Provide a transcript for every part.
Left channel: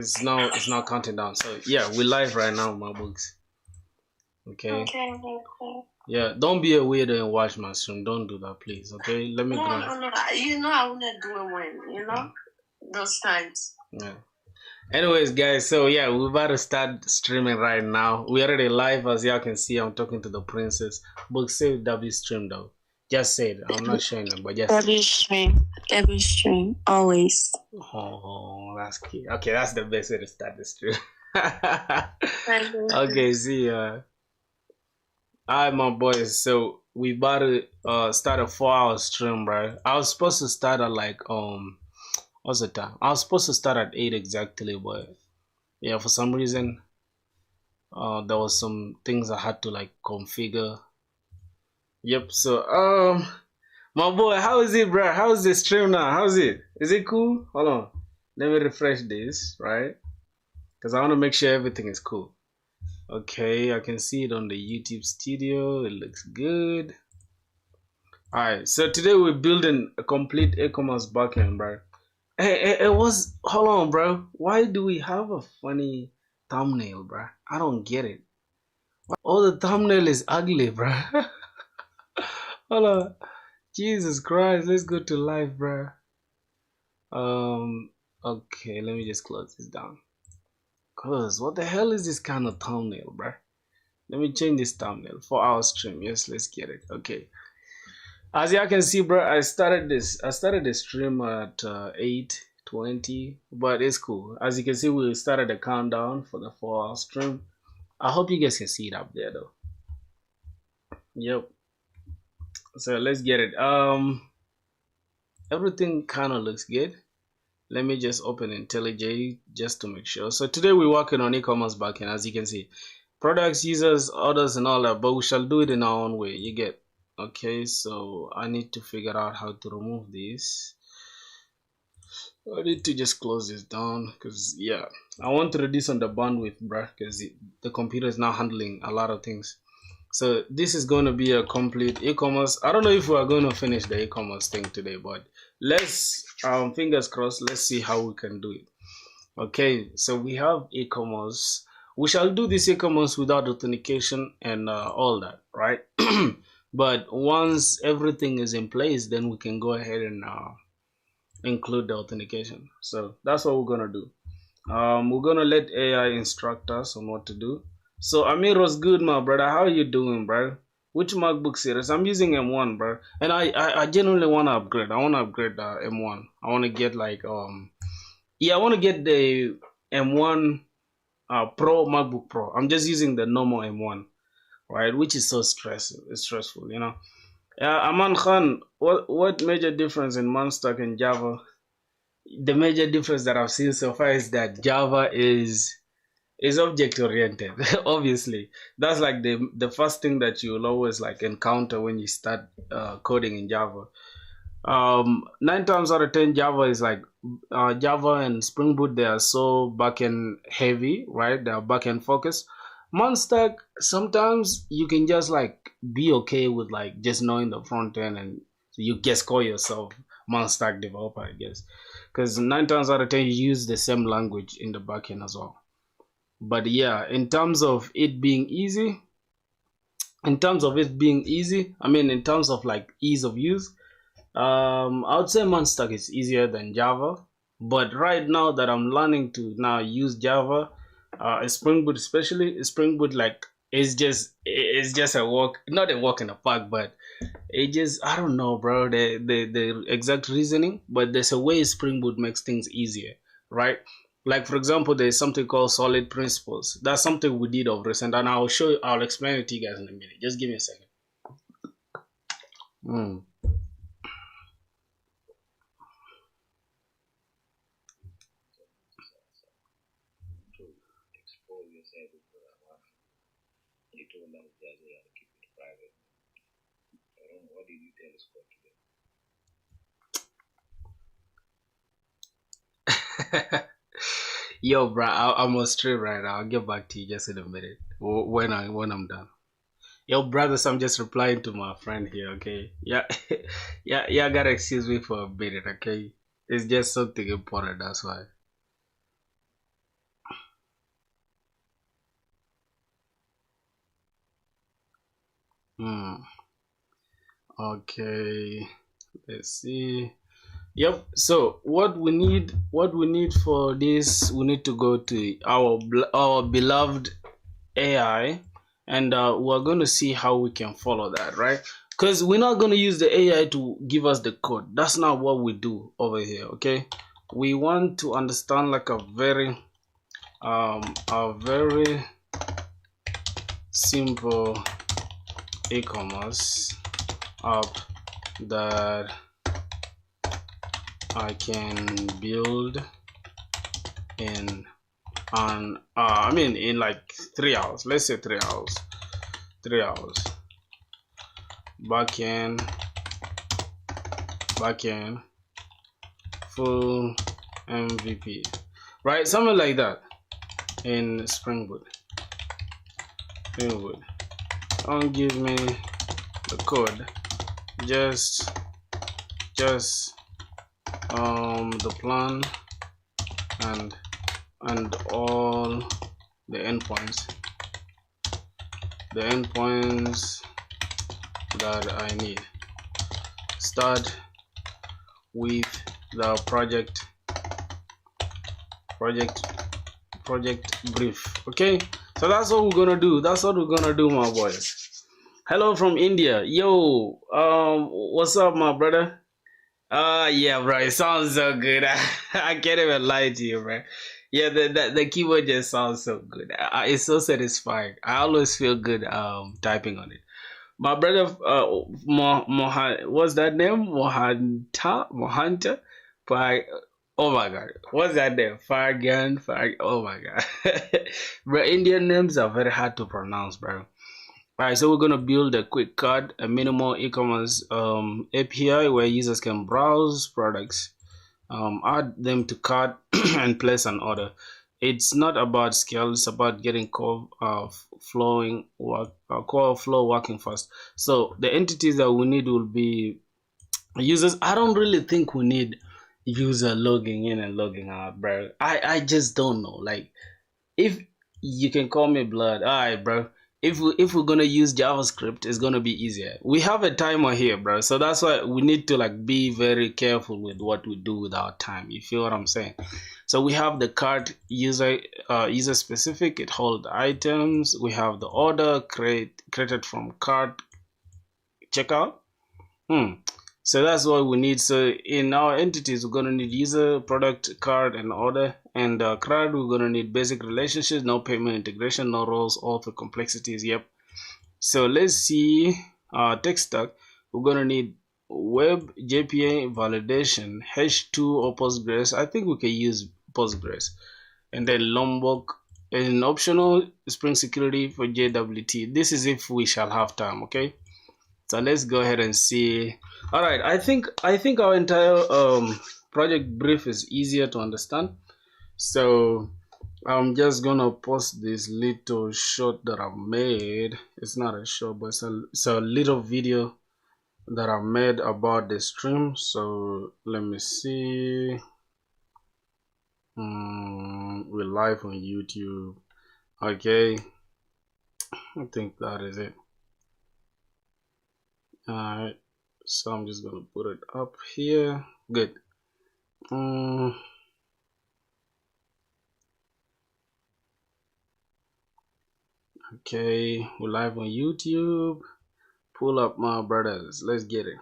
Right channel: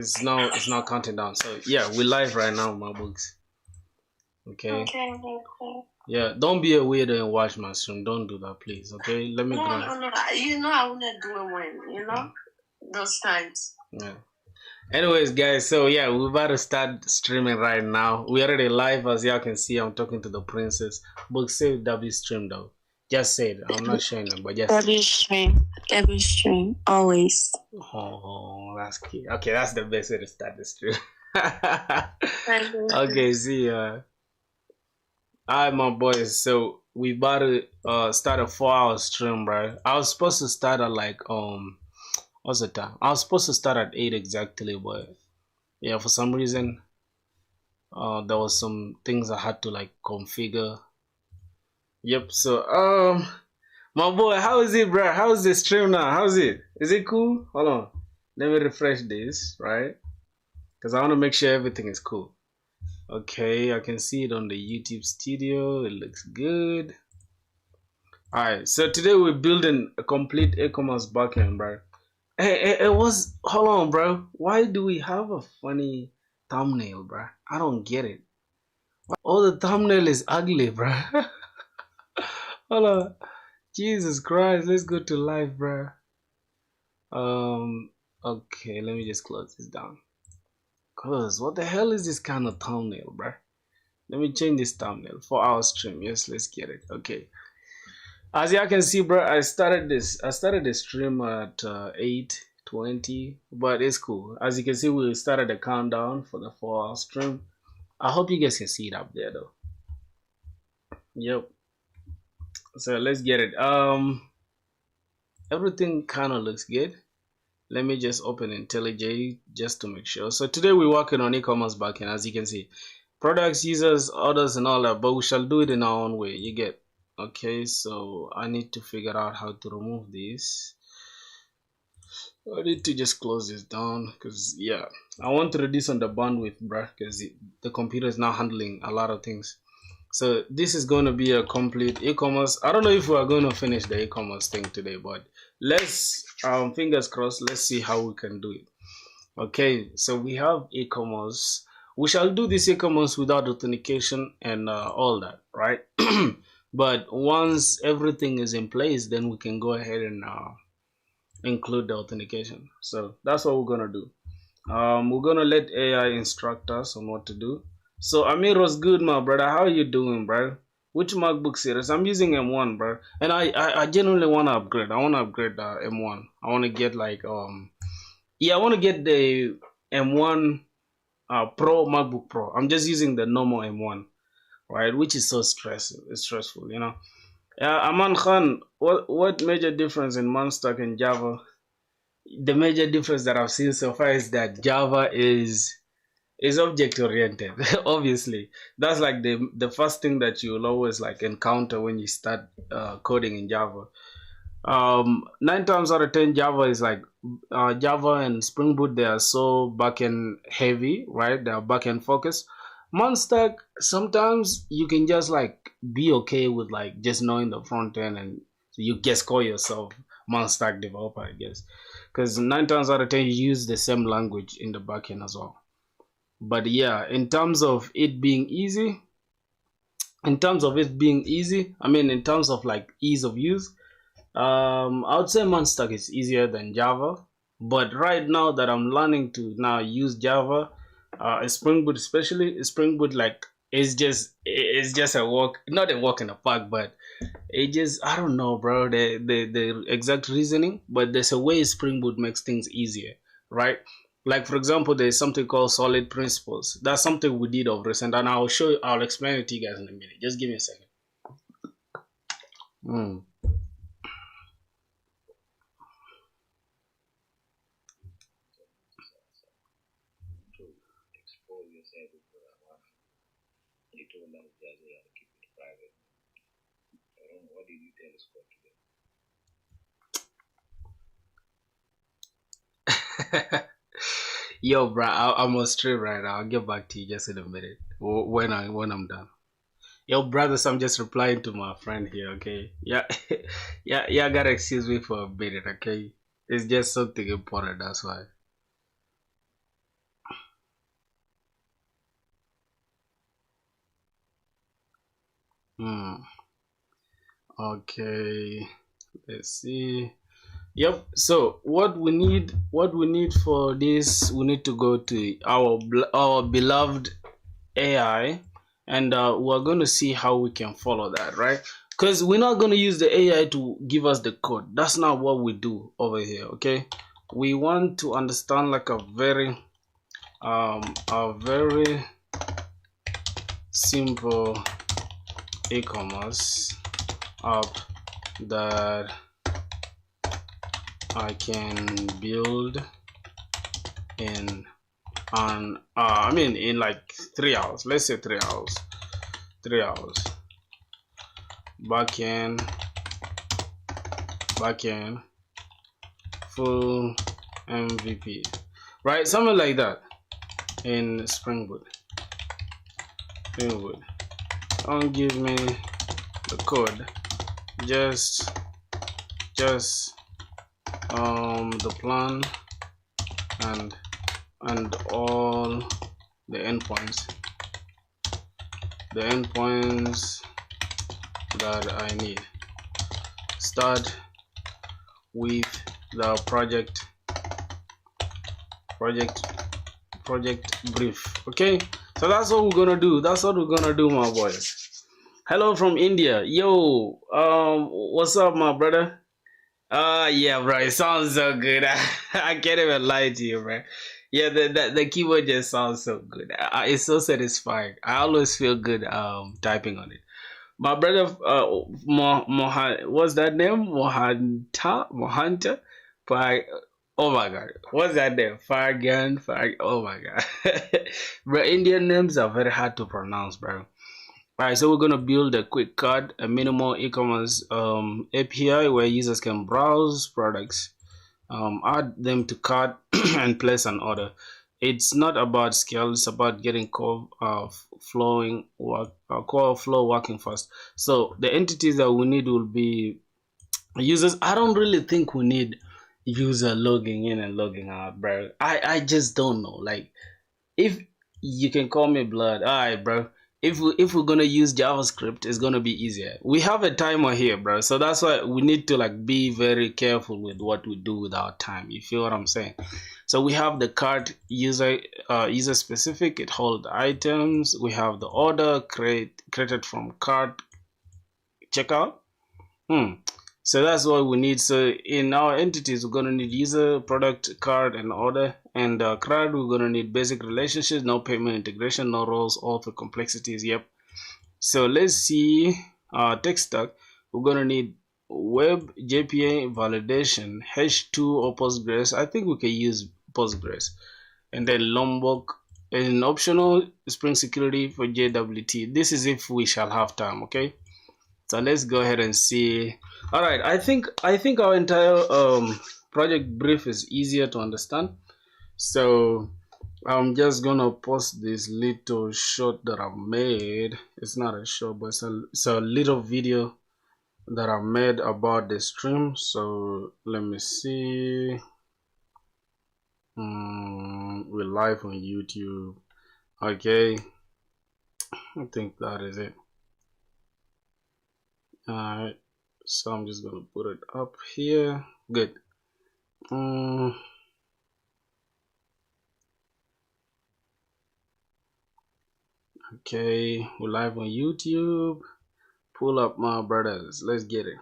It's not counting down. So yeah, we're live right now, my books. Okay. Okay. Yeah, don't be a weirdo and watch my stream. Don't do that, please. Okay, let me. No. I wouldn't do it when those times. Yeah. Anyways, guys, so yeah, we're about to start streaming right now. We're already live, as y'all can see. I'm talking to the princess. Book say W stream though. Just say it. I'm not showing them, but just every stream, always. Oh, that's cute. Okay, that's the best way to start the stream. Okay, see, alright, my boys. So we about to start a 4-hour stream, bro. I was supposed to start at like what's the time? I was supposed to start at 8 exactly, but yeah, for some reason, there was some things I had to like configure. Yep. So my boy, how is it, bro? How's the stream now? How's it? Is it cool? Hold on, let me refresh this, right? Because I want to make sure everything is cool. Okay, I can see it on the YouTube studio. It looks good. Alright, so today we're building a complete e-commerce backend, bro. Hold on, bro. Why do we have a funny thumbnail, bro? I don't get it. Oh, the thumbnail is ugly, bro. Hold on. Jesus Christ, let's go to live, bro. Okay, let me just close this down. Cause what the hell is this kind of thumbnail, bro? Let me change this thumbnail for our stream. Yes, let's get it. Okay. As y'all can see, bro, I started the stream at 8:20, but it's cool. As you can see, we started the countdown for the 4-hour stream. I hope you guys can see it up there, though. Yep. So let's get it. Everything kind of looks good. Let me just open IntelliJ just to make sure. So today we're working on e-commerce backend, as you can see. Products, users, orders, and all that, but we shall do it in our own way. You get. Okay, so I need to figure out how to remove this. I need to just close this down because yeah, I want to reduce on the bandwidth, bruh, because the computer is now handling a lot of things. So this is going to be a complete e-commerce. I don't know if we are going to finish the e-commerce thing today, but let's fingers crossed. Let's see how we can do it. Okay, so we have e-commerce. We shall do this e-commerce without authentication and all that, right? But once everything is in place, then we can go ahead and include the authentication. So that's what we're gonna do. We're gonna let AI instruct us on what to do. So Amir was good, my brother. How are you doing, bro? Which MacBook series? I'm using M1, bro. And I genuinely want to upgrade. I want to upgrade M1. I want to get like I want to get the M1 Pro MacBook Pro. I'm just using the normal M1. Right, which is so stressful, you know. Aman Khan, what major difference in Monstack and Java? The major difference that I've seen so far is that Java is object oriented. Obviously, that's like the first thing that you'll always like encounter when you start coding in Java. 9 times out of 10, Java is like Java and Spring Boot. They are so backend heavy, right? They are backend focused. Monstack, sometimes you can just like be okay with like just knowing the front end, and you just call yourself Monstack developer, I guess, because 9 times out of 10 you use the same language in the backend as well. But yeah, in terms of it being easy, I mean, in terms of like ease of use, I would say Monstack is easier than Java. But right now that I'm learning to now use Java, Spring Boot, especially Spring Boot, like it's just a walk, not a walk in the park, but it just, I don't know, bro, the exact reasoning, but there's a way Spring Boot makes things easier, right? Like for example, there's something called solid principles. That's something we did of recent, and I'll explain it to you guys in a minute. Just give me a second. Yo, bro, I'm on stream right now. I'll get back to you just in a minute when I'm done. Yo, brothers, I'm just replying to my friend here. Okay, yeah, yeah, gotta excuse me for a minute. Okay, it's just something important. That's why. Okay, let's see. Yep. So what we need for this, we need to go to our beloved AI, and we're going to see how we can follow that, right? Because we're not going to use the AI to give us the code. That's not what we do over here. Okay, we want to understand like a very simple e-commerce app that I can build in in like 3 hours. Let's say 3 hours. 3 hours. Backend, full MVP, right? Something like that in SpringBoot. Don't give me the code, just the plan and all the endpoints that I need. Start with the project brief. Okay, so that's what we're gonna do. My boys. Hello from India. Yo, what's up, my brother? Yeah, bro, it sounds so good. I can't even lie to you, bro. Yeah, the keyboard just sounds so good. It's so satisfying. I always feel good typing on it. My brother, what's that name? Mohanta? Oh my god, what's that name? Fargan, oh my god. Bro, Indian names are very hard to pronounce, bro. Alright, so we're gonna build a quick card, a minimal e-commerce API where users can browse products, add them to cart, and place an order. It's not about scale; it's about getting core flow working fast. So the entities that we need will be users. I don't really think we need user logging in and logging out, bro. I just don't know. Like, if you can call me blood, all right, bro. If we're gonna use JavaScript, it's gonna be easier. We have a timer here, bro, so that's why we need to like be very careful with what we do with our time. You feel what I'm saying? So we have the cart user specific. It holds items. We have the order created from cart checkout. So that's what we need. So in our entities, we're gonna need user, product, card, and order. And card, we're gonna need basic relationships, no payment integration, no roles, all for complexities. Yep. So let's see. Tech stack. We're gonna need web JPA validation, H2 or Postgres. I think we can use Postgres, and then Lombok. And optional Spring Security for JWT. This is if we shall have time. Okay. So let's go ahead and see. All right, I think our entire project brief is easier to understand. So I'm just gonna post this little short that I've made. It's not a short, but it's a little video that I made about the stream. So let me see. We're live on YouTube. Okay, I think that is it. Alright, so I'm just gonna put it up here. Good. Okay, we're live on YouTube. Pull up, my brothers. Let's get it.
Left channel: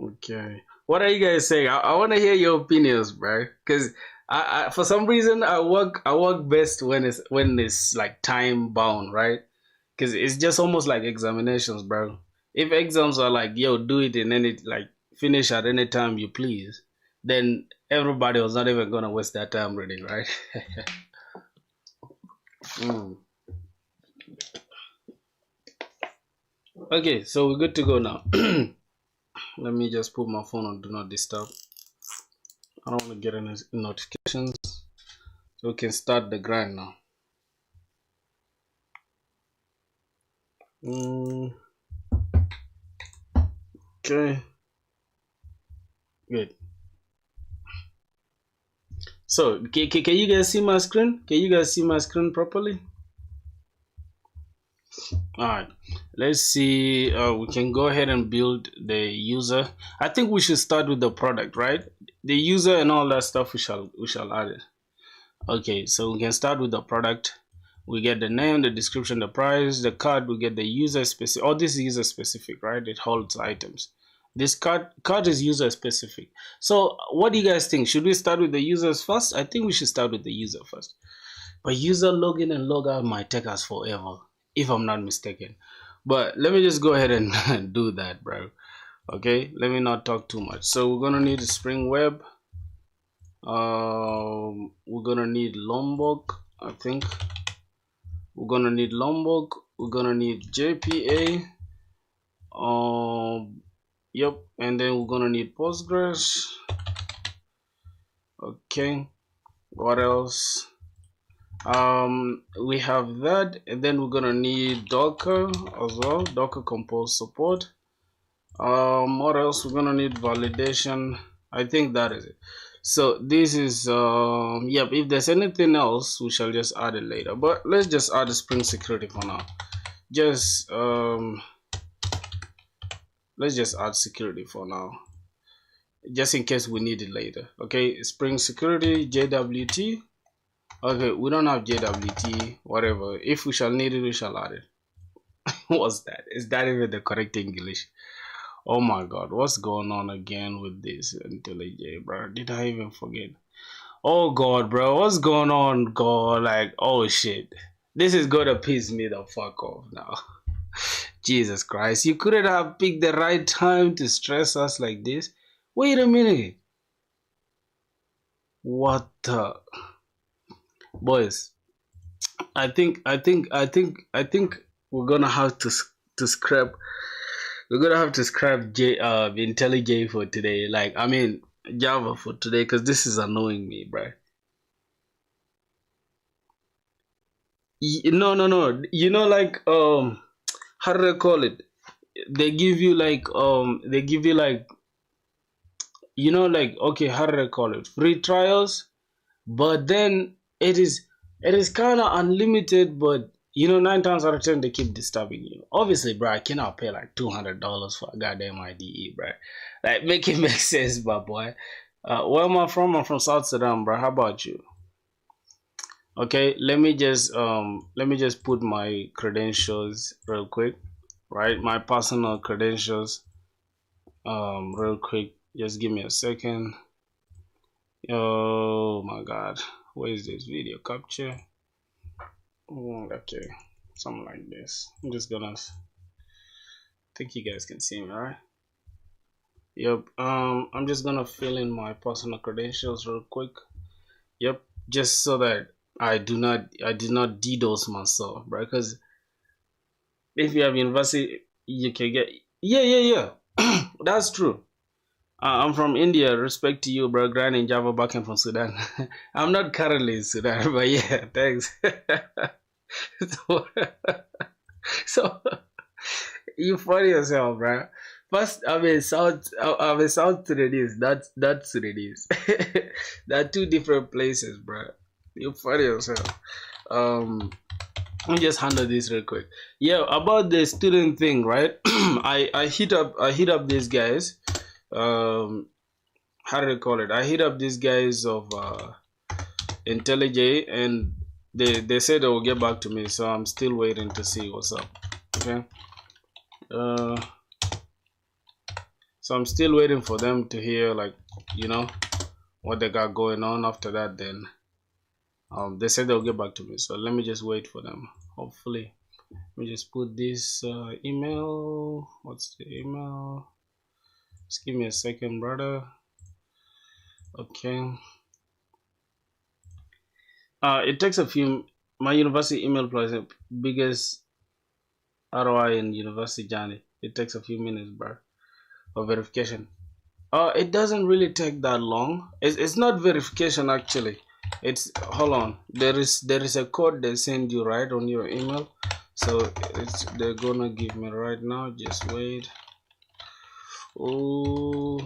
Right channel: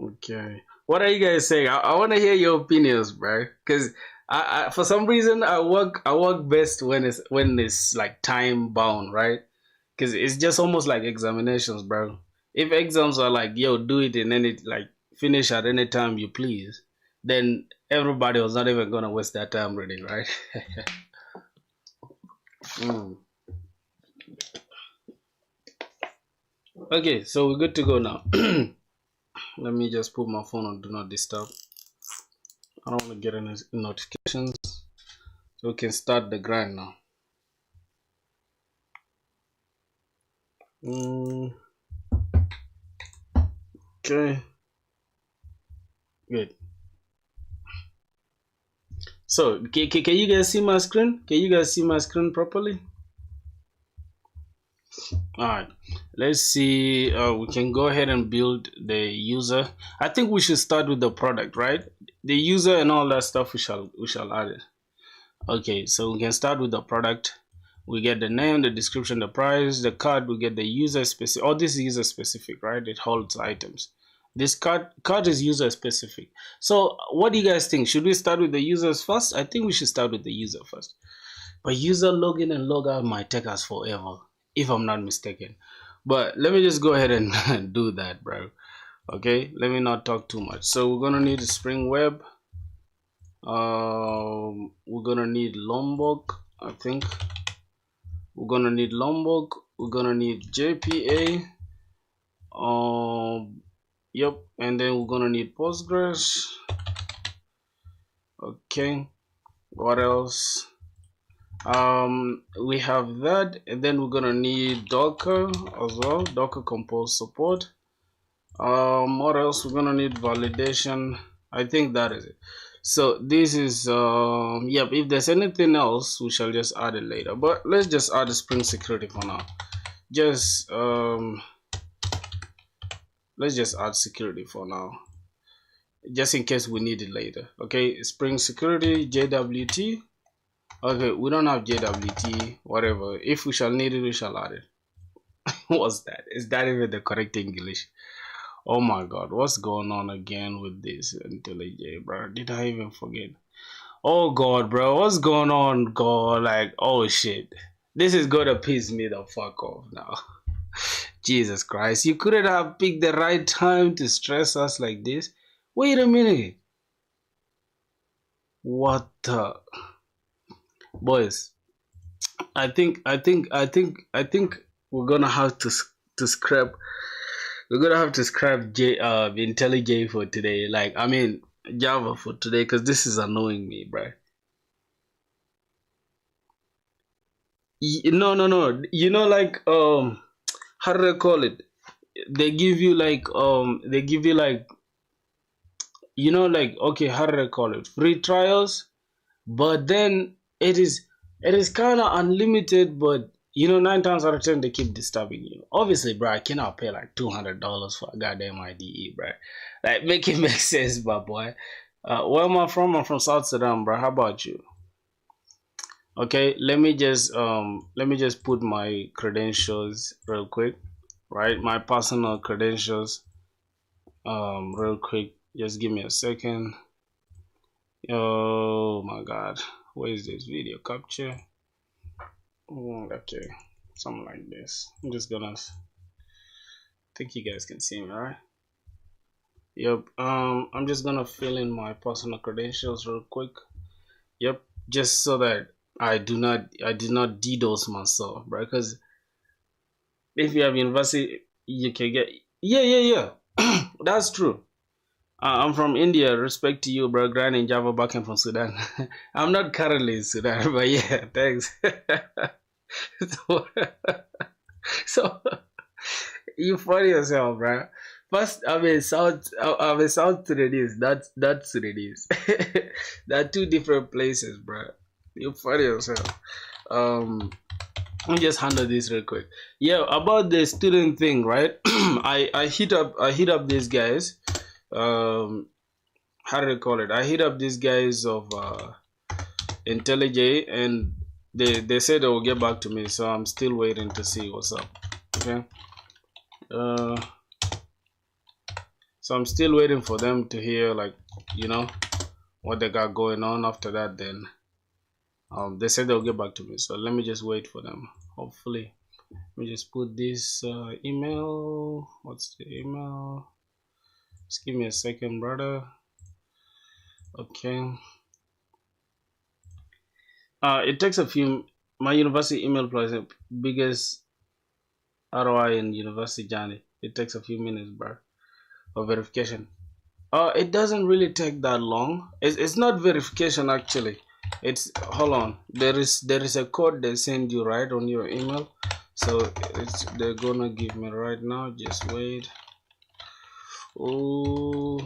Okay, what are you guys saying? I want to hear your opinions, bro. Because I for some reason I work best when it's like time bound, right? Because it's just almost like examinations, bro. If exams are like, yo, do it and then it like finish at any time you please, then everybody was not even gonna waste that time reading, right? Okay, so we're good to go now. Let me just put my phone on do not disturb. I don't want to get any notifications. So we can start the grind now. Okay. Good. So, can you guys see my screen? Can you guys see my screen properly? All right, let's see. We can go ahead and build the user. I think we should start with the product, right? The user and all that stuff. We shall add it. Okay, so we can start with the product. We get the name, the description, the price, the card. We get the user specific. Oh, this is user specific, right? It holds items. This card is user specific. So, what do you guys think? Should we start with the users first? I think we should start with the user first. But user login and logout might take us forever, if I'm not mistaken. But let me just go ahead and do that, bro. Okay, let me not talk too much. So we're gonna need a Spring Web. We're gonna need Lombok, I think. We're gonna need Lombok. We're gonna need JPA. Yep, and then we're gonna need Postgres. Okay, what else? We have that, and then we're gonna need Docker as well, Docker Compose support. What else? We're gonna need validation. I think that is it. So this is yep. If there's anything else, we shall just add it later. But let's just add the Spring security for now. Just let's just add security for now, just in case we need it later. Okay, Spring security JWT. Okay, we don't have JWT, whatever. If we shall need it, we shall add it. What's that? Is that even the correct English? Oh my god, what's going on again with this IntelliJ, bro? Did I even forget? Oh god, bro, what's going on, god? Like, oh shit. This is gonna piss me the fuck off now. Jesus Christ, you couldn't have picked the right time to stress us like this? Wait a minute. What the? Boys, I think we're gonna have to scrap. We're gonna have to scrap IntelliJ for today. Like, I mean Java for today, because this is annoying me, bro. No. You know, like how do they call it? They give you like, you know, like, okay, how do they call it? Free trials, but then it is kind of unlimited, but you know, 9 times out of 10 they keep disturbing you. Obviously, bro, I cannot pay like $200 for a goddamn IDE, bro. Like, make it make sense, my boy. Where am I from? I'm from South Sudan, bro. How about you? Okay, let me just put my credentials real quick, right? My personal credentials, real quick. Just give me a second. Oh my god, where is this video capture? Okay, something like this. I'm just gonna think you guys can see me, right? Yep. I'm just gonna fill in my personal credentials real quick. Yep, just so that I did not DDoS myself, right? Because if you have university, you can get, yeah. That's true. I'm from India. Respect to you, bro. Grinding Java backend from Sudan. I'm not currently in Sudan, but yeah, thanks. so, so you funny yourself, bro. First, I'm in South Sudanese. That's Sudanese. There are two different places, bro. You funny yourself. Um, Let me just handle this real quick. Yeah, about the student thing, right? I hit up these guys. How do they call it? I hit up these guys of IntelliJ, and they said they will get back to me. So I'm still waiting to see what's up. Okay. Uh, so I'm still waiting for them to hear, like, you know, what they got going on. After that, then they said they'll get back to me. So let me just wait for them. Hopefully. Let me just put this email. What's the email? Just give me a second, brother. Okay. It takes a few. My university email plus the biggest ROI in university journey. It takes a few minutes, bro, for verification. It doesn't really take that long. It's not verification actually. It's, hold on. There is a code they send you right on your email. So they're gonna give me right now. Just wait. Oh.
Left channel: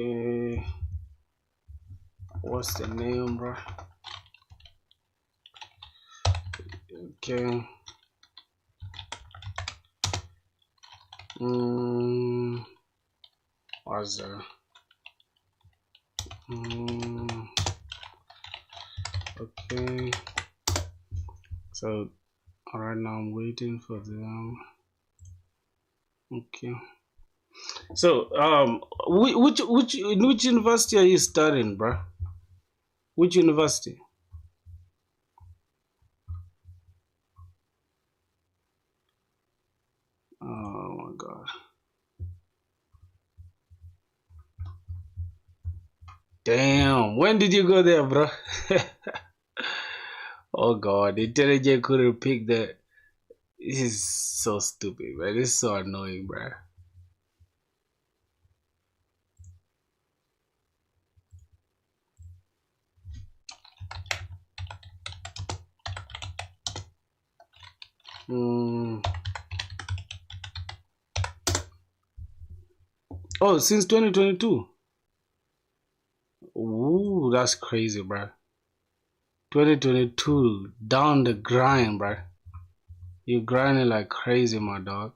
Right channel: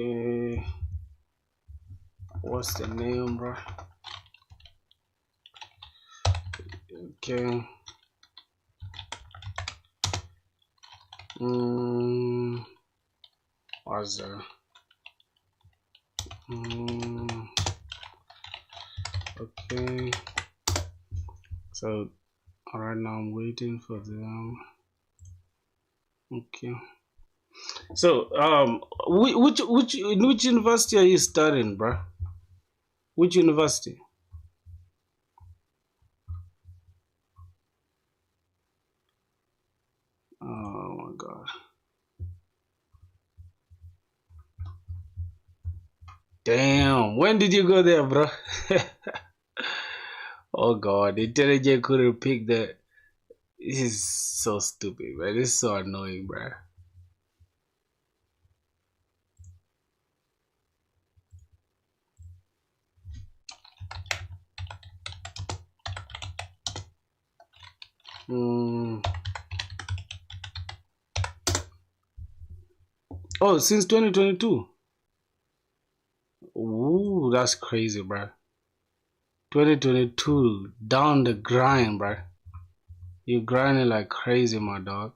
Okay. What's the name, bro? Okay. What's the okay. So right now I'm waiting for them. Okay. So which university are you studying, bro? Which university? Oh my god. Damn, when did you go there, bro? Oh god, intelligent couldn't pick that. This is so stupid, man. This is so annoying, bro. Oh, since 2022. Ooh, that's crazy, bro. 2022, down the grind, bro. You grinding like crazy, my dog.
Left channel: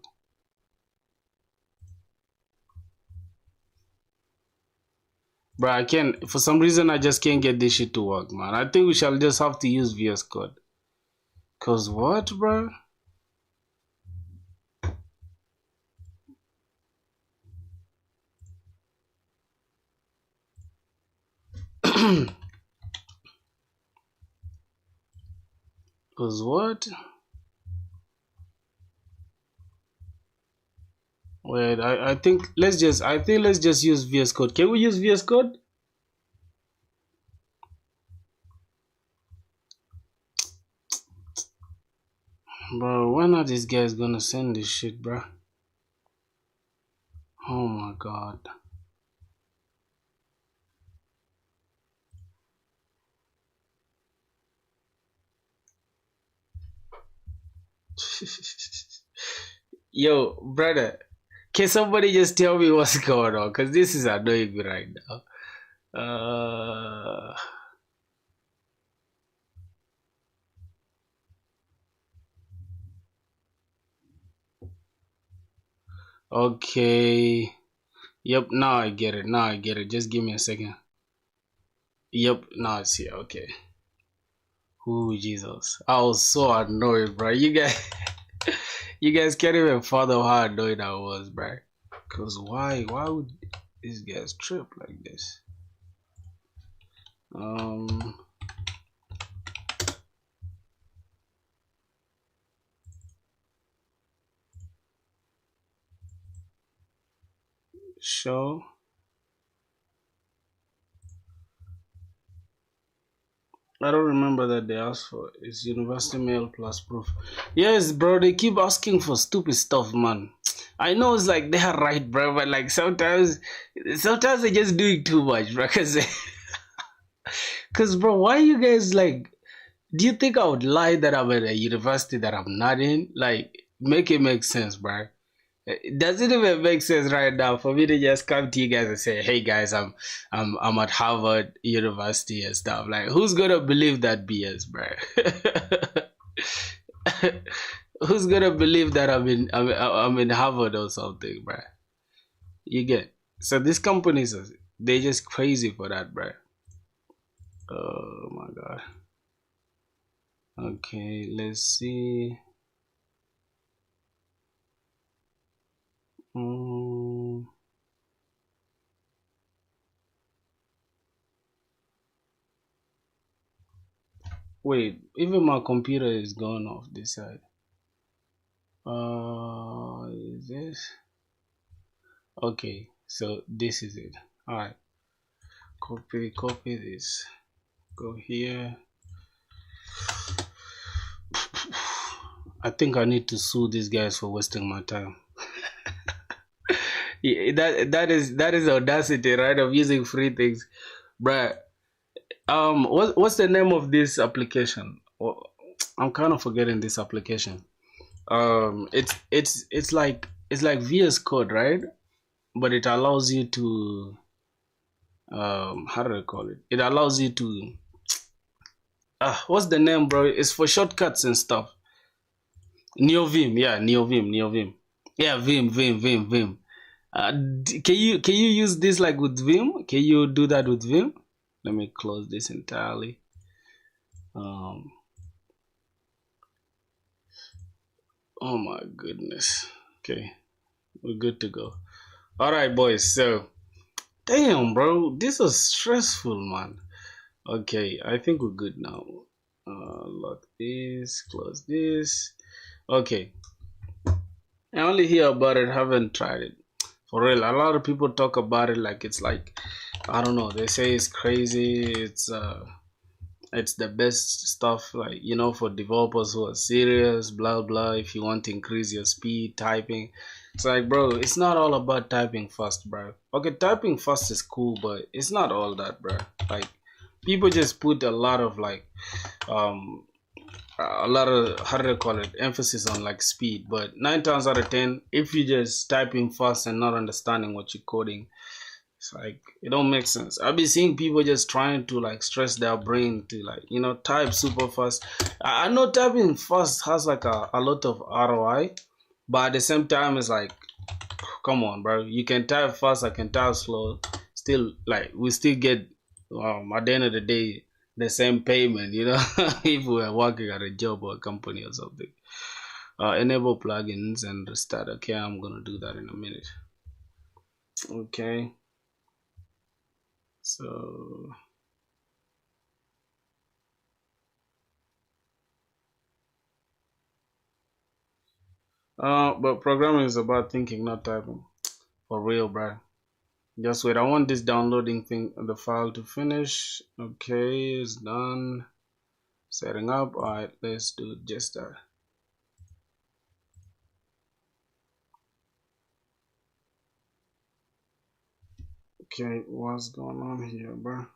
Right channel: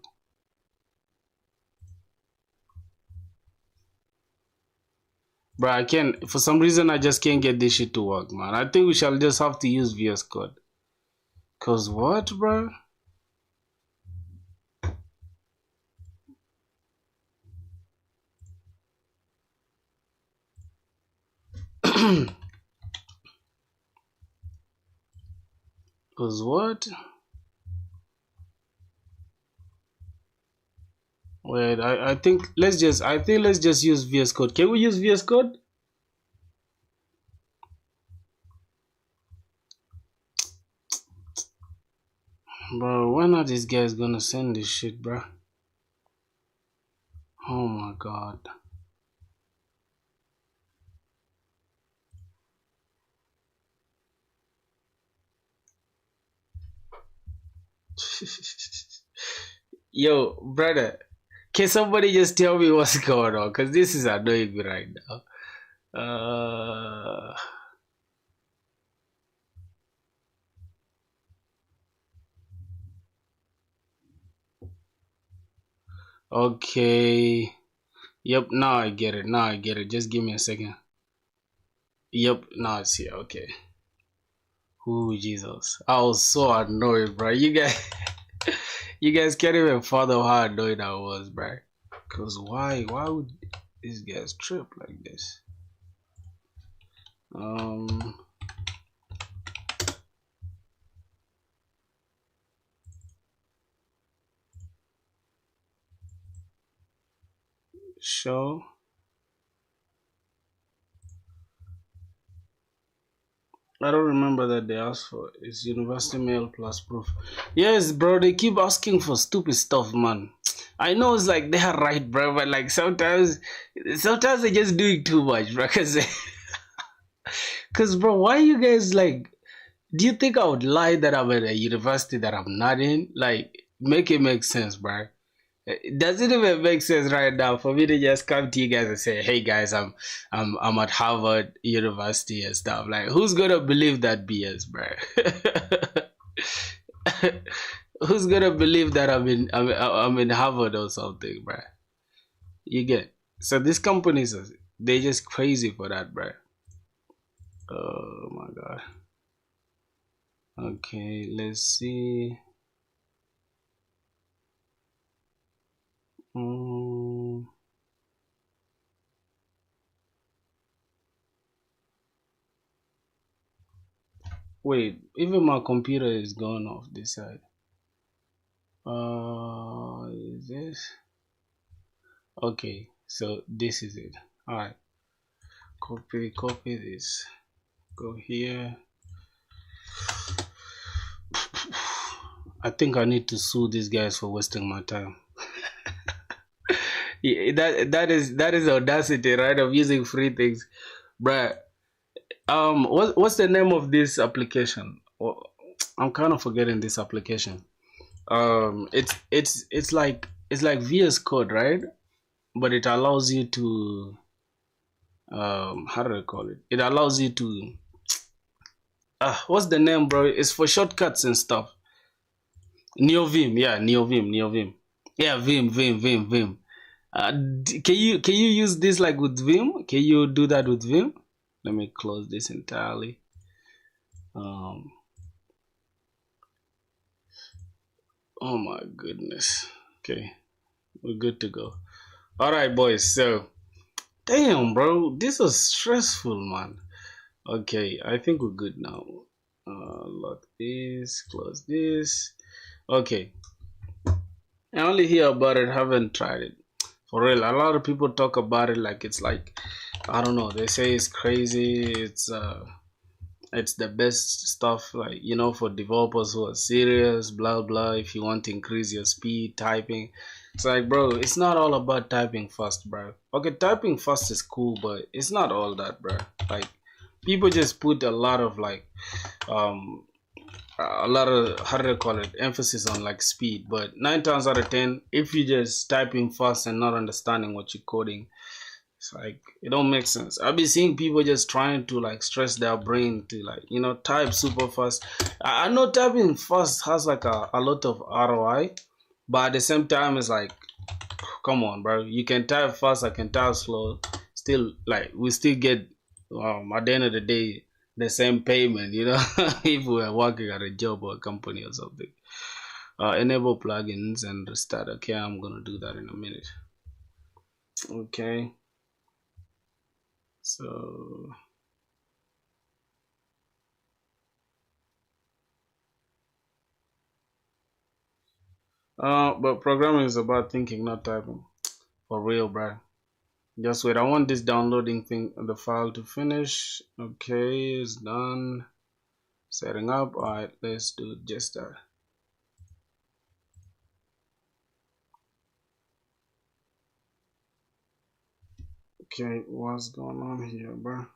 Bro, I can't. For some reason, I just can't get this shit to work, man. I think we shall just have to use VS Code. Cause what, bro? Cause what? Wait, I think let's just use VS Code. Can we use VS Code? Bro, when are these guys gonna send this shit, bro? Oh my god. Yo, brother, can somebody just tell me what's going on? Cause this is annoying me right now. Okay. Yep, now I get it. Now I get it. Just give me a second. Yep, now it's here. Okay. Ooh, Jesus. I was so annoyed, bro. You guys you guys can't even fathom how annoyed I was, bro. Cause why would these guys trip like this? Show. I don't remember that they asked for it's university mail plus proof. Yes, bro, they keep asking for stupid stuff, man. I know it's like they are right, bro, but like sometimes they're just doing too much, bro. Cause bro, why you guys like? Do you think I would lie that I'm at a university that I'm not in? Like, make it make sense, bro. It doesn't even make sense right now for me to just come to you guys and say, "Hey guys, I'm at Harvard University and stuff." Like, who's gonna believe that BS, bro? Who's gonna believe that I'm in Harvard or something, bro? You get so these companies they just crazy for that, bro. Oh my god. Okay, let's see. Wait, even my computer is going off this side. Is this? Okay, so this is it. All right, copy this. Go here. I think I need to sue these guys for wasting my time. Yeah, that is audacity, right? Of using free things, bruh. What's the name of this application? I'm kind of forgetting this application. It's like VS Code, right? But it allows you to how do I call it? It allows you to what's the name, bro? It's for shortcuts and stuff. NeoVim, yeah, NeoVim. Yeah, Vim. Can you use this like with Vim? Can you do that with Vim? Let me close this entirely. Oh my goodness. Okay, we're good to go. All right, boys. So, damn, bro, this is stressful, man. Okay, I think we're good now. Lock this, close this. Okay, I only hear about it, haven't tried it. For real, a lot of people talk about it like it's like, I don't know, they say it's crazy, it's the best stuff, like, for developers who are serious, blah blah. If you want to increase your speed typing, it's like, bro, it's not all about typing fast, bro. Okay, typing fast is cool, but it's not all that, bro. Like, people just put a lot of like how do I call it, emphasis on like speed, but 9 times out of 10, if you just typing fast and not understanding what you're coding, it's like it don't make sense. I've been seeing people just trying to like stress their brain to like type super fast. I know typing fast has like a lot of ROI, but at the same time it's like, come on, bro, you can type fast, I can type slow, still like we still get at the end of the day the same payment, if we are working at a job or a company or something. Enable plugins and restart. Okay, I'm gonna do that in a minute. Okay, so but programming is about thinking, not typing. For real, bro. Just wait, I want this downloading thing, the file to finish. Okay, it's done. Setting up. Alright, let's do just that. Okay, what's going on here, bro?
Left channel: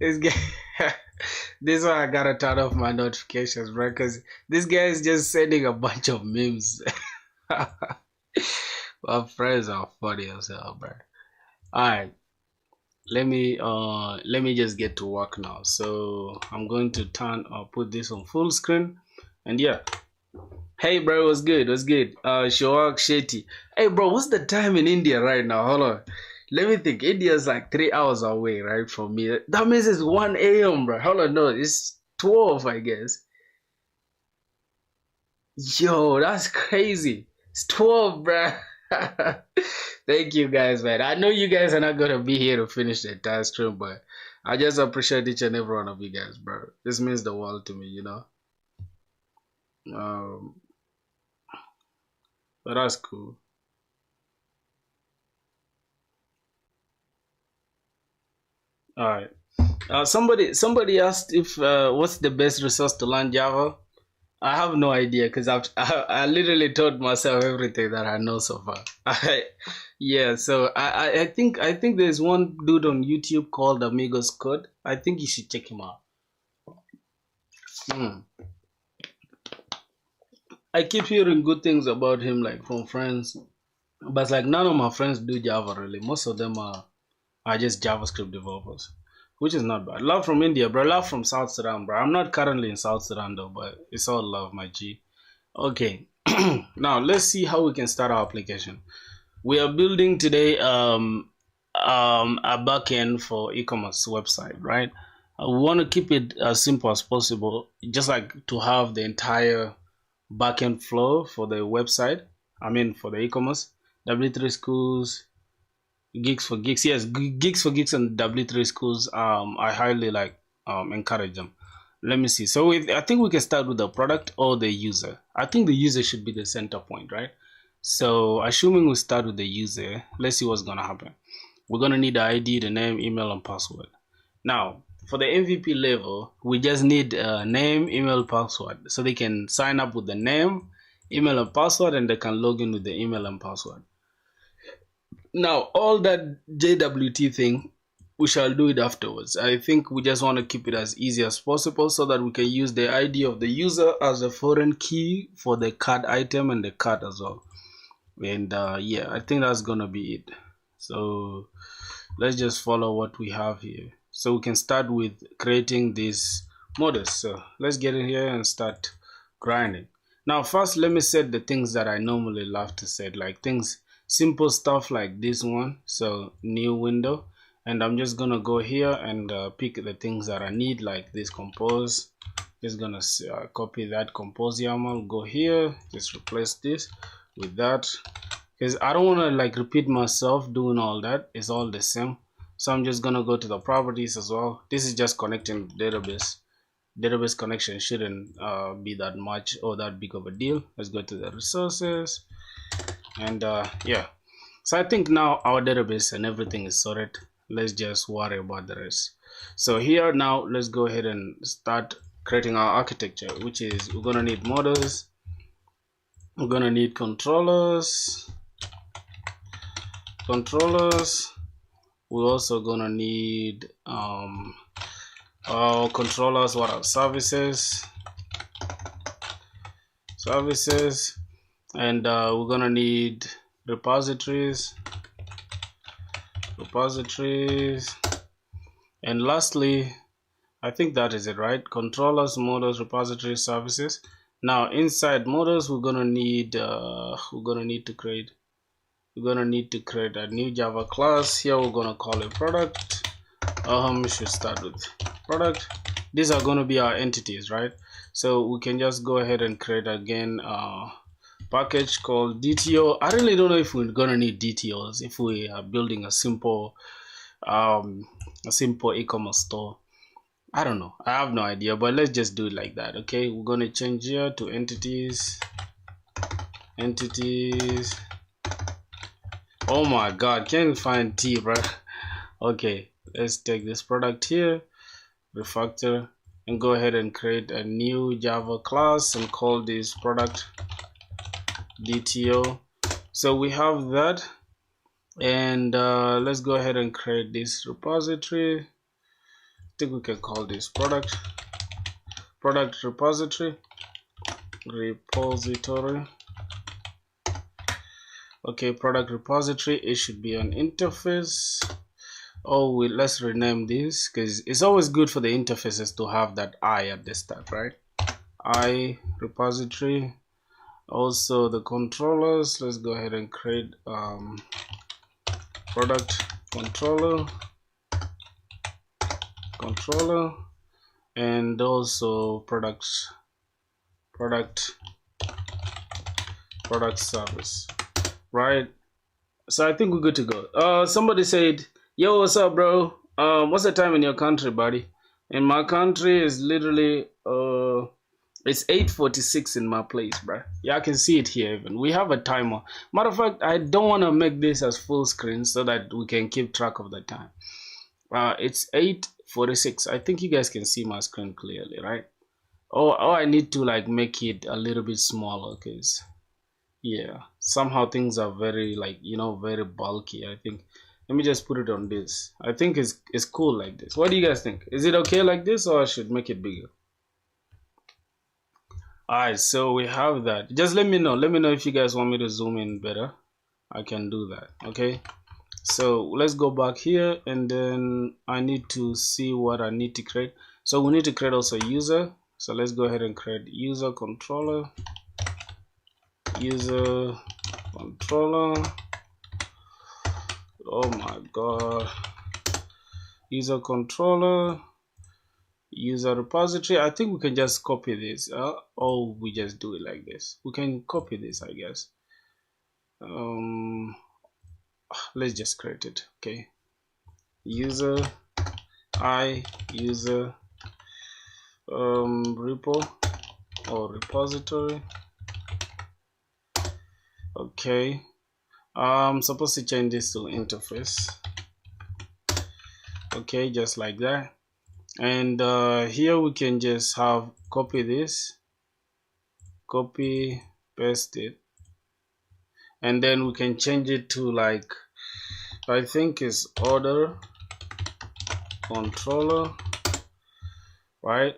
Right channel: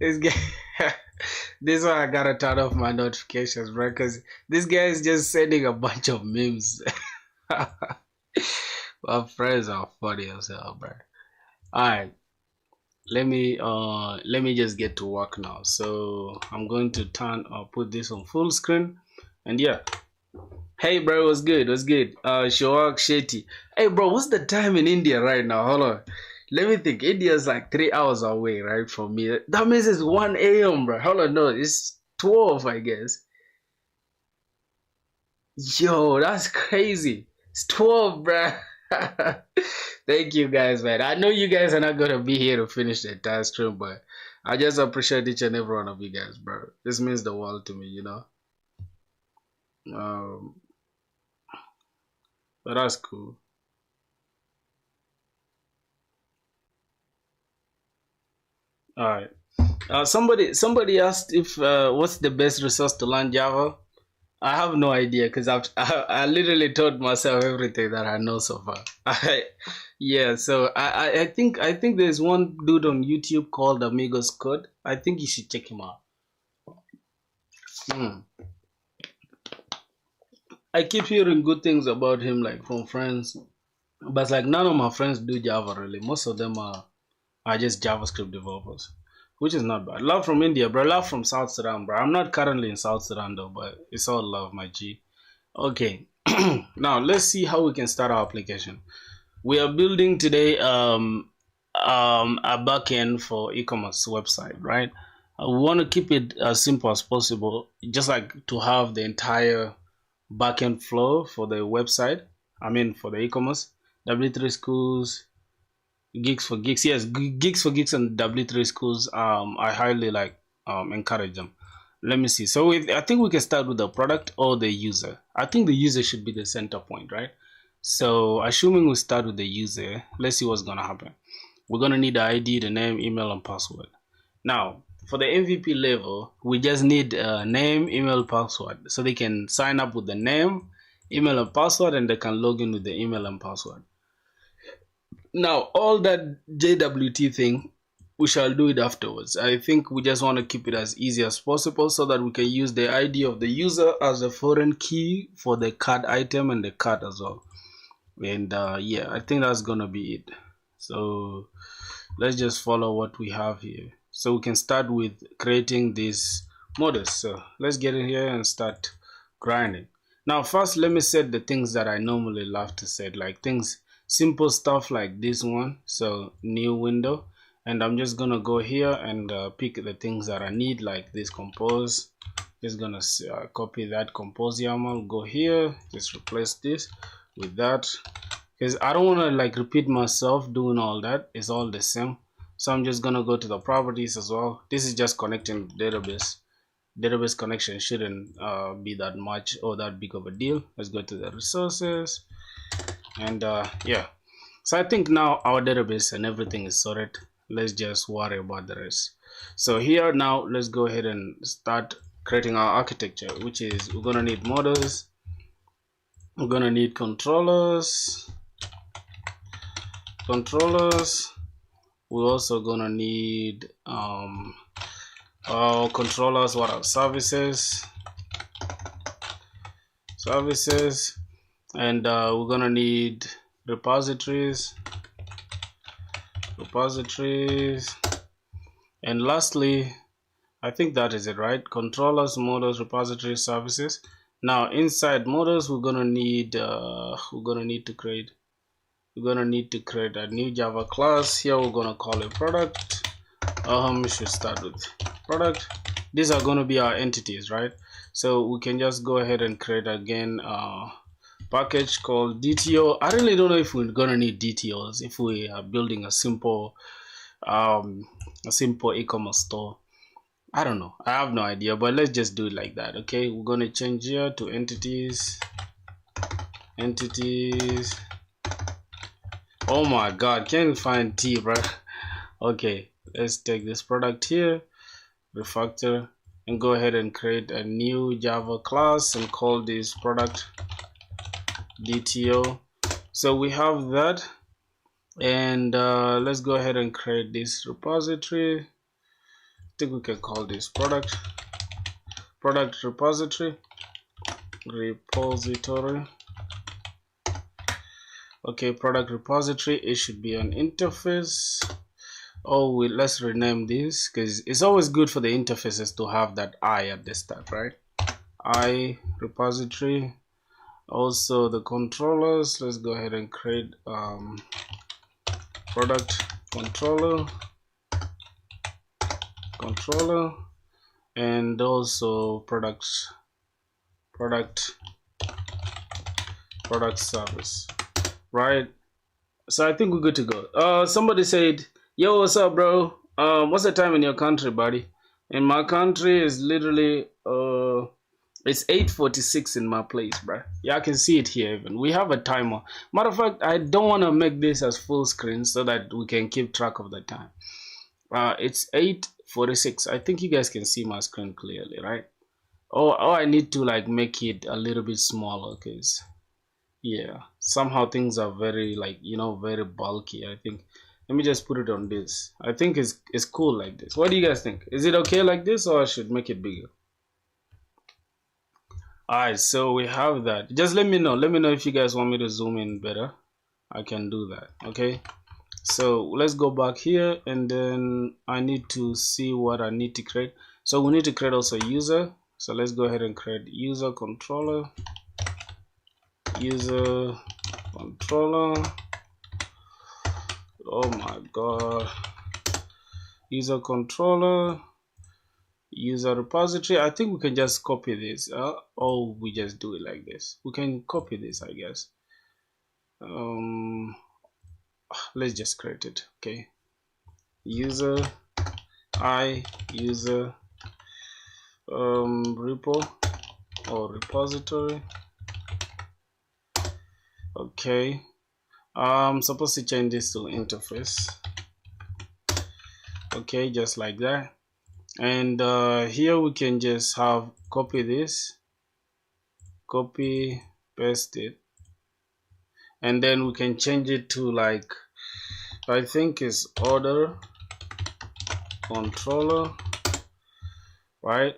This guy, this one I gotta turn off my notifications, bro, because this guy is just sending a bunch of memes. My friends are funny as hell, bro. Alright, let me just get to work now. So I'm going to put this on full screen, and yeah. Hey, bro, what's good? What's good? Shoak Shetty. Hey, bro, what's the time in India right now? Hold on. Let me think. India's like 3 hours away, right, from me. That means it's 1 a.m., bro. Hold on, no, it's 12, I guess. Yo, that's crazy. It's 12, bro. Thank you guys, man. I know you guys are not gonna be here to finish the entire stream, but I just appreciate each and every one of you guys, bro. This means the world to me, But that's cool. All right. Somebody asked if what's the best resource to learn Java. I have no idea because I literally taught myself everything that I know so far. Yeah, so I think there's one dude on YouTube called Amigos Code. I think you should check him out. Hmm. I keep hearing good things about him, like from friends, but like none of my friends do Java really. Most of them are just JavaScript developers, which is not bad. Love from India, bro. Love from South Sudan, bro. I'm not currently in South Sudan though, but it's all love, my G. Okay, now let's see how we can start our application. We are building today a backend for e-commerce website, right? We want to keep it as simple as possible, just like to have the entire backend flow for the website. I mean, for the e-commerce, W3 schools, Gigs for Geeks. Yes, Gigs for Geeks and W3 schools. I highly encourage them. Let me see. So I think we can start with the product or the user. I think the user should be the center point, right? So assuming we start with the user, let's see what's gonna happen. We're gonna need the ID, the name, email, and password. Now, for the MVP level, we just need name, email, password, so they can sign up with the name email and password, and they can log in with the email and password. Now all that JWT thing, we shall do it afterwards. I think we just want to keep it as easy as possible so that we can use the ID of the user as a foreign key for the card item and the card as well. And yeah, I think that's gonna be it. So let's just follow what we have here. So we can start with creating these models. So let's get in here and start grinding. Now first, let me set the things that I normally love to set, like things, simple stuff like this one. So new window, and I'm just gonna go here and pick the things that I need, like this compose. Just gonna copy that compose YAML, go here, just replace this with that, because I don't want to like repeat myself doing all that. It's all the same. So I'm just gonna go to the properties as well. This is just connecting database connection shouldn't be that much or that big of a deal. Let's go to the resources, and yeah, so I think now our database and everything is sorted. Let's just worry about the rest. So here now, let's go ahead and start creating our architecture, which is we're gonna need models, we're gonna need controllers. We're also gonna need controllers. What are services? And we're gonna need repositories, and lastly, I think that is it, right? Controllers, models, repositories, services. Now inside models, we're gonna need to create a new Java class. Here we're gonna call it product. We should start with product. These are gonna be our entities, right? So we can just go ahead and create again package called DTO. I really don't know if we're gonna need DTOs if we are building a simple e-commerce store. I don't know, I have no idea, but let's just do it like that. Okay, we're gonna change here to entities. Oh my god, can't find T, bro. Okay, let's take this product here, refactor, and go ahead and create a new Java class and call this product DTO. So we have that, and let's go ahead and create this repository. I think we can call this product repository. Okay, product repository. It should be an interface. Let's rename this, because it's always good for the interfaces to have that I at the start, right? I repository. Also the controllers, let's go ahead and create product controller, and also product service, right? So I think we're good to go. Somebody said, yo, what's up, bro? What's the time in your country, buddy? In my country is literally it's 8:46 in my place, bro. Yeah, I can see it here even. We have a timer. Matter of fact, I don't want to make this as full screen so that we can keep track of the time. It's 8:46. I think you guys can see my screen clearly, right? Oh, I need to like make it a little bit smaller, because yeah, somehow things are very very bulky. I think let me just put it on this. I think it's cool like this. What do you guys think? Is it okay like this, or I should make it bigger? Alright, so we have that. Just let me know if you guys want me to zoom in better. I can do that. Okay, so let's go back here, and then I need to see what I need to create. So we need to create also user. So let's go ahead and create user controller. Oh my god, user controller, user repository. I think we can just copy this, or we just do it like this. We can copy this, I guess. Let's just create it. Okay, user repo or repository. Okay, I'm supposed to change this to interface. Okay, just like that. And here we can just have copy paste it, and then we can change it to like, I think is order controller, right?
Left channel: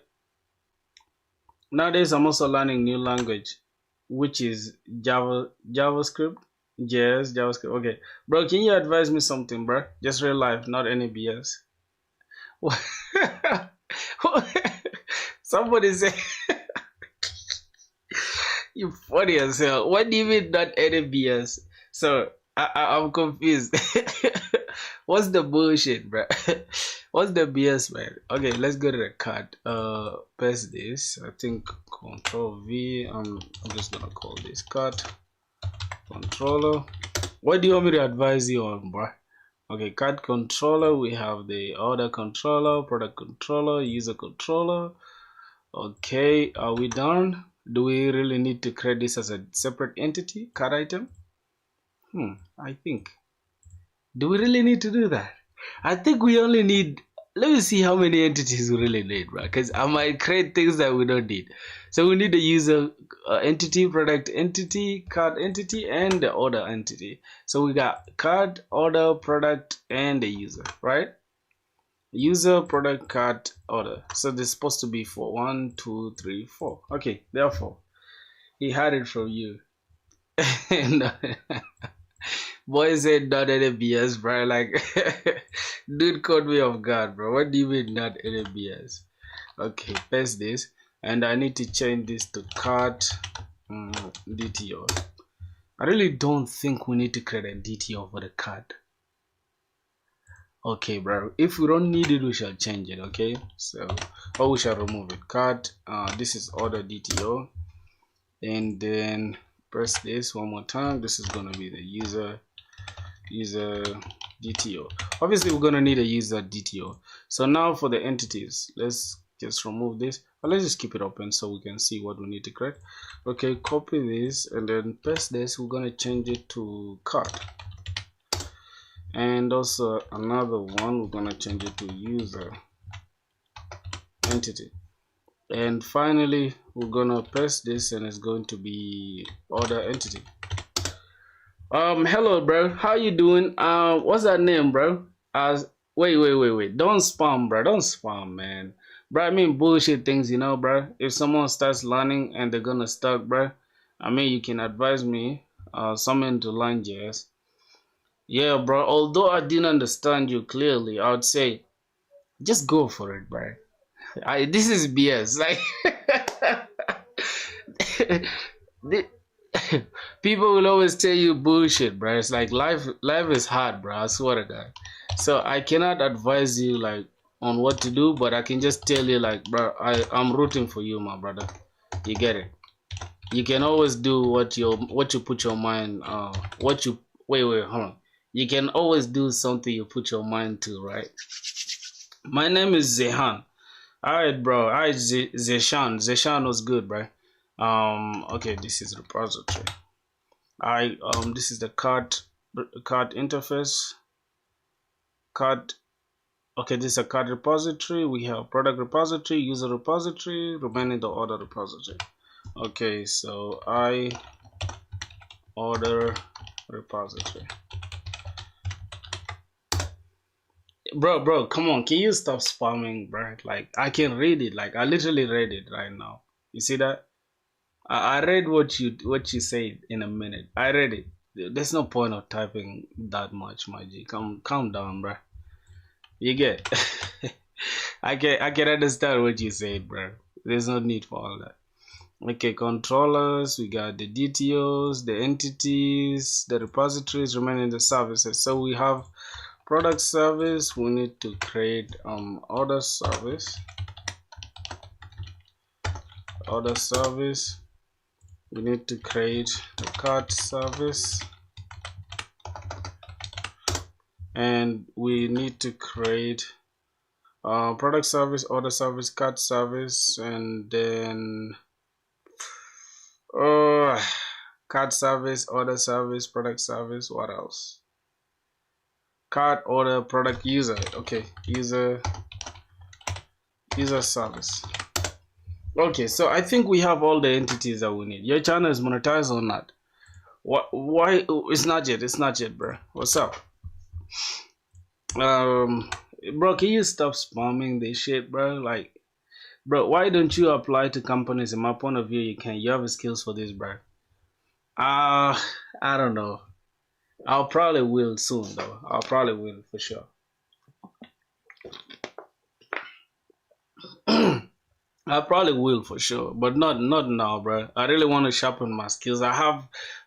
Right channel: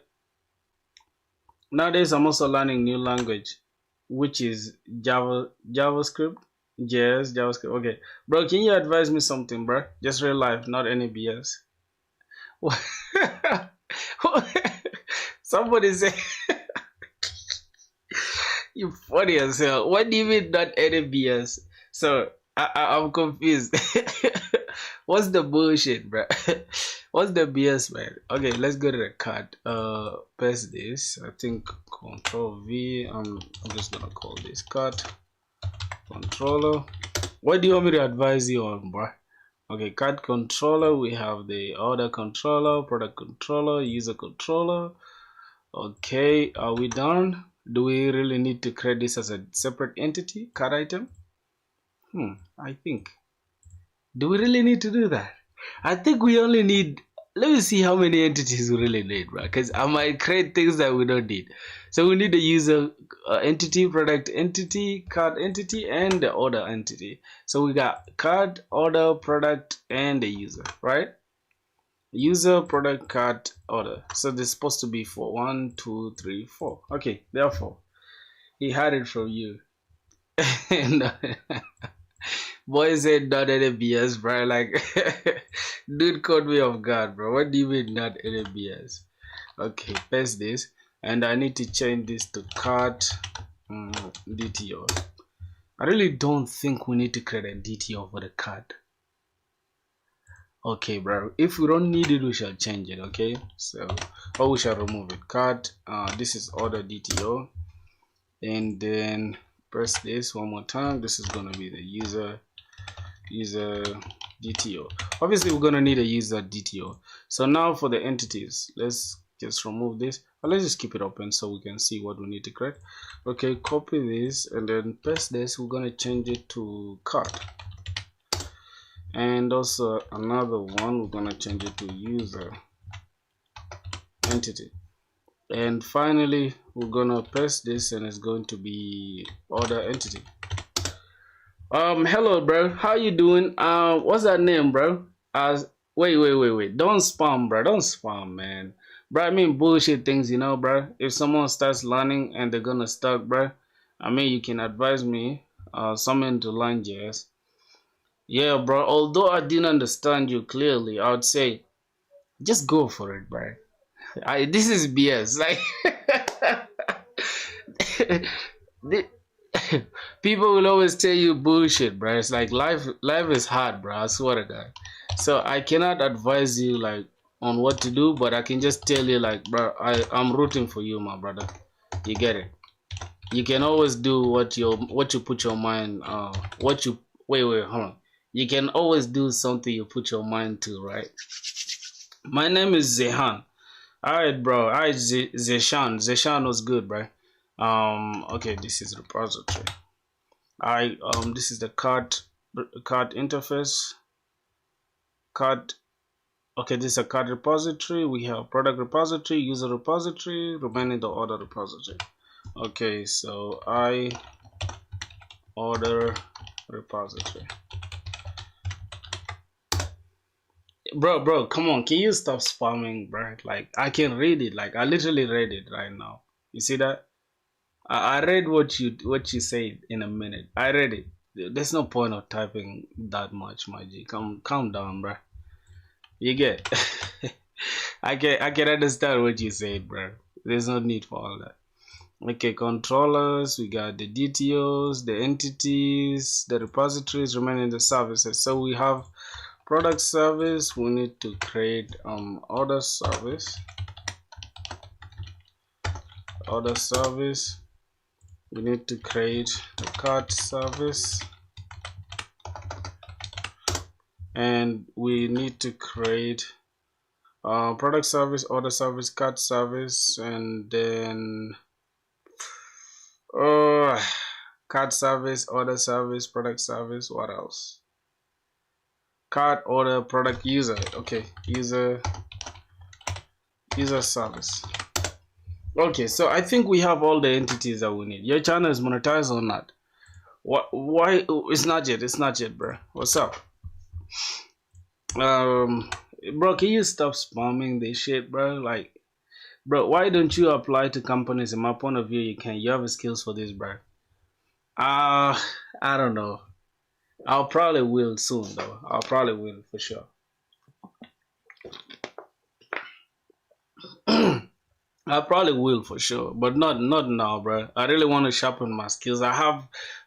Nowadays I'm also learning new language, which is JavaScript. Yes, JavaScript. Okay, bro, can you advise me something, bro? Just real life, not any BS. Somebody say you funny as hell. What do you mean not any BS? So I'm confused. What's the bullshit, bro? What's the BS, man? Okay, let's go to the card. Paste this. I think Control V. I'm just gonna call this card controller. What do you want me to advise you on, bro? Okay, card controller. We have the order controller, product controller, user controller. Okay, are we done? Do we really need to create this as a separate entity, card item? I think. Do we really need to do that? I think we only need, let me see how many entities we really need, right? Because I might create things that we don't need. So we need the user entity, product entity, card entity, and the order entity. So we got card, order, product, and the user, right? User, product, card, order. So there's supposed to be 4. 1, 2, 3, 4. Okay, therefore, he had it from you. Boy said not any BS, bro. Like, dude caught me off guard, bro. What do you mean not any BS? Okay, paste this, and I need to change this to card DTO. I really don't think we need to create a DTO for the card. Okay, bro. If we don't need it, we shall change it. Okay, so we shall remove it. Card. This is order DTO, and then press this one more time. This is gonna be the user DTO. Obviously we're gonna need a user DTO. So now for the entities, let's just remove this, but let's just keep it open so we can see what we need to create. Okay, copy this and then paste this. We're gonna change it to card, and also another one, we're gonna change it to user entity, and finally we're gonna paste this and it's going to be order entity. Hello, bro. How you doing? What's that name, bro? Wait. Don't spam, bro. Don't spam, man. Bro, I mean bullshit things, you know, bro. If someone starts learning and they're gonna start, bro, I mean you can advise me, something to learn, JS. Yeah, bro. Although I didn't understand you clearly, I would say, just go for it, bro. This is BS. Like. People will always tell you bullshit, bro. It's like life is hard, bro. I swear to God. So I cannot advise you like on what to do, but I can just tell you like, bro, I'm rooting for you, my brother. You get it. You can always do what you put your mind. Hold on. You can always do something you put your mind to, right? My name is Zehan. Alright, bro. Alright, Zeshan. Zeshan was good, bro. Okay, this is repository. This is the card interface. Okay, this is a card repository. We have product repository, user repository, remaining the order repository. Okay, so order repository. Bro, come on, can you stop spamming, bro? Like, I can read it. Like, I literally read it right now. You see that? I read what you said in a minute. I read it. There's no point of typing that much, my G. Calm down, bro. You get? I can understand what you said, bro. There's no need for all that. Okay, controllers. We got the DTOs, the entities, the repositories, remaining the services. So we have product service. We need to create order service. We need to create a card service, and we need to create product service, order service, card service, and then card service, order service, product service. What else? Card, order, product, user. Okay, user service. Okay, so I think we have all the entities that we need. Your channel is monetized or not? What? Why? It's not yet. It's not yet, bro. What's up? Bro, can you stop spamming this shit, bro? Like, bro, why don't you apply to companies? In my point of view, you can. You have the skills for this, bro. I don't know. I'll probably will soon, though. I'll probably will for sure. I probably will for sure, but not now, bro. I really want to sharpen my skills. I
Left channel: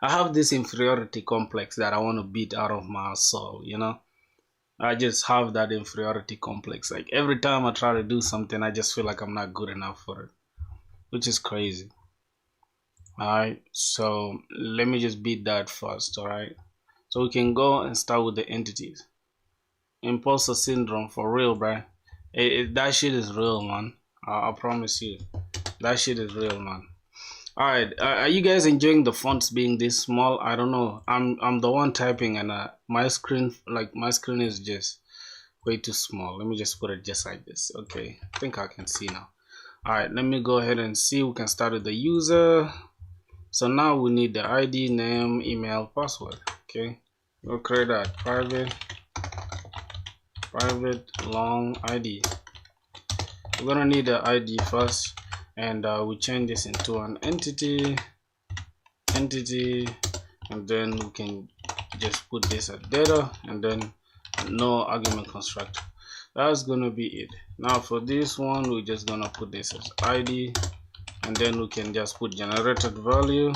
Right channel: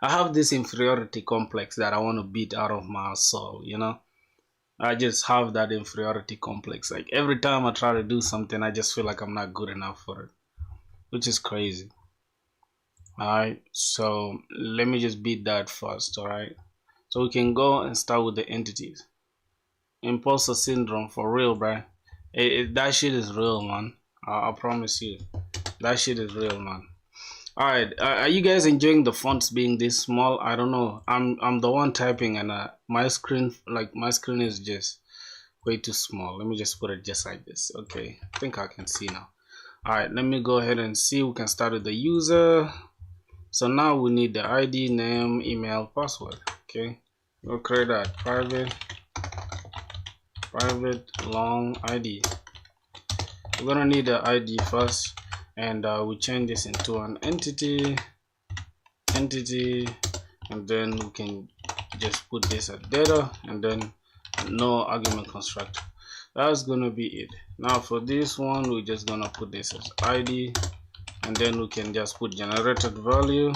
have this inferiority complex that I want to beat out of my soul. You know, I just have that inferiority complex. Like every time I try to do something, I just feel like I'm not good enough for it, which is crazy. All right, so let me just beat that first. All right, so we can go and start with the entities. Imposter syndrome for real, bro. That shit is real, man. I promise you, that shit is real, man. All right, are you guys enjoying the fonts being this small? I don't know. I'm the one typing, and my screen is just way too small. Let me just put it just like this. Okay, I think I can see now. All right, let me go ahead and see. We can start with the user. So now we need the ID, name, email, password. Okay, we'll create a private long ID. We're gonna need the ID first, and we change this into an entity, and then we can just put this as data, and then no argument constructor. That's gonna be it. Now for this one, we're just gonna put this as ID, and then we can just put generated value,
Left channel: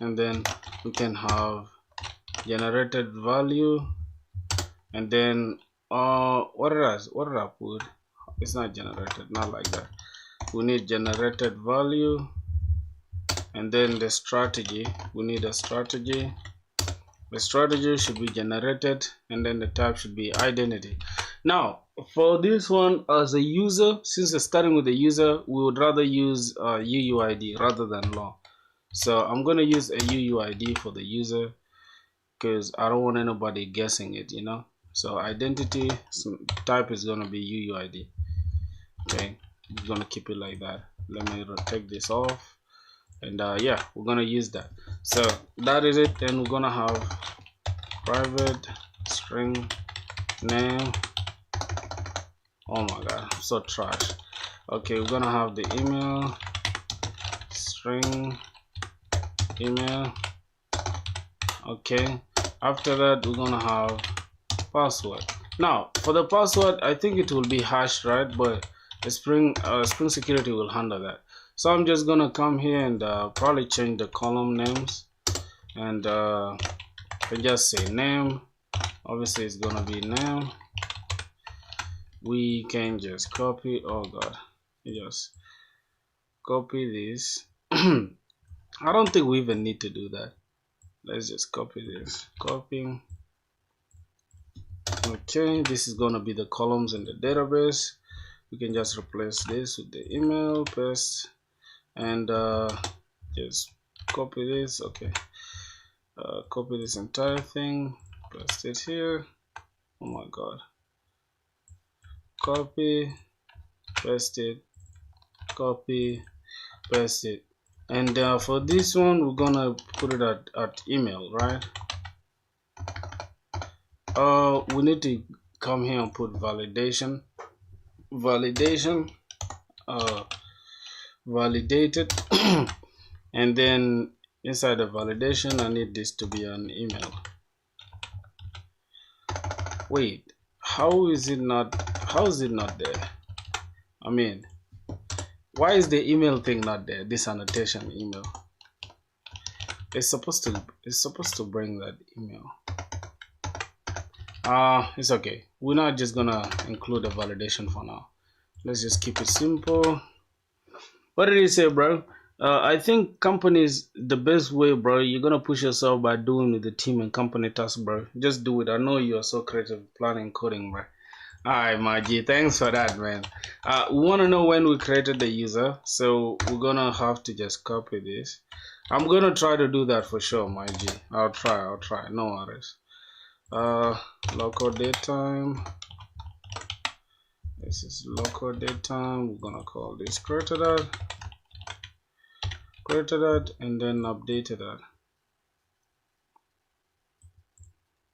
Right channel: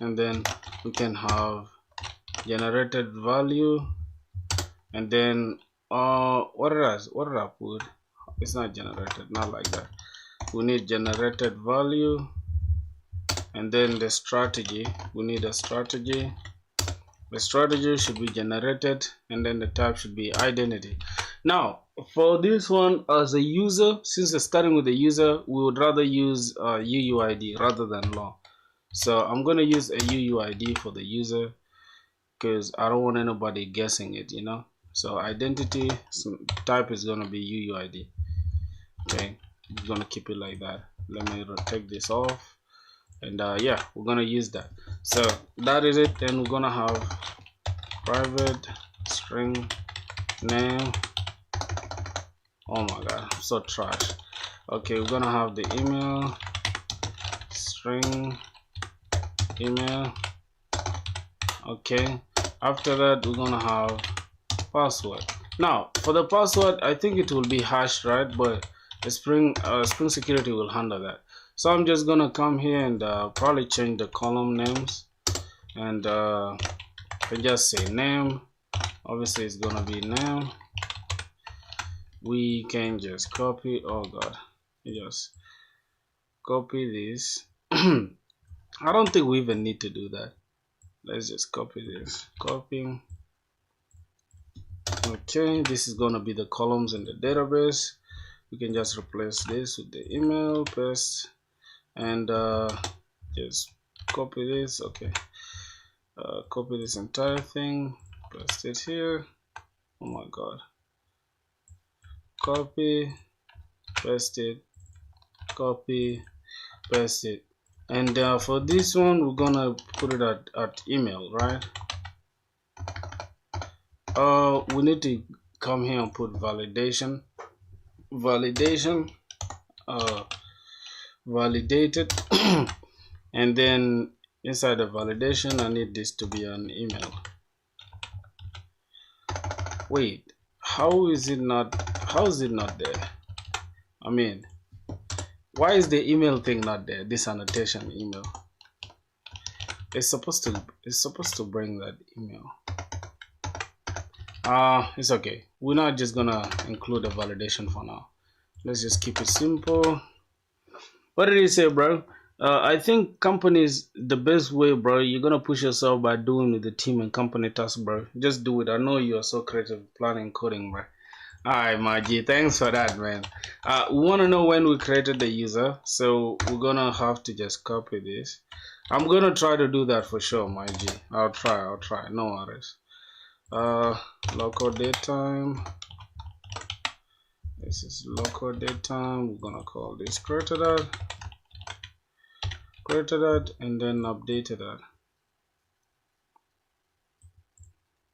and then we can have generated value, and then what did I put? It's not generated, not like that. We need generated value, and then the strategy. We need a strategy. The strategy should be generated, and then the type should be identity. Now for this one, as a user, since we're starting with the user, we would rather use UUID rather than long. So I'm gonna use a UUID for the user because I don't want anybody guessing it, you know. So identity type is gonna be UUID. Okay, I'm gonna keep it like that. Let me take this off, and yeah, we're gonna use that. So that is it. Then we're gonna have private string name. Oh my god, I'm so trash. Okay, we're gonna have the email string email. Okay, after that we're gonna have password. Now for the password, I think it will be hashed, right? But the Spring Security will handle that. So I'm just gonna come here and probably change the column names, and just say name. Obviously it's gonna be name. We can just copy. Oh god, just copy this. I don't think we even need to do that. Let's just copy this. Copy. Okay, this is gonna be the columns in the database. We can just replace this with the email, paste, and just copy this. Okay, copy this entire thing, paste it here. Oh my god, copy, paste it, copy, paste it. And for this one, we're gonna put it at email, right? We need to come here and put validated, and then inside the validation, I need this to be an email. Wait, how is it not there? I mean, why is the email thing not there? This annotation email. It's supposed to bring that email. It's okay. We're not just gonna include a validation for now. Let's just keep it simple. What did you say, bro? I think companies, the best way, bro, you're gonna push yourself by doing with the team and company task, bro. Just do it. I know you are so creative planning coding, bro. Alright, my G, thanks for that, man. We want to know when we created the user, so we're gonna have to just copy this. I'm gonna try to do that for sure, my G. I'll try, no worries. Local date time, This is local date time. We're gonna call this created at, and then updated at.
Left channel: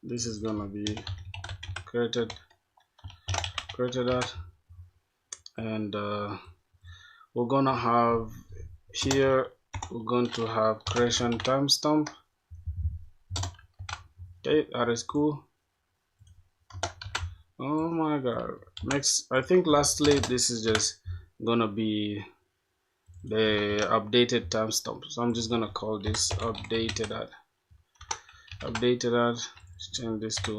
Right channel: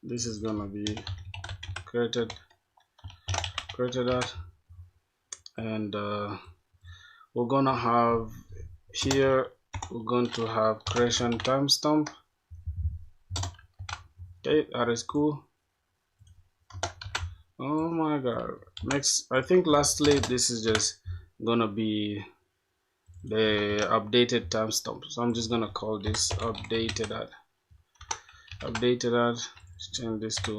This is gonna be created at, and we're gonna have here, we're going to have creation timestamp. Okay, that is cool. Oh my god. Next, I think lastly, this is just gonna be the updated timestamp. So I'm just gonna call this updated at. Let's change this to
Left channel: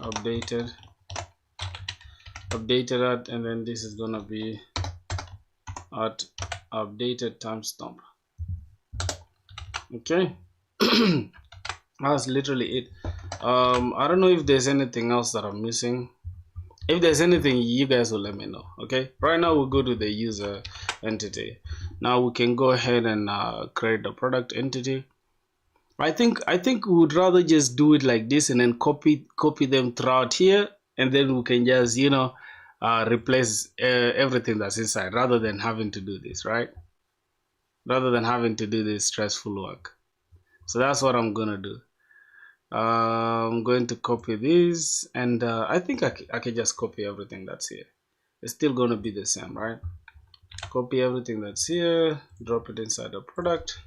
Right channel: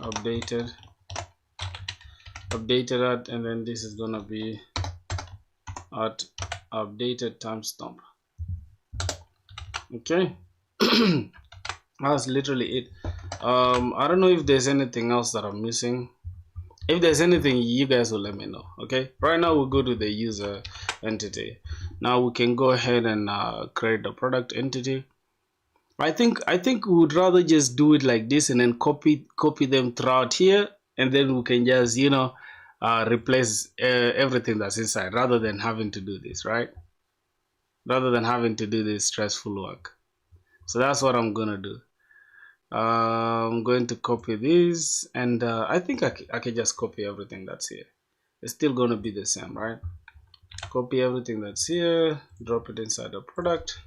updated at, and then this is gonna be at updated timestamp. Okay. That's literally it. I don't know if there's anything else that I'm missing. If there's anything, you guys will let me know. Okay, right now we'll go to the user entity. Now we can go ahead and create the product entity. I think we would rather just do it like this and then copy them throughout here, and then we can just, you know, replace everything that's inside, rather than having to do this, right? Rather than having to do this stressful work. So that's what I'm gonna do. I'm going to copy this, and I think I can just copy everything that's here. It's still gonna be the same, right? Copy everything that's here, drop it inside the product.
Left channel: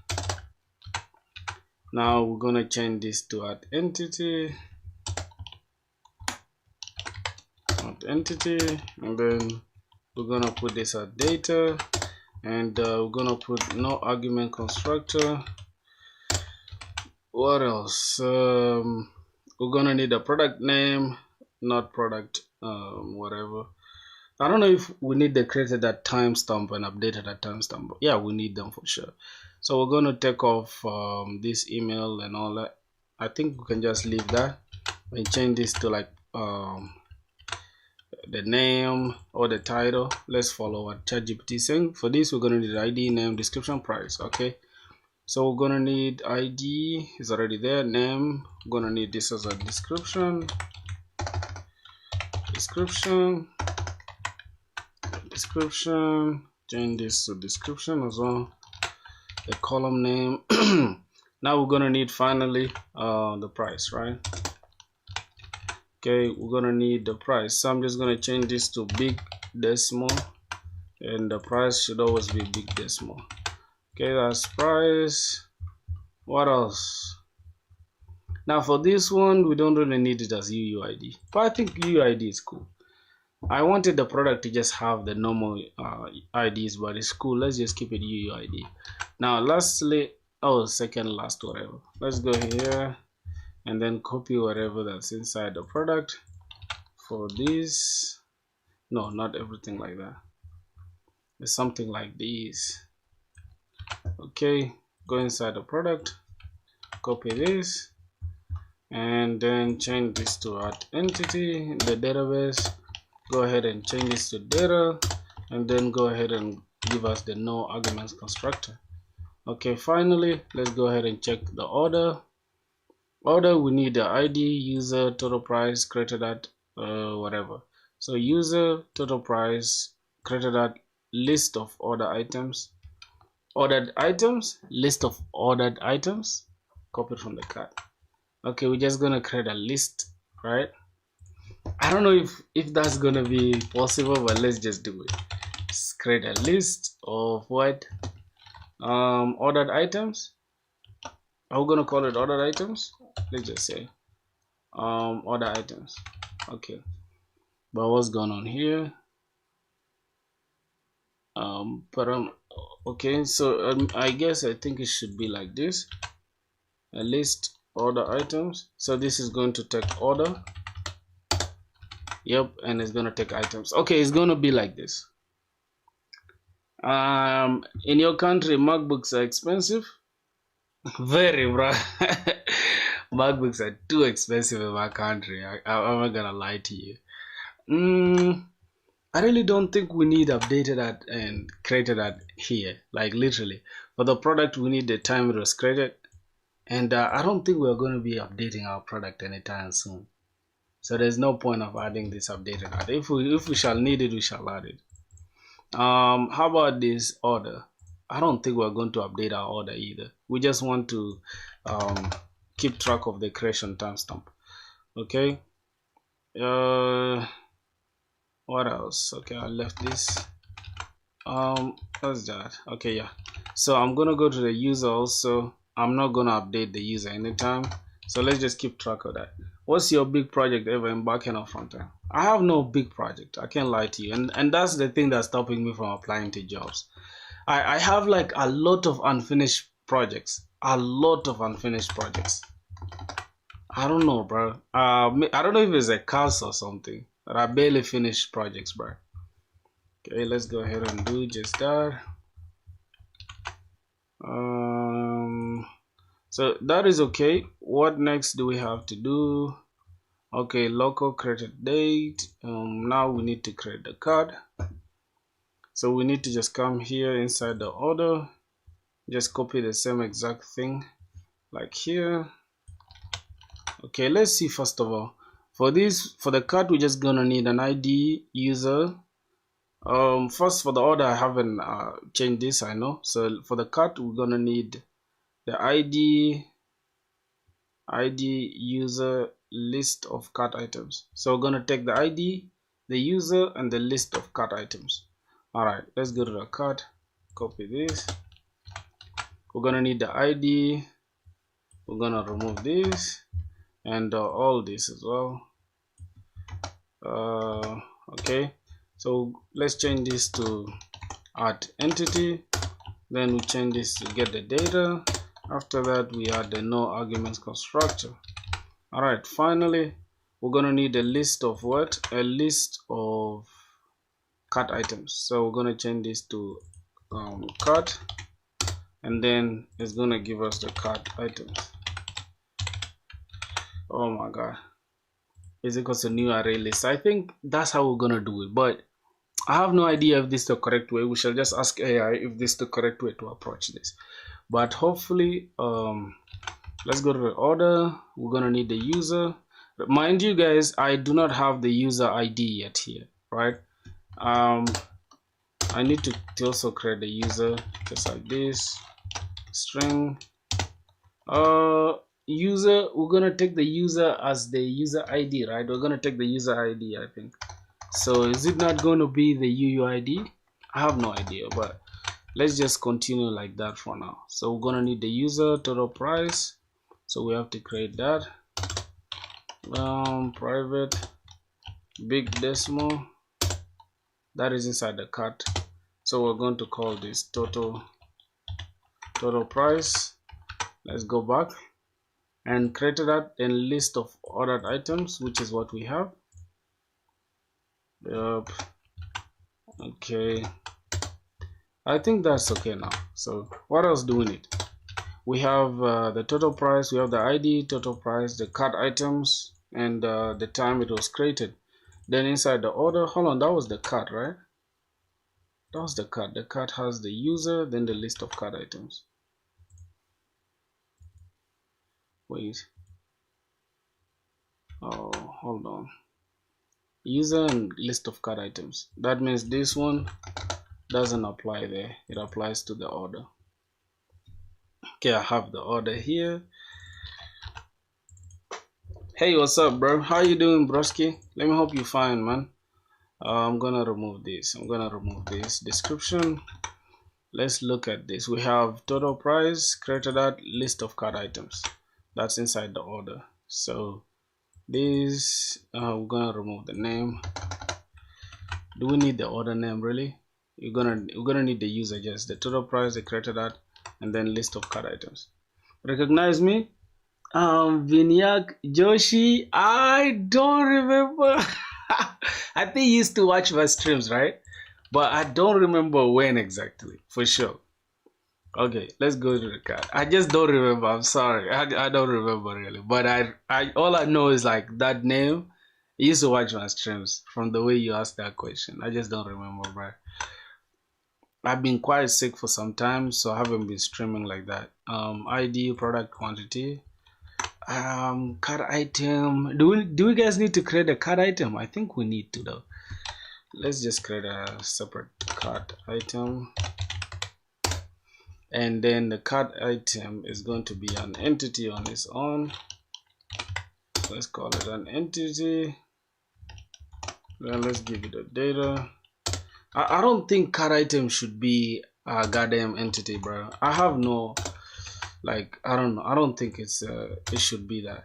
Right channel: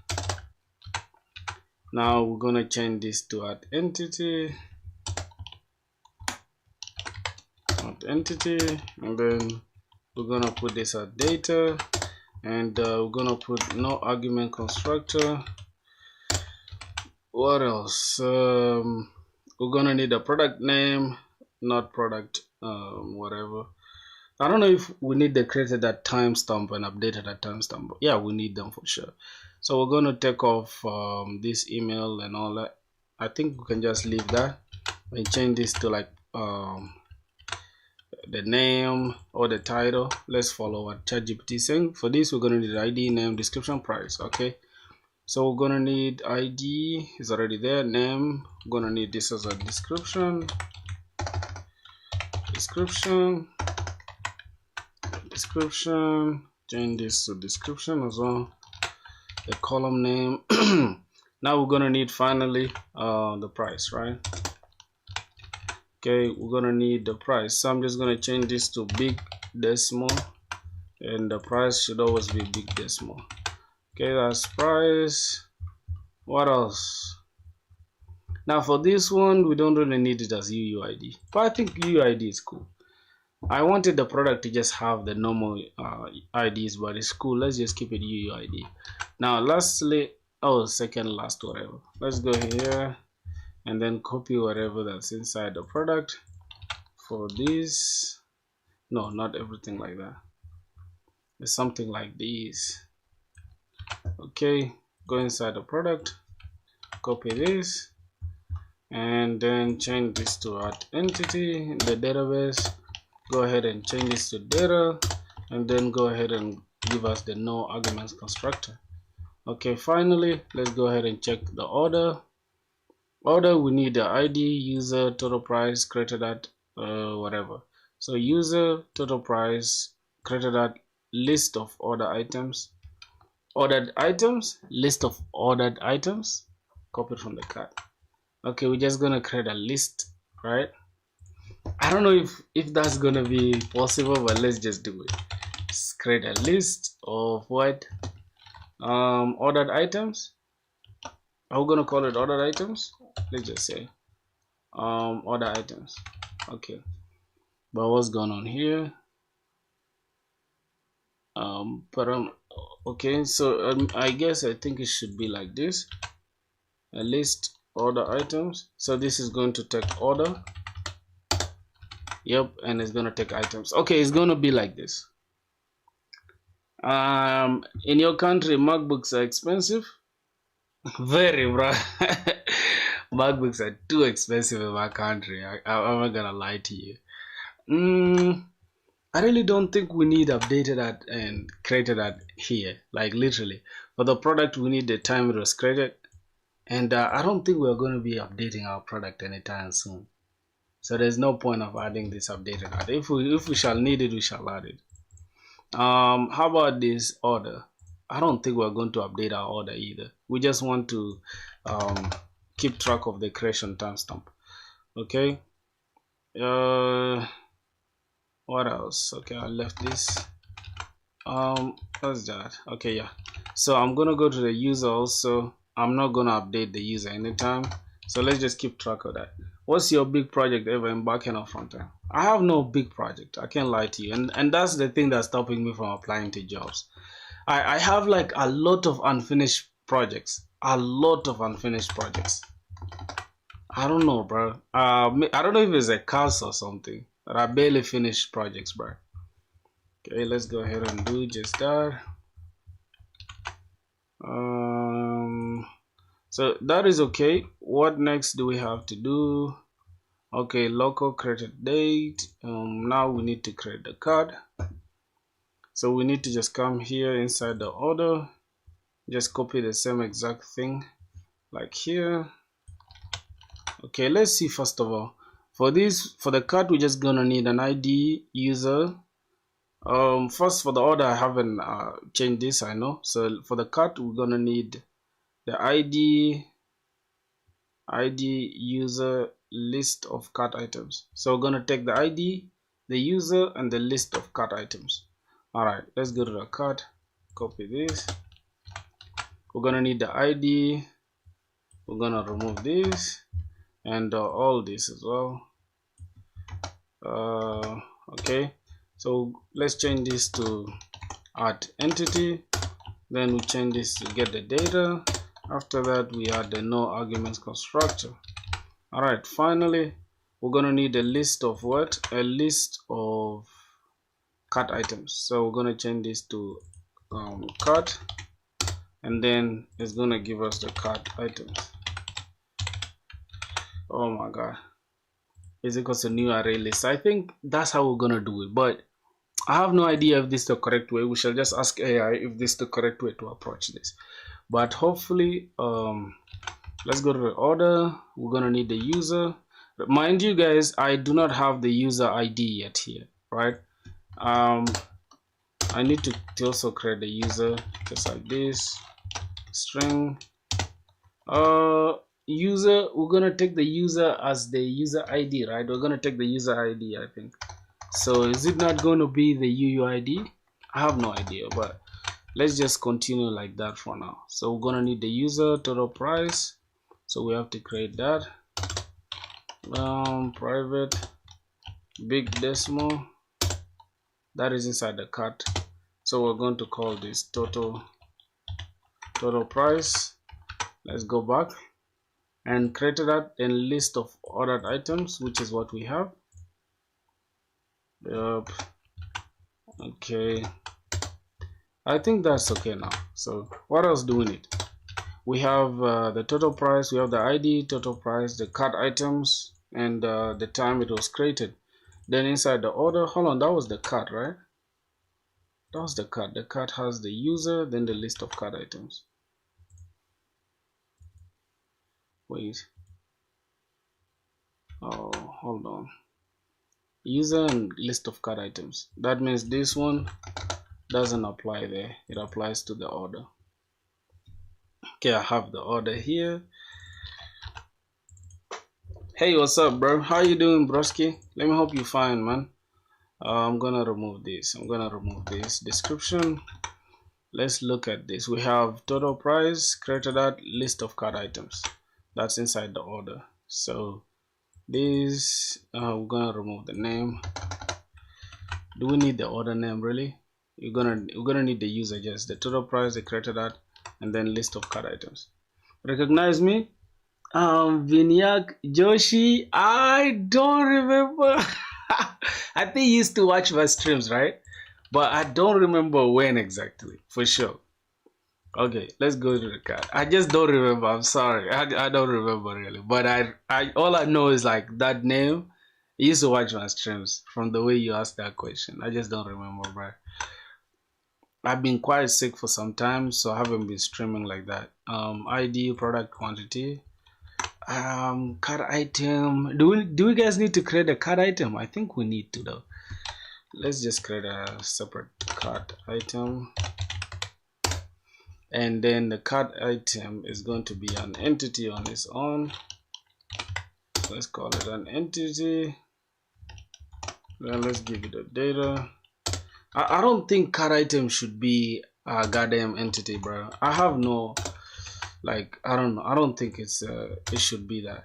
Now we're gonna change this to add entity, and then we're gonna put this at data, and we're gonna put no argument constructor. What else? We're gonna need a product name, not product whatever. I don't know if we need the created at timestamp and updated at timestamp, but yeah, we need them for sure. So we're gonna take off this email and all that. I think we can just leave that and change this to like the name or the title. Let's follow what ChatGPT is saying. For this, we're gonna need ID, name, description, price. Okay. So we're gonna need ID, is already there. Name, we're gonna need this as a description. Change this to description as well. The column name. Now we're gonna need finally the price, right? Okay, we're gonna need the price. So I'm just gonna change this to big decimal, and the price should always be big decimal. Okay, that's price. What else? Now for this one, we don't really need it as UUID, but I think UUID is cool. I wanted the product to just have the normal IDs, but it's cool. Let's just keep it UUID. Now lastly, second last, whatever. Let's go here and then copy whatever that's inside the product. For this, no, not everything like that. It's something like this. Okay, go inside the product, copy this, and then change this to add entity in the database. Go ahead and change this to data, and then go ahead and give us the no arguments constructor. Okay, finally, let's go ahead and check the order. We need the ID, user, total price, created at whatever. So user, total price, created at list of order items, list of ordered items, copied from the card. Okay, we're just gonna create a list, right? I don't know if that's gonna be possible, but let's just do it. Let's create a list of what ordered items. Are we gonna call it ordered items? Let's just say order items. Okay, but what's going on here? Okay, so I think it should be like this: a list order items. So this is going to take order. Yep, and it's gonna take items. Okay, it's gonna be like this. In your country, MacBooks are expensive. Very, bro. MacBooks are too expensive in my country. I'm not gonna lie to you. I really don't think we need updated that and created that here. Like literally, for the product, we need the time it was created, and I don't think we're going to be updating our product anytime soon. So there's no point of adding this updated add. If we shall need it, we shall add it. How about this order? I don't think we're going to update our order either. We just want to keep track of the creation timestamp. Okay. What else? Okay, I left this. What's that? Okay, yeah. So I'm gonna go to the user also. I'm not gonna update the user anytime. So let's just keep track of that. What's your big project ever in backend or frontend? I have no big project. I can't lie to you, and that's the thing that's stopping me from applying to jobs. I have like a lot of unfinished projects. A lot of unfinished projects. I don't know, bro. I don't know if it's a curse or something, but I barely finished projects, bro. Okay, let's go ahead and do just that. So that is okay. What next do we have to do? Okay, local created date. Now we need to create the card. So we need to just come here inside the order, just copy the same exact thing like here. Okay, let's see. First of all, for the card, we're just gonna need an ID, user. First for the order, I haven't changed this, I know. So for the card, we're gonna need the ID, user, list of cart items. So we're gonna take the ID, the user, and the list of cart items. All right, let's go to the cart, copy this. We're gonna need the ID. We're gonna remove this and all this as well. Okay, so let's change this to add entity. Then we change this to get the data. After that, we add the no arguments constructor. All right, finally, we're gonna need a list of what? A list of cart items. So we're gonna change this to cart, and then it's gonna give us the cart items. Oh my god, is equals to new array list. I think that's how we're gonna do it, but I have no idea if this is the correct way. We shall just ask AI if this is the correct way to approach this. But hopefully, let's go to the order. We're gonna need the user. Mind you guys, I do not have the user ID yet here, right? I need to also create the user just like this. String user, we're gonna take the user as the user ID, right? We're gonna take the user ID, I think. So is it not going to be the UUID? I have no idea, but let's just continue like that for now. So we're gonna need the user, total price. So we have to create that. Private big decimal. That is inside the cart. So we're going to call this total price. Let's go back and create that in list of ordered items, which is what we have. Yep. Okay, I think that's okay now. So what else do we need? We have the total price, we have the ID, total price, the cart items, and the time it was created. Then inside the order, hold on, that was the cart, right? That was the cart. The cart has the user, then the list of cart items. Wait. Oh, hold on. User and list of cart items. That means this one doesn't apply there. It applies to the order. Okay, I have the order here. Hey, what's up, bro? How you doing, broski? Let me hope you're fine, man. I'm gonna remove this. I'm gonna remove this description. Let's look at this. We have total price, created that list of cart items. That's inside the order. So this we're gonna remove the name. Do we need the order name really? We're gonna need the user, just the total price, the created that, and then list of cart items. Recognize me? Vinyak Joshi, I don't remember. I think you used to watch my streams, right? But I don't remember when exactly, for sure. Okay, let's go to the card. I just don't remember. I'm sorry. I don't remember really. But I all I know is like that name. I used to watch my streams from the way you asked that question. I just don't remember, bro. I've been quite sick for some time, so I haven't been streaming like that. ID, product quantity. Card item. Do we guys need to create a card item? I think we need to though. Let's just create a separate card item, and then the card item is going to be an entity on its own. Let's call it an entity. Then let's give it a data. I don't think card item should be a goddamn entity, bro. I have no, like, I don't know. I don't think it should be that.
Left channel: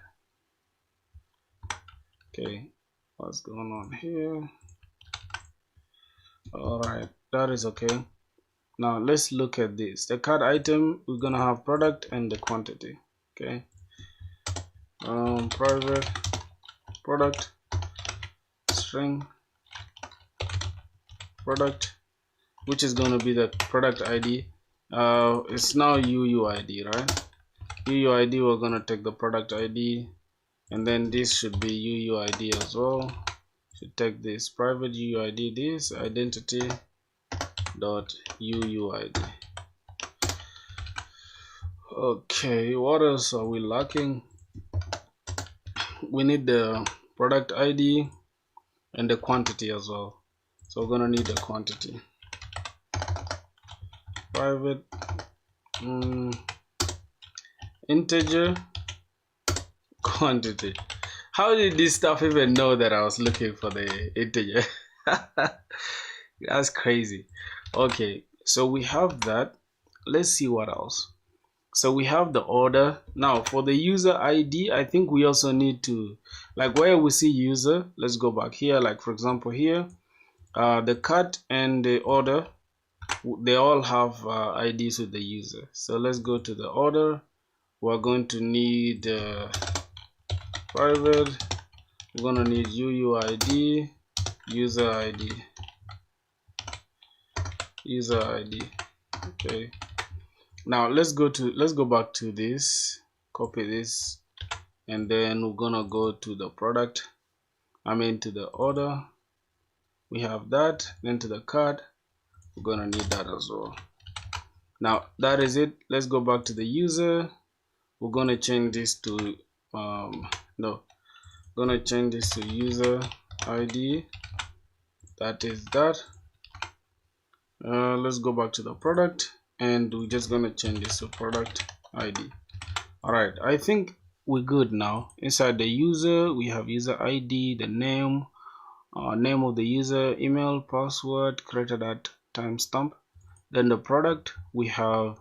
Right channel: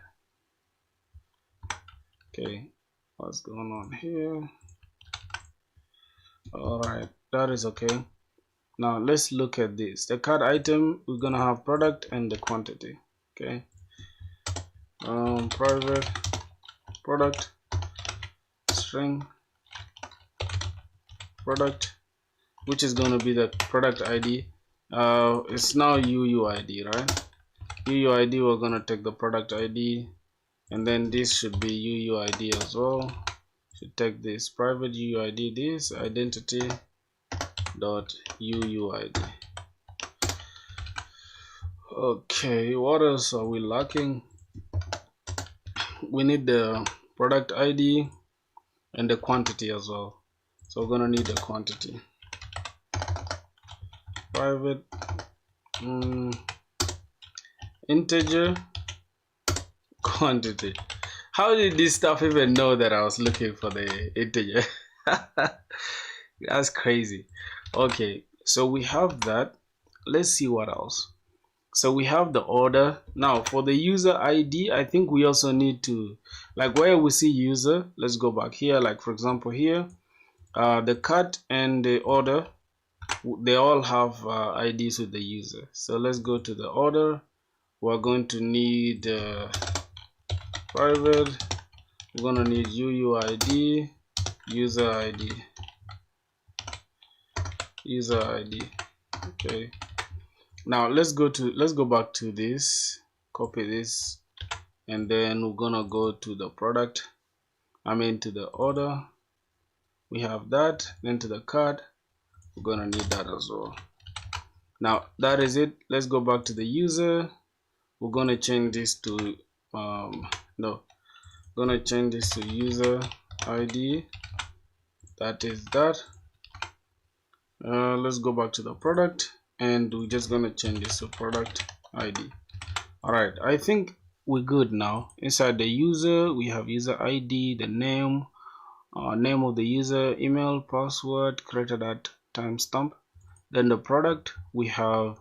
Okay, what's going on here? All right, that is okay. Now let's look at this. The card item, we're gonna have product and the quantity. Okay. Private product string product, which is going to be the product ID. It's now UUID, right? UUID, we're going to take the product ID, and then this should be UUID as well. Should take this private UUID, this identity dot UUID. Okay, what else are we lacking? We need the product ID and the quantity as well. So we're gonna need the quantity. Private integer quantity. How did this stuff even know that I was looking for the integer? That's crazy. Okay, so we have that. Let's see what else. So we have the order. Now for the user ID, I think we also need to, like where we see user, let's go back here. Like for example here, the cut and the order, they all have IDs with the user. So let's go to the order. We're going to need private. We're going to need UUID, user ID, user ID. Okay. Now let's go back to this, copy this, and then we're gonna go to the product, to the order. We have that. Then to the card, we're gonna need that as well. Now that is it. Let's go back to the user. We're gonna change this to gonna change this to user ID. That is that. Let's go back to the product, and we're just gonna change this to product ID. All right, I think we're good now. Inside the user, we have user ID, the name, name of the user, email, password, created at timestamp. Then the product, we have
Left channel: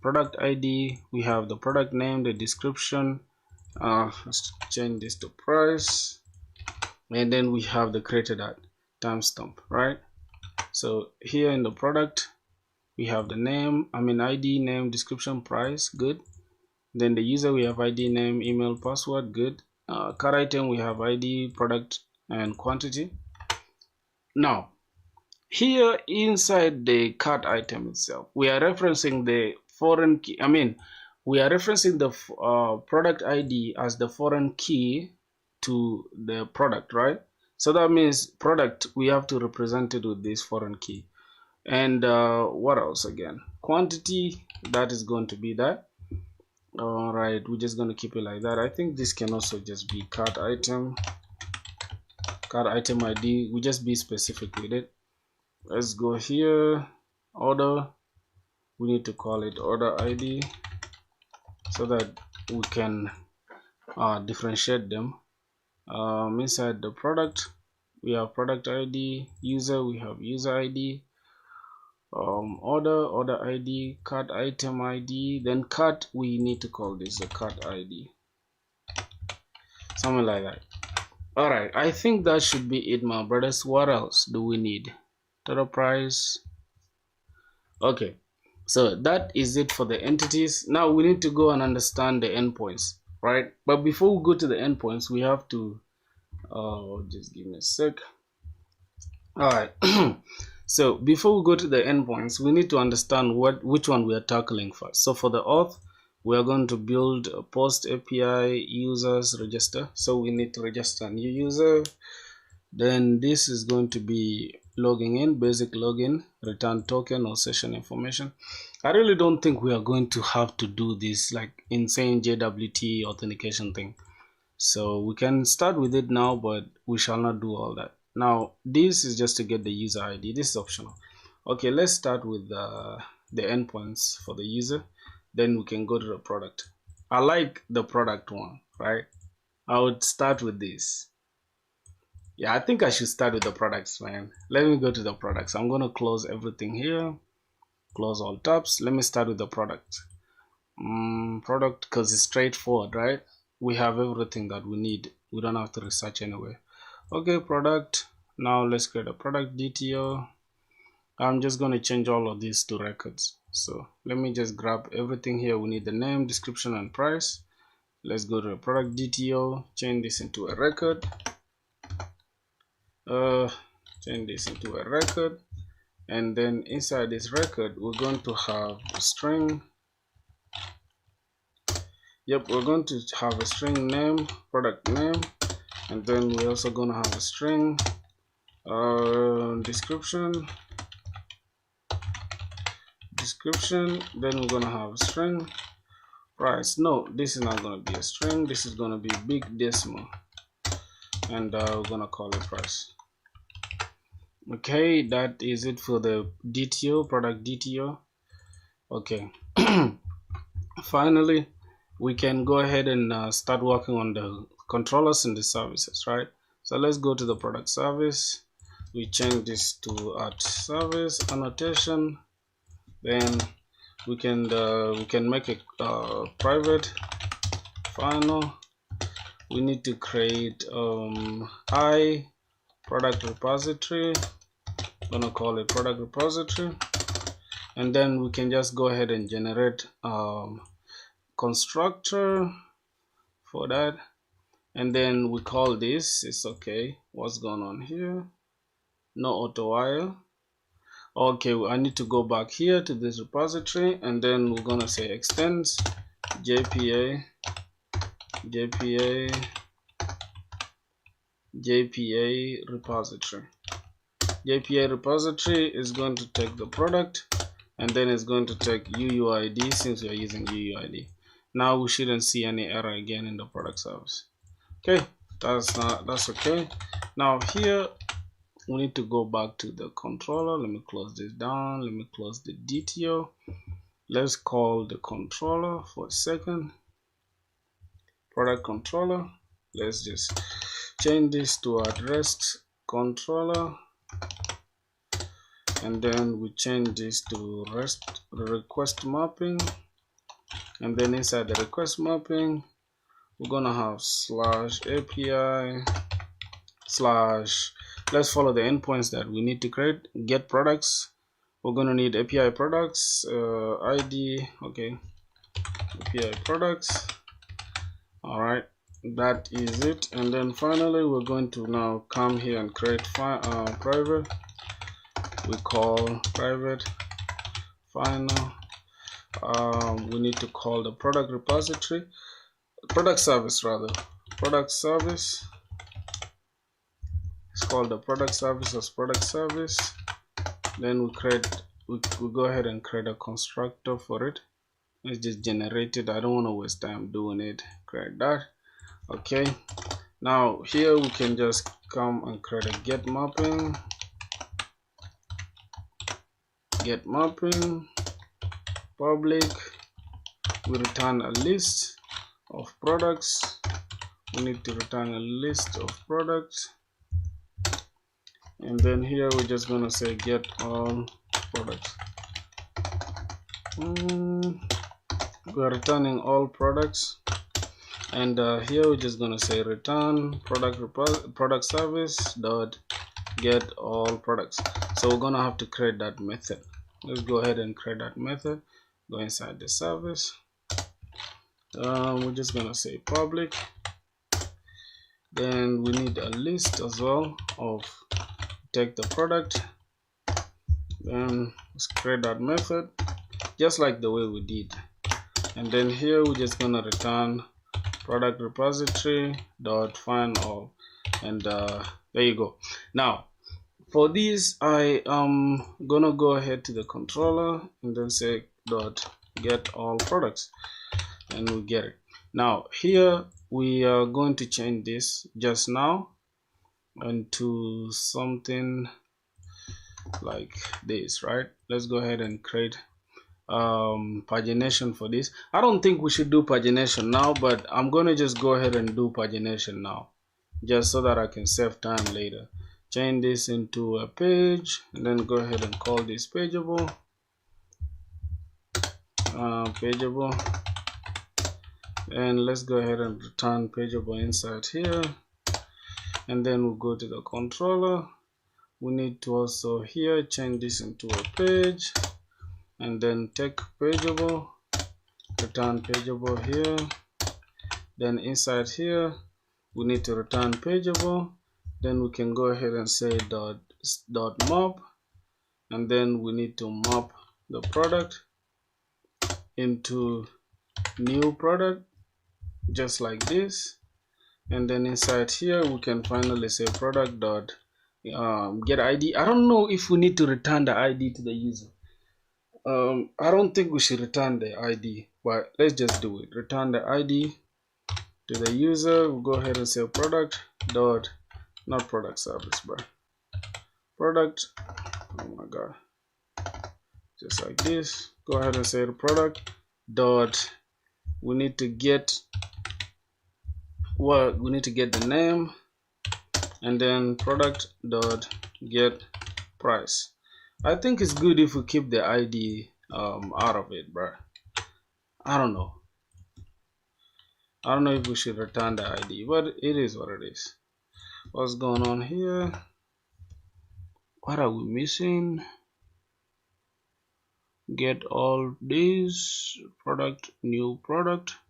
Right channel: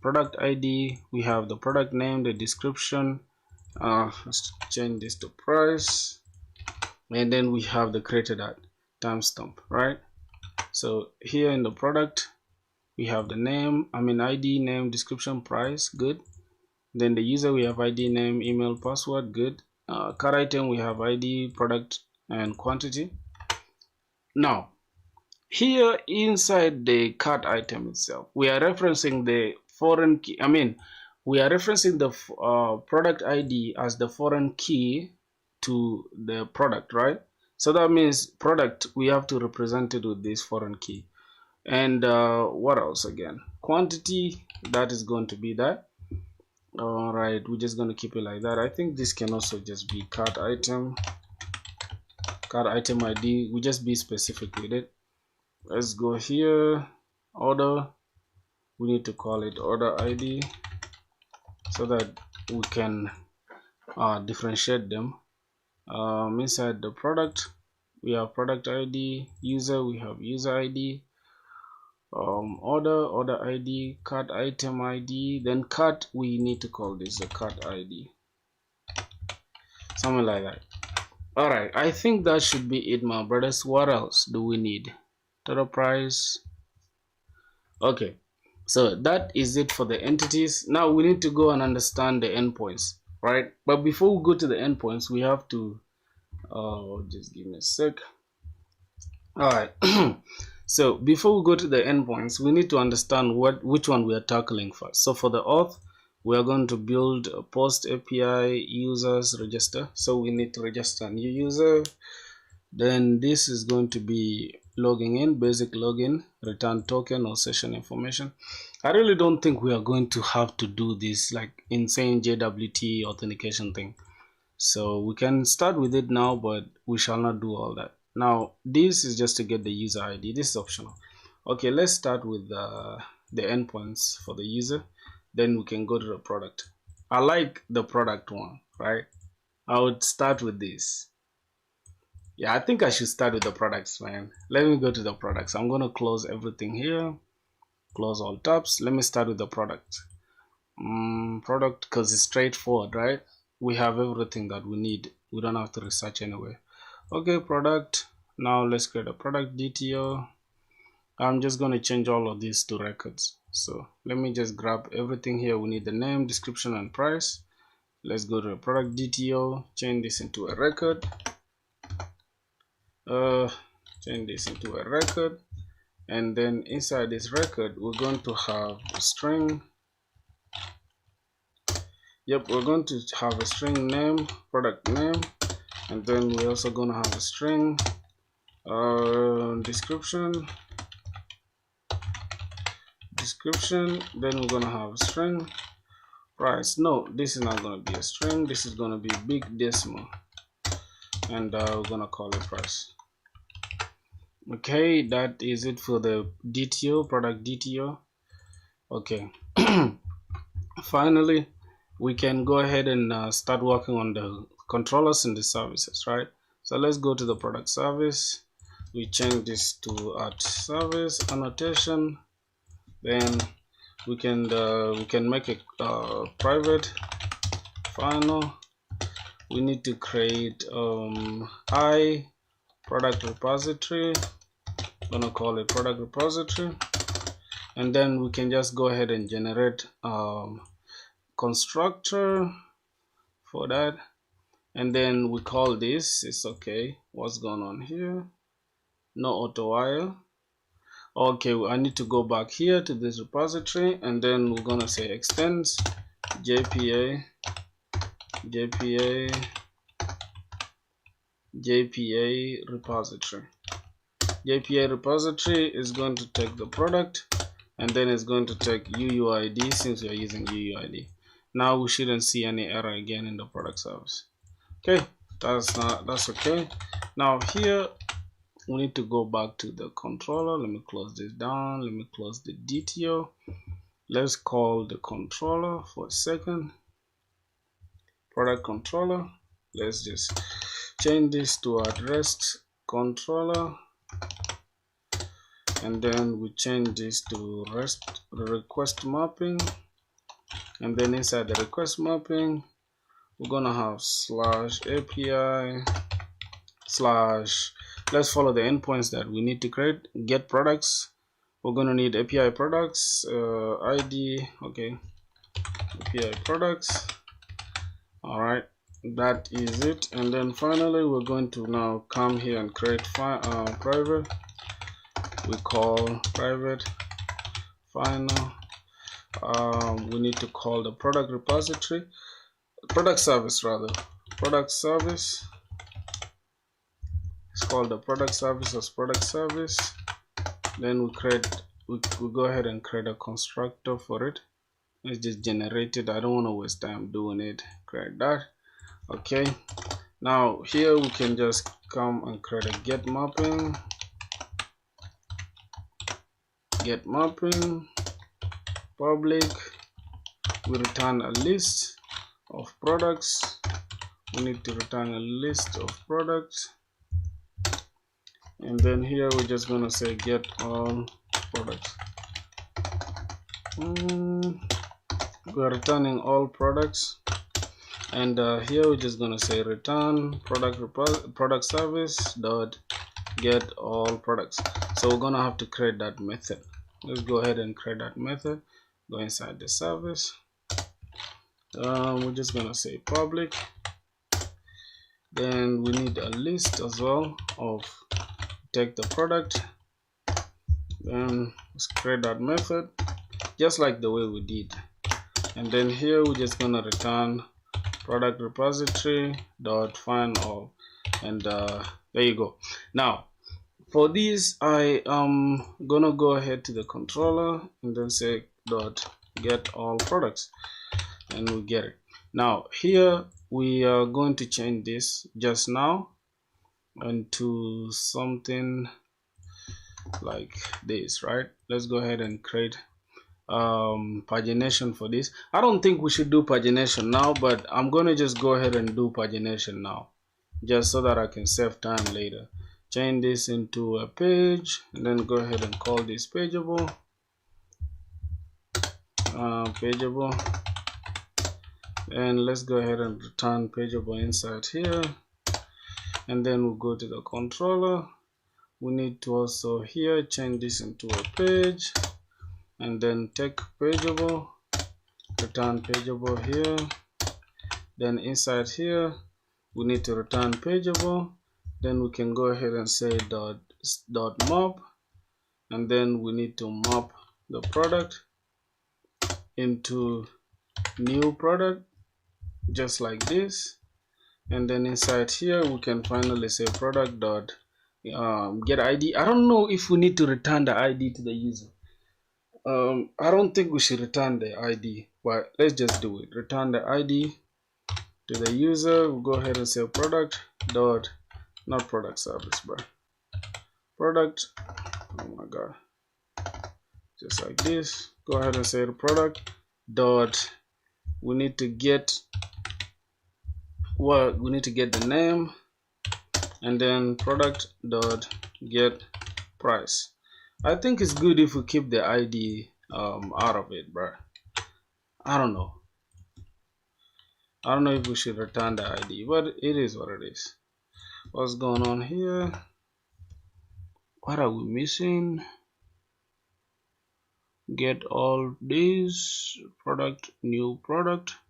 product ID, we have the product name, the description. Let's change this to price, and then we have the created at timestamp, right? So here in the product, we have the name, ID, name, description, price, good. Then the user, we have ID, name, email, password, good. Card item, we have ID, product, and quantity. Now, here inside the card item itself, we are referencing the foreign key. We are referencing the product ID as the foreign key to the product, right? So that means product, we have to represent it with this foreign key. And what else again? Quantity, that is going to be that. All right, we're just going to keep it like that. I think this can also just be card item ID. We just be specific with it. Let's go here, order. We need to call it order ID so that we can differentiate them. Inside the product, we have product ID, user, we have user ID, order ID, card item ID, then card, we need to call this a card ID, something like that. All right, I think that should be it, my brothers. What else do we need? Total price. Okay, so that is it for the entities. Now we need to go and understand the endpoints, right? But before we go to the endpoints, we have to just give me a sec. All right. So before we go to the endpoints, we need to understand which one we are tackling first. So for the auth, we are going to build a post API users register. So we need to register a new user. Then this is going to be logging in, basic login, return token or session information. I really don't think we are going to have to do this like insane JWT authentication thing. So we can start with it now, but we shall not do all that. Now, this is just to get the user ID. This is optional. Okay, let's start with the endpoints for the user. Then we can go to the product. I like the product one, right? I would start with this. Yeah, I think I should start with the products, man. Let me go to the products. I'm going to close everything here. Close all tabs. Let me start with the product. Product, because it's straightforward, right? We have everything that we need. We don't have to research anywhere. Okay, product. Now let's create a product DTO. I'm just going to change all of these to records. So let me just grab everything here. We need the name, description, and price. Let's go to a product DTO, change this into a record. Change this into a record. And then inside this record, we're going to have a string. Yep, we're going to have a string name, product name. And then we're also going to have a string description. Then we're going to have a string price. No, this is not going to be a string. This is going to be big decimal. And we're going to call it price. Okay, that is it for the DTO, product DTO. Okay. Finally, we can go ahead and start working on the controllers and the services, right? So let's go to the product service. We change this to @service annotation. Then we can make a private final. We need to create product repository. I'm gonna call it product repository, and then we can just go ahead and generate constructor for that, and then we call this. It's okay. What's going on here? No auto while. Okay, I need to go back here to this repository, and then we're gonna say extends JPA repository. JPA repository is going to take the product, and then it's going to take UUID since we are using UUID. Now we shouldn't see any error again in the product service. Okay, that's okay. Now here we need to go back to the controller. Let me close this down. Let me close the DTO. Let's call the controller for a second. Product controller. Let's just change this to address controller, and then we change this to request mapping, and then inside the request mapping we're gonna have /API/ let's follow the endpoints that we need to create. Get products, we're gonna need API products ID. Okay, API products. All right, that is it. And then finally we're going to now come here and create private. We call private final. We need to call the product repository, product service. It's called the product service as product service. Then we go ahead and create a constructor for it. Let's just generate it. I don't want to waste time doing it. Create that. Okay, now here we can just come and create a get mapping public. We return a list of products. We need to return a list of products, and then here we're just going to say get all products. We are returning all products, and here we're just going to say return product service dot get all products. So we're going to have to create that method. Let's go ahead and create that method. Go inside the service. We're just going to say public. Then we need a list as well of take the product. Then let's create that method just like the way we did, and then here we're just going to return product repository dot find all, and there you go. Now For this, I am gonna go ahead to the controller and then say dot get all products, and we get it. Now here we are going to change this just now into something like this, right? Let's go ahead and create pagination for this. I don't think we should do pagination now, but I'm gonna just go ahead and do pagination now, just so that I can save time later. Change this into a page, and then go ahead and call this pageable. Pageable, and let's go ahead and return pageable inside here, and then we'll go to the controller. We need to also here change this into a page, and then take pageable, return pageable here. Then inside here we need to return pageable. Then we can go ahead and say dot map, and then we need to map the product into new product, just like this. And then inside here we can finally say product dot get ID. I don't know if we need to return the ID to the user. I don't think we should return the ID, but let's just do it. Return the ID to the user. We'll go ahead and say product dot, not product service, but product. Oh my god, just like this. Go ahead and say the product dot, we need to get what we need to get the name, and then product dot get price. I think it's good if we keep the ID out of it, bro. I don't know if we should return the ID, but it is what it is. What's going on here? What are we missing? Get all these product, new product.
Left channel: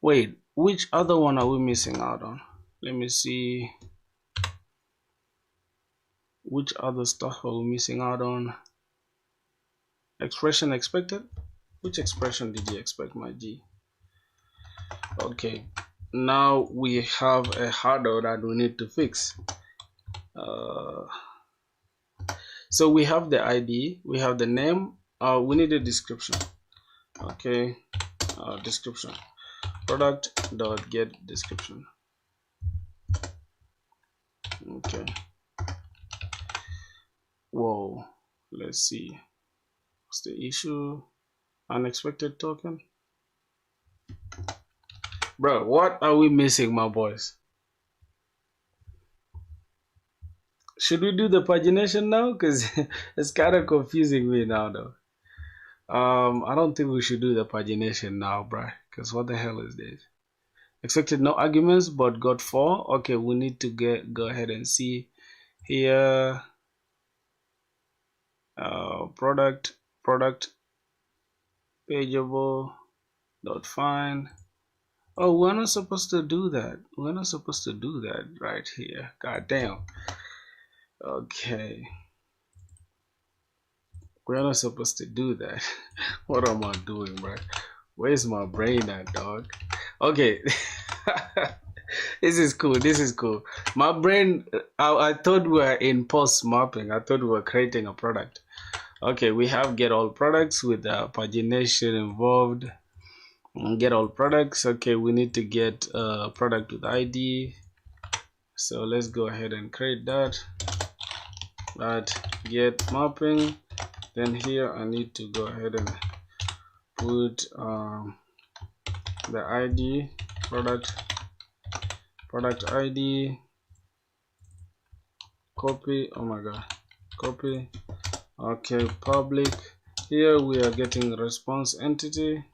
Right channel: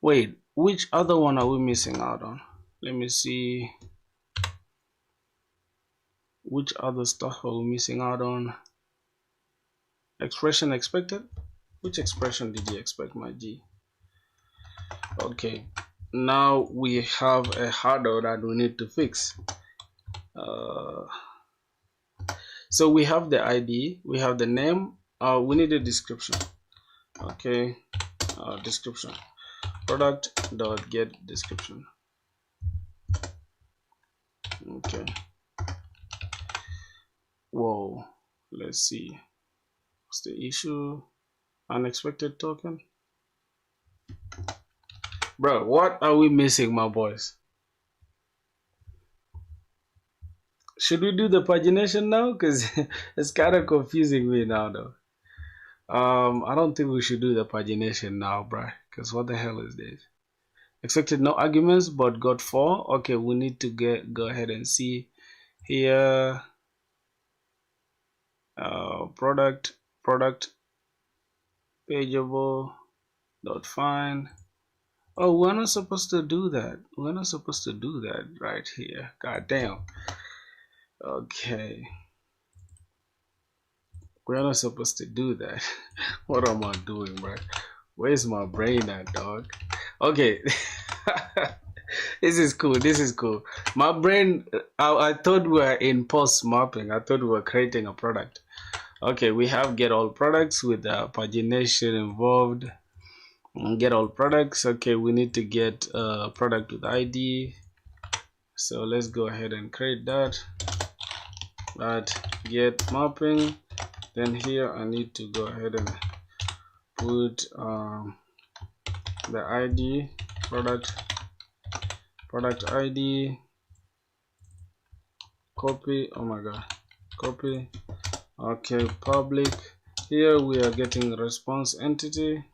Wait, which other one are we missing out on? Let me see. Which other stuff are we missing out on? Expression expected? Which expression did you expect, my G? Okay, now we have a hurdle that we need to fix. So we have the ID, we have the name, we need a description. Okay, description. Product dot get description. Okay. Whoa, let's see. What's the issue? Unexpected token. Bro, what are we missing, my boys? Should we do the pagination now? Because it's kind of confusing me now, though. I don't think we should do the pagination now, bro. Because what the hell is this? Expected no arguments, but got 4. Okay, we need to go ahead and see here. Product pageable dot find. Oh, we're not supposed to do that. We're not supposed to do that right here. God damn. Okay. We're not supposed to do that. What am I doing, bro? Where's my brain at, dog? Okay. This is cool. This is cool. My brain, I thought we were in post mapping. I thought we were creating a product. Okay, we have get all products with pagination involved. Get all products. Okay, we need to get product with ID. So let's go ahead and create that. Get mapping. Then here I need to go ahead and put the ID, product ID, copy. Oh my god, copy. Okay, public. Here we are getting response entity.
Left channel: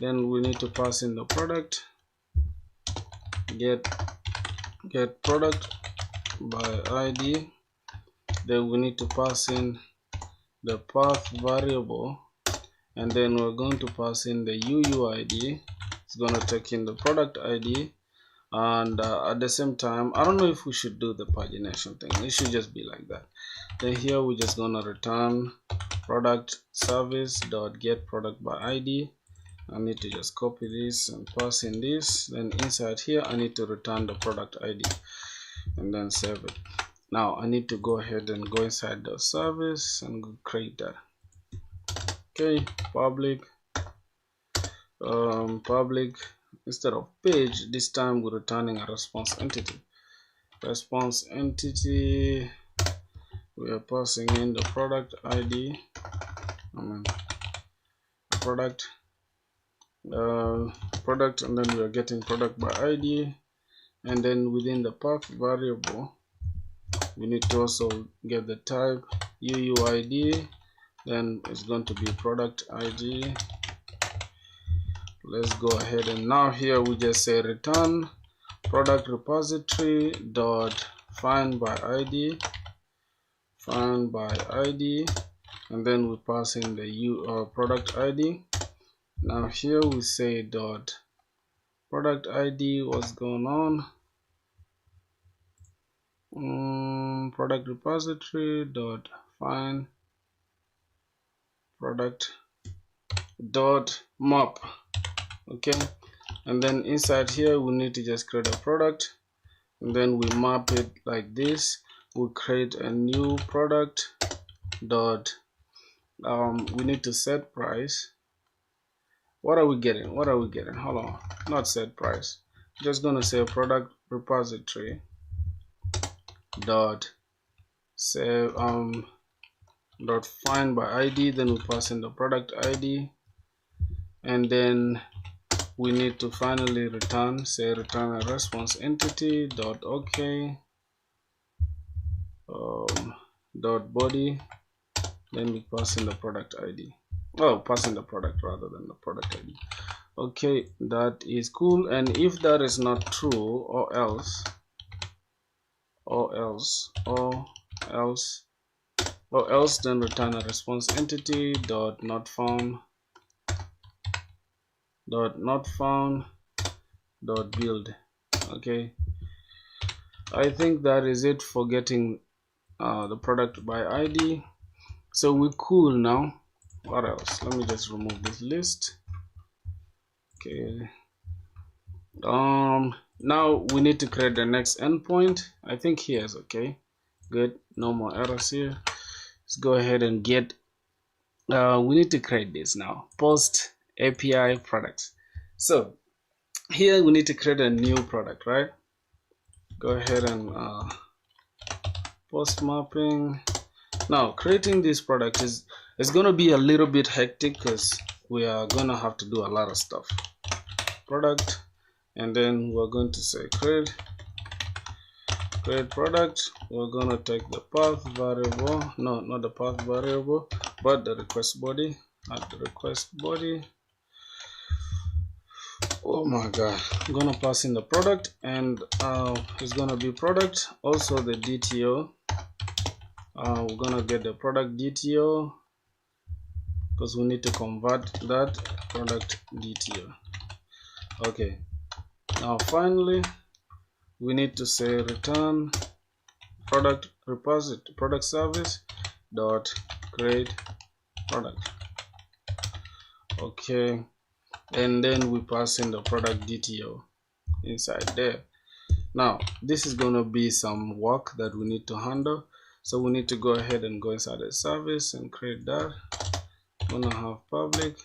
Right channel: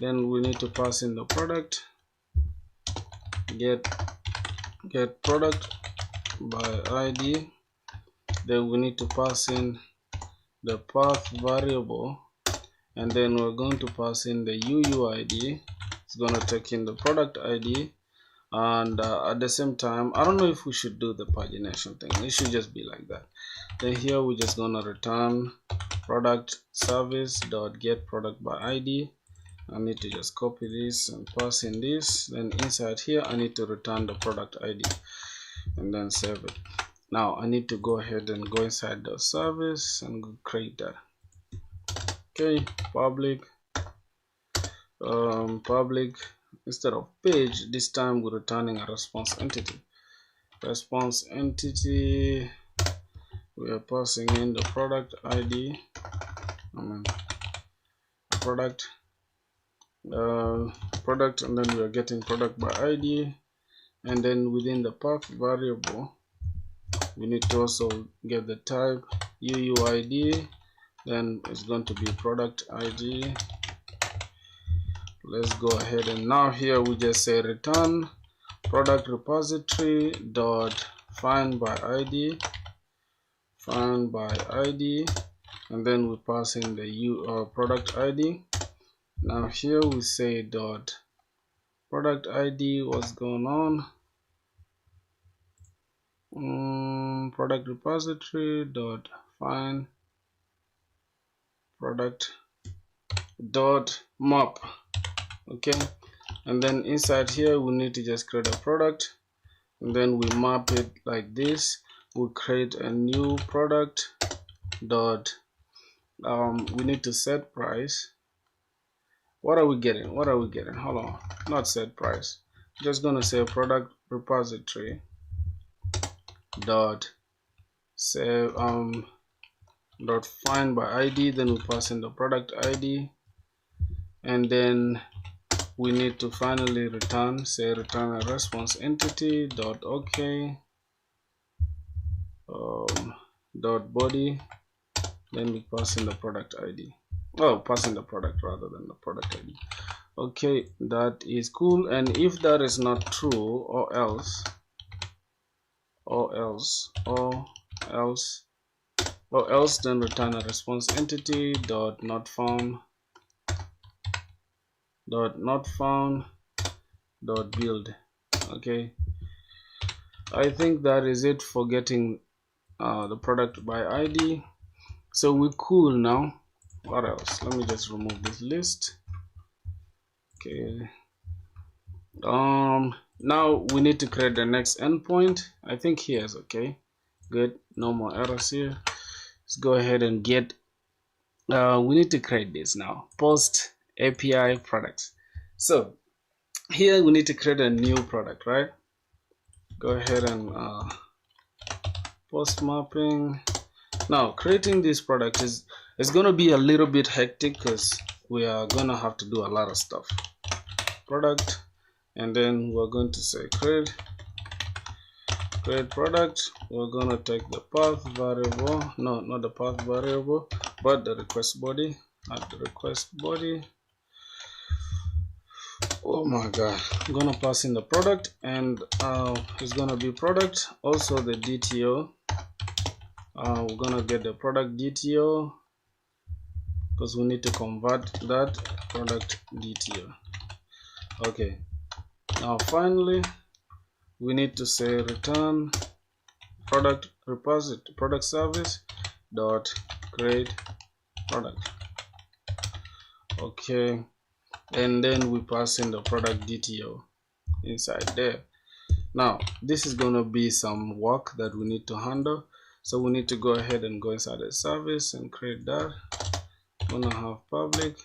Then we need to pass in the product. Get product by ID. Then we need to pass in the path variable, and then we're going to pass in the UUID. It's going to take in the product ID, and at the same time, I don't know if we should do the pagination thing. It should just be like that. Then here we're just gonna return product service dot get product by ID. I need to just copy this and pass in this. Then inside here I need to return the product ID and then save it. Now I need to go ahead and go inside the service and create that. Okay, public instead of page, this time we're returning a response entity. Response entity, we are passing in the product ID, product, and then we are getting product by ID. And then within the path variable, we need to also get the type UUID. Then it's going to be product ID. Let's go ahead and now here we just say return product repository dot find by ID, and then we pass in the product ID. Now here we say dot product ID, what's going on, product repository dot find product dot map. Okay, and then inside here we need to just create a product, and then we map it like this. We'll create a new product dot we need to set price. What are we getting? Hold on, not set price, just gonna say product repository dot save dot find by ID. Then we pass in the product ID, and then we need to finally return a response entity dot OK dot body. Then we pass in the product ID. Oh, pass in the product rather than the product ID. Okay, that is cool. And if that is not true, or else, then return a response entity dot not found dot build. Okay, I think that is it for getting the product by ID. So we're cool now. What else? Let me just remove this list. Okay, now we need to create the next endpoint. I think here is okay. Good, no more errors here. Let's go ahead and get we need to create this now, post API products. So here we need to create a new product, right? Go ahead and post mapping. Now creating this product is going to be a little bit hectic because we are going to have to do a lot of stuff. Product, and then we're going to say create product. We're going to take the path variable, no, not the path variable, but the request body. At the request body, oh my god, I'm gonna pass in the product, and it's gonna be product, also the DTO. We're gonna get the product DTO because we need to convert that product DTO. Okay, now finally we need to say return product repository product service dot create product. Okay, and then we pass in the product DTO inside there. Now this is going to be some work that we need to handle, so we need to go ahead and go inside the service and create that. Gonna have public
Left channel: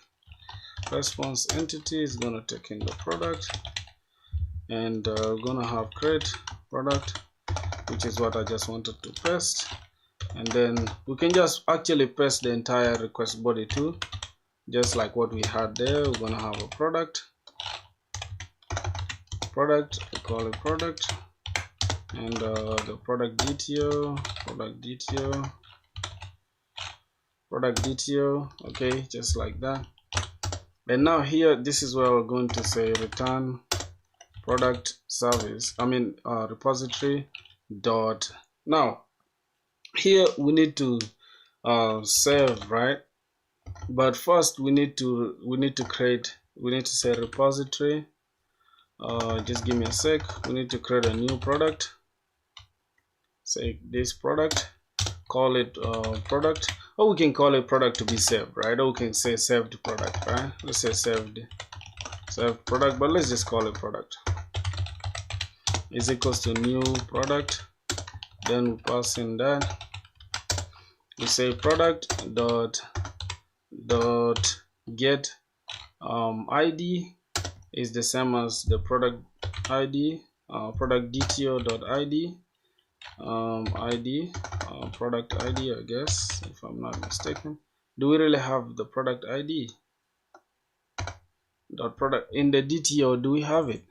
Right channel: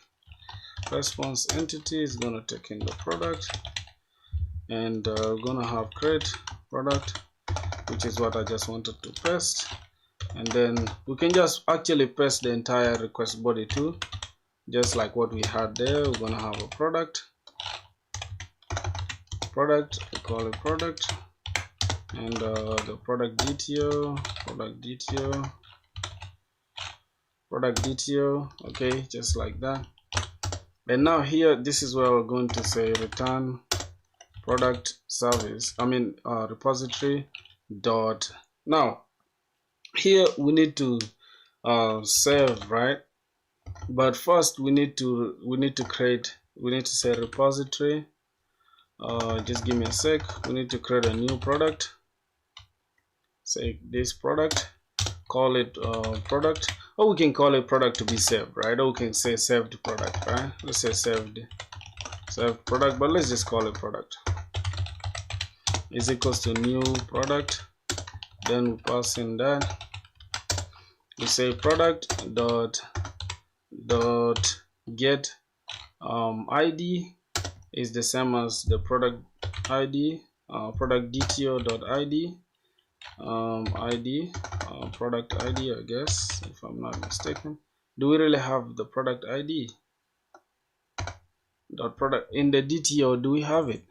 response entity is gonna take in the product, and gonna have create product, which is what I just wanted to paste. And then we can just actually paste the entire request body too, just like what we had there. We're gonna have a product, we call it product, and the product DTO, okay, just like that. And now here, this is where we're going to say return product service, repository dot. Now here we need to save, right? But first we need to say repository Just give me a sec. We need to create a new product. Say this product, call it product, or we can call it product to be saved, right? Or we can say saved product, right? Let's say saved product, but let's just call it product is equals to new product. Then we pass in that. We say product dot get ID is the same as the product ID, product DTO dot ID, product ID, I guess, if I'm not mistaken. Do we really have the product ID dot product in the DTO? Do we have it?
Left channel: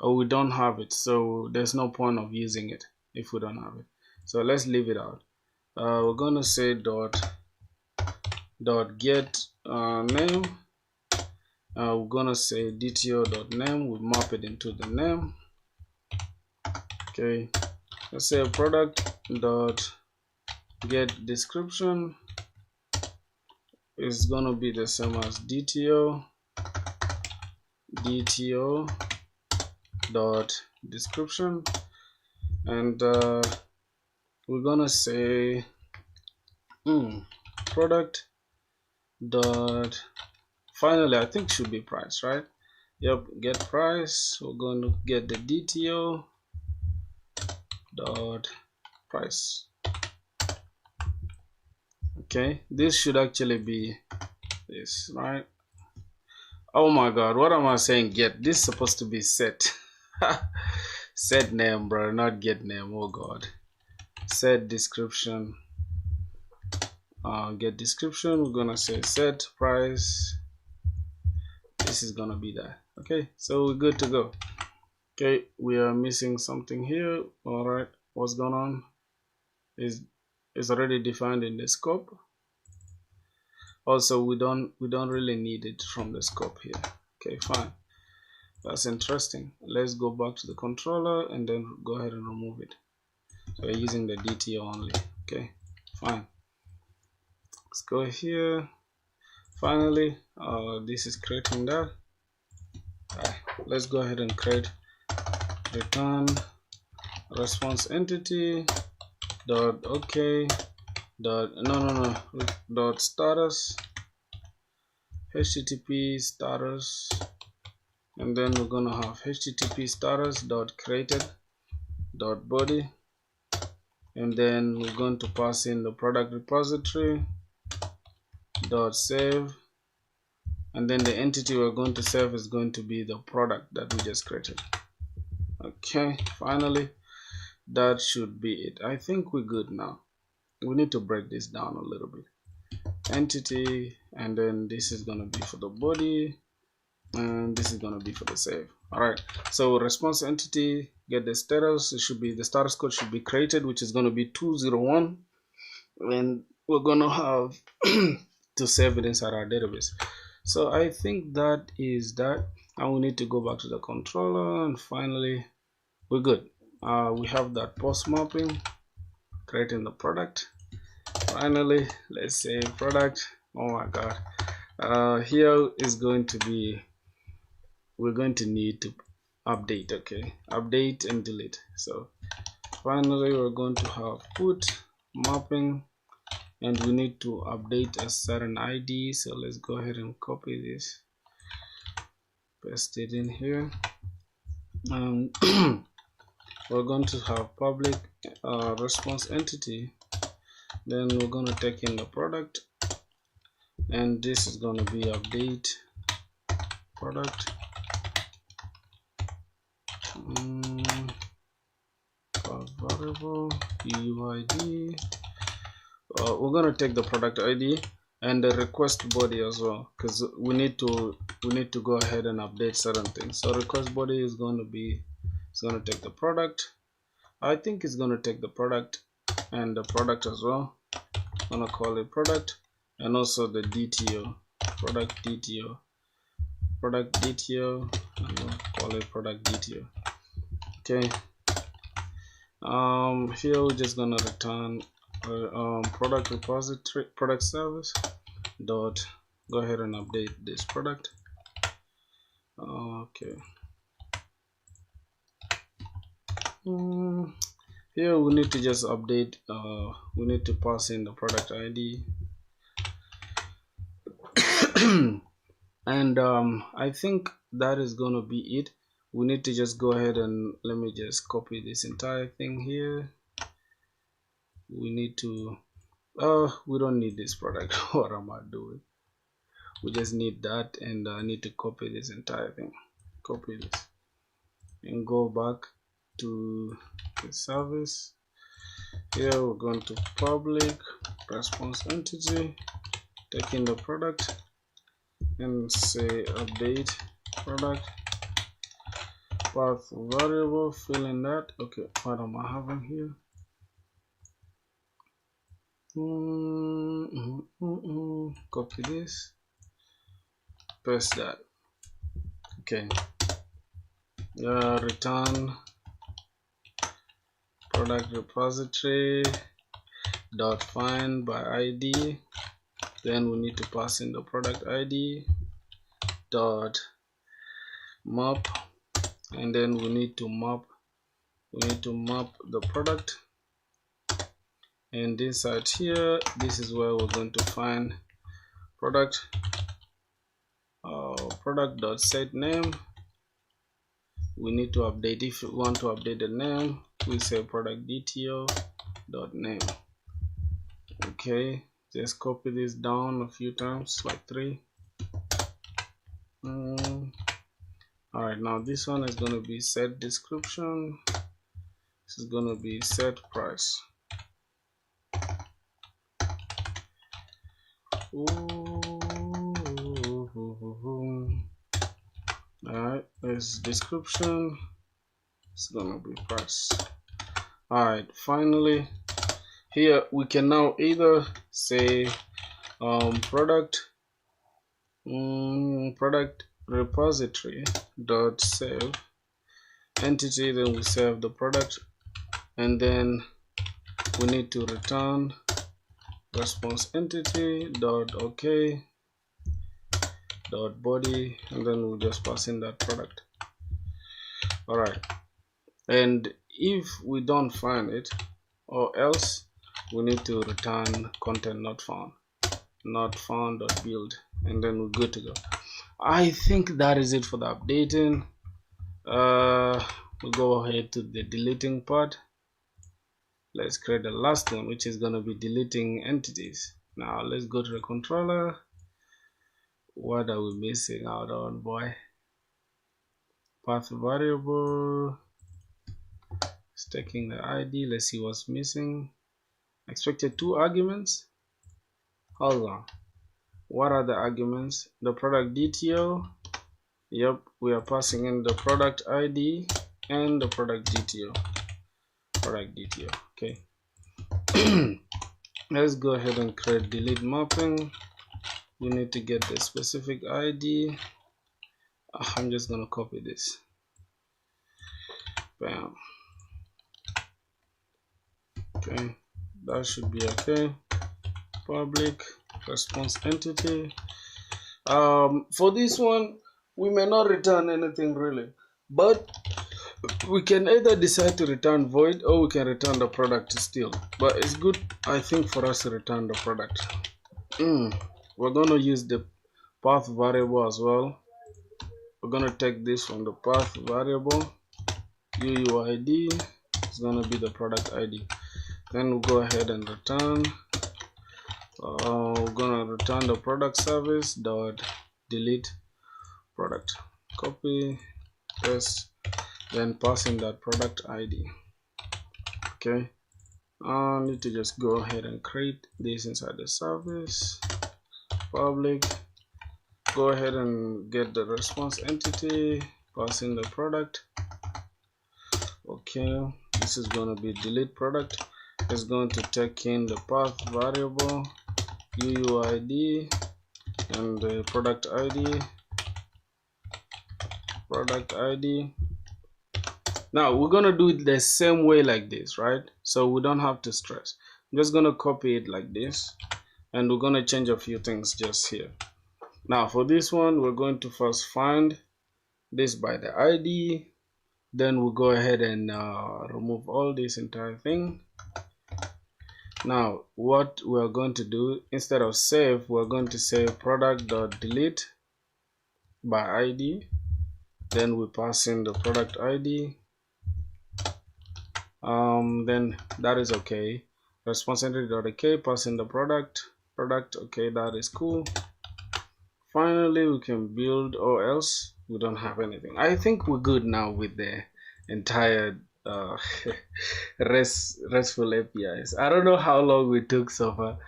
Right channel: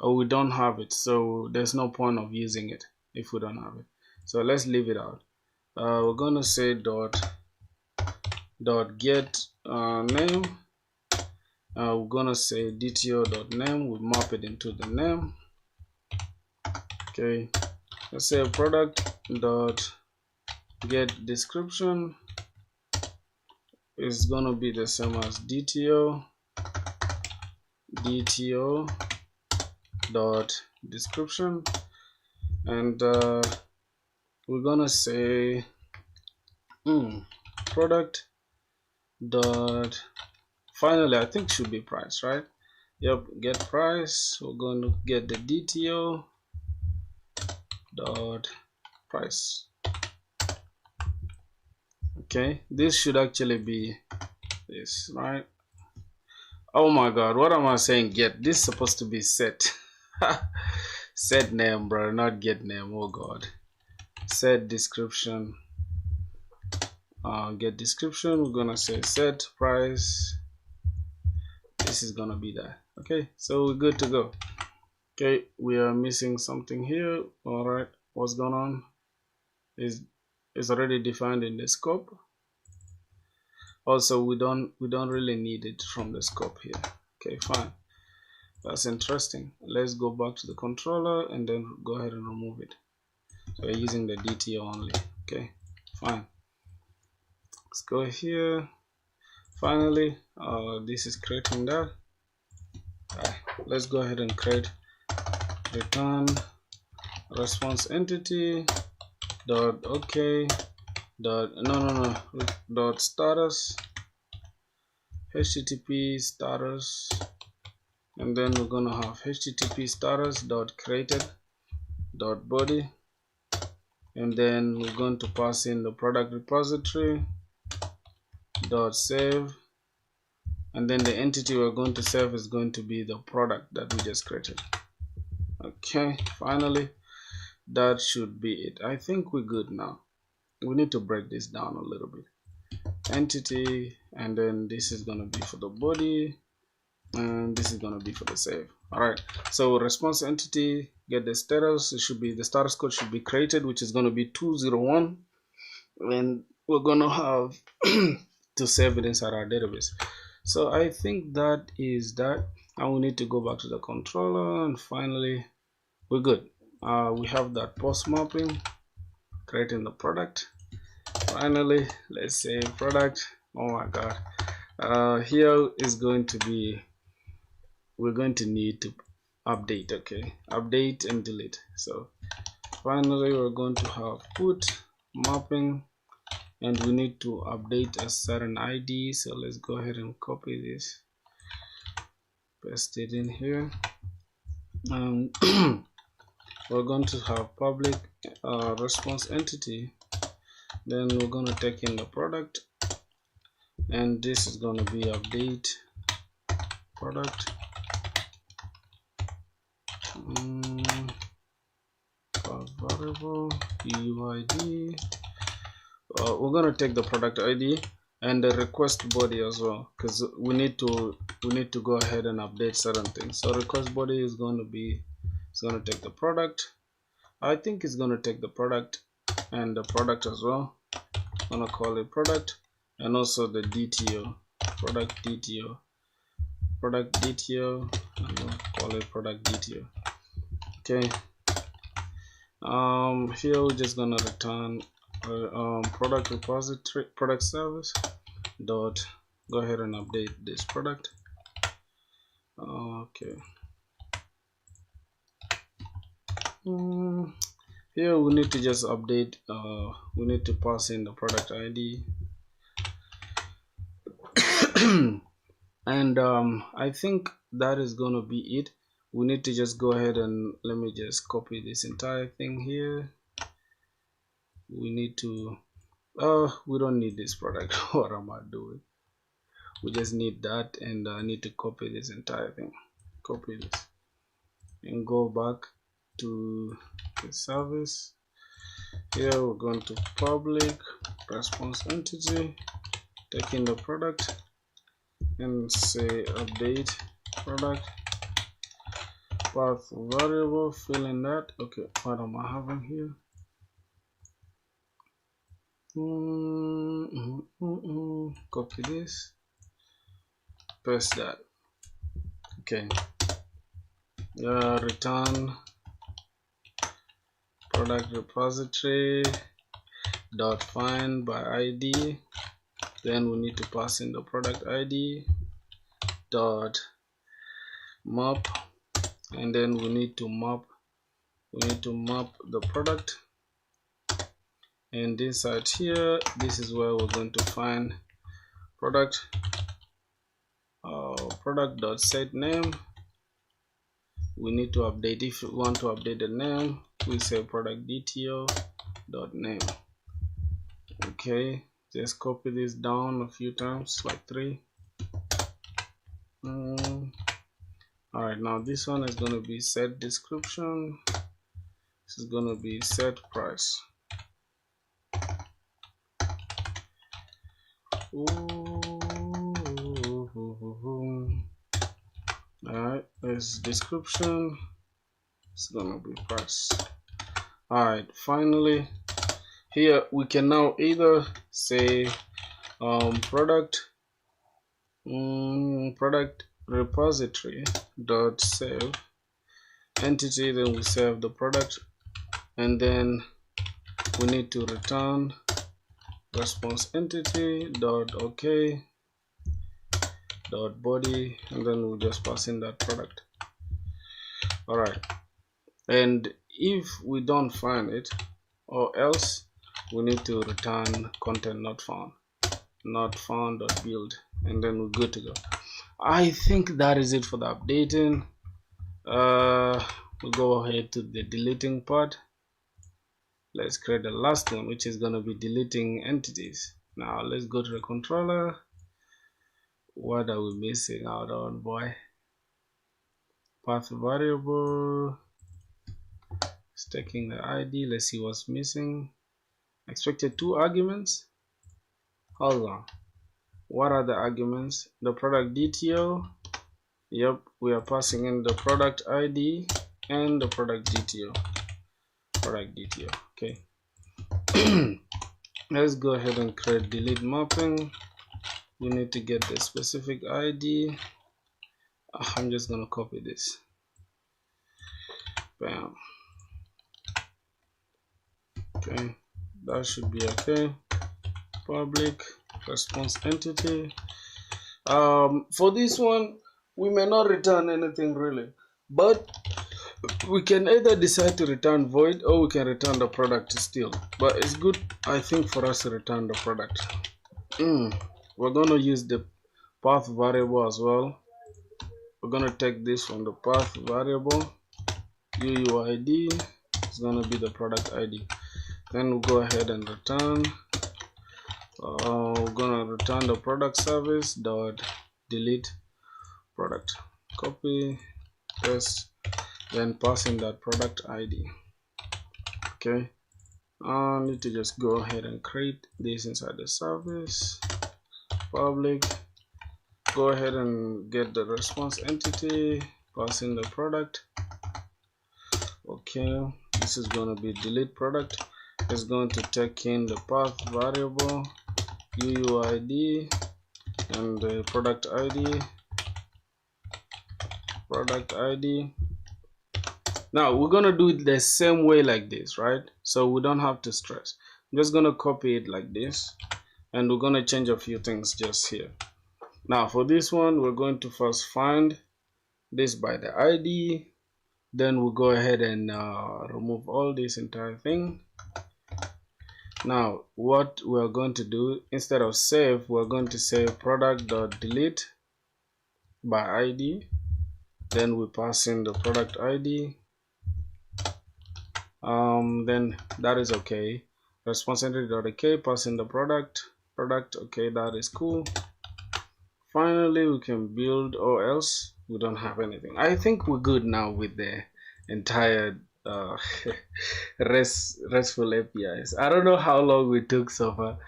Or we don't have it, so there's no point of using it if we don't have it. So let's leave it out. We're going to say dot get name. We're going to say DTO dot name. We map it into the name. Okay, let's say product dot get description is going to be the same as DTO dot description, and we're gonna say product dot finally, I think should be price, right? Yep, get price. We're going to get the DTO dot price. Okay, this should actually be this, right? Oh my god, what am I saying? Get. This is supposed to be set. Set name, bro, not get name. Oh god. Set description. Get description. We're gonna say set price. This is gonna be that. Okay, so we're good to go. Okay, we are missing something here. All right, what's going on? Is already defined in the scope. Also, we don't really need it from the scope here. Okay, fine. That's interesting. Let's go back to the controller and then go ahead and remove it. So we're using the DTO only. Okay, fine. Let's go here. Finally, this is creating that. Alright, let's go ahead and create return response entity dot okay dot dot status http status, and then we're gonna have http status dot created dot body, and then we're going to pass in the product repository dot save, and then the entity we're going to save is going to be the product that we just created. Okay, finally that should be it. I think we're good now. We need to break this down a little bit. Entity, and then this is going to be for the body, and this is going to be for the save. All right, so response entity, get the status. It should be the status code should be created, which is going to be 201, and we're going to have to save it inside our database. So I think that is that, and we need to go back to the controller, and finally we're good. We have that post mapping, creating the product. Finally, let's say product. Oh my god, here is going to be, we're going to need to update. Okay, update and delete. So finally we're going to have put mapping, and we need to update a certain ID. So let's go ahead and copy this, paste it in here. We're going to have public response entity, then we're going to take in the product, and this is going to be update product variable UID. We're going to take the product ID and the request body as well, because we need to go ahead and update certain things. So request body is going to be, it's going to take the product. I think it's going to take the product and the product as well. I'm going to call it product, and also the DTO, product DTO, and we'll call it product DTO. Okay. Here we're just gonna return product repository, product service dot, go ahead and update this product. Okay, Here we need to just update, we need to pass in the product ID. And I think that is going to be it. We need to just go ahead and let me just copy this entire thing here. We need to we don't need this product. What am I doing? We just need that, and I need to copy this entire thing. Copy this and go back to the service. Here we're going to public response entity, take in the product and say update product path variable, fill in that. Okay, what am I having here? Copy this, paste that. Okay, return product repository dot find by ID. Then we need to pass in the product ID dot map, and then we need to map the product. And inside here, this is where we're going to find product dot set name. We need to update, if we want to update the name, we say product DTO dot name. Okay, just copy this down a few times, like 3. Alright, now this one is going to be set description. This is going to be set price. Alright, this description. It's gonna be price. Alright, finally here we can now either say product repository dot save entity, then we save the product, and then we need to return response entity dot okay dot body, and then we'll just pass in that product. Alright, and if we don't find it, or else we need to return content not found dot build, and then we're good to go. I think that is it for the updating. We'll go ahead to the deleting part. Let's create the last one, which is going to be deleting entities. Now let's go to the controller. What are we missing out on, boy? Path variable. It's taking the ID. Let's see what's missing. Expected 2 arguments. Hold on. What are the arguments? The product DTO. Yep, we are passing in the product ID and the product DTO. Okay. Let's go ahead and create delete mapping. We need to get the specific ID. I'm just gonna copy this. Bam. Okay, that should be okay. Public response entity. For this one, we may not return anything really, but we can either decide to return void or we can return the product still. But it's good, I think, for us to return the product. We're going to use the path variable as well. We're going to take this from the path variable. UUID is going to be the product ID. Then we'll go ahead and return. We're going to return the product service dot delete product. Copy, paste, then pass in that product ID. Okay, I need to just go ahead and create this inside the service. Public, go ahead and get the response entity, pass in the product. Okay, this is going to be delete product. It's going to take in the path variable, UUID, and the product ID. Now we're going to do it the same way like this, right? So we don't have to stress. I'm just going to copy it like this, and we're going to change a few things just here. Now for this one, we're going to first find this by the ID. Then we'll go ahead and remove all this entire thing. Now what we're going to do, instead of save, we're going to say product.delete by ID. Then we pass in the product ID. Then that is okay. Responsibility.ok, pass in the product. Okay, that is cool. Finally we can build, or else we don't have anything. I think we're good now with the entire RESTful APIs. I don't know how long we took so far.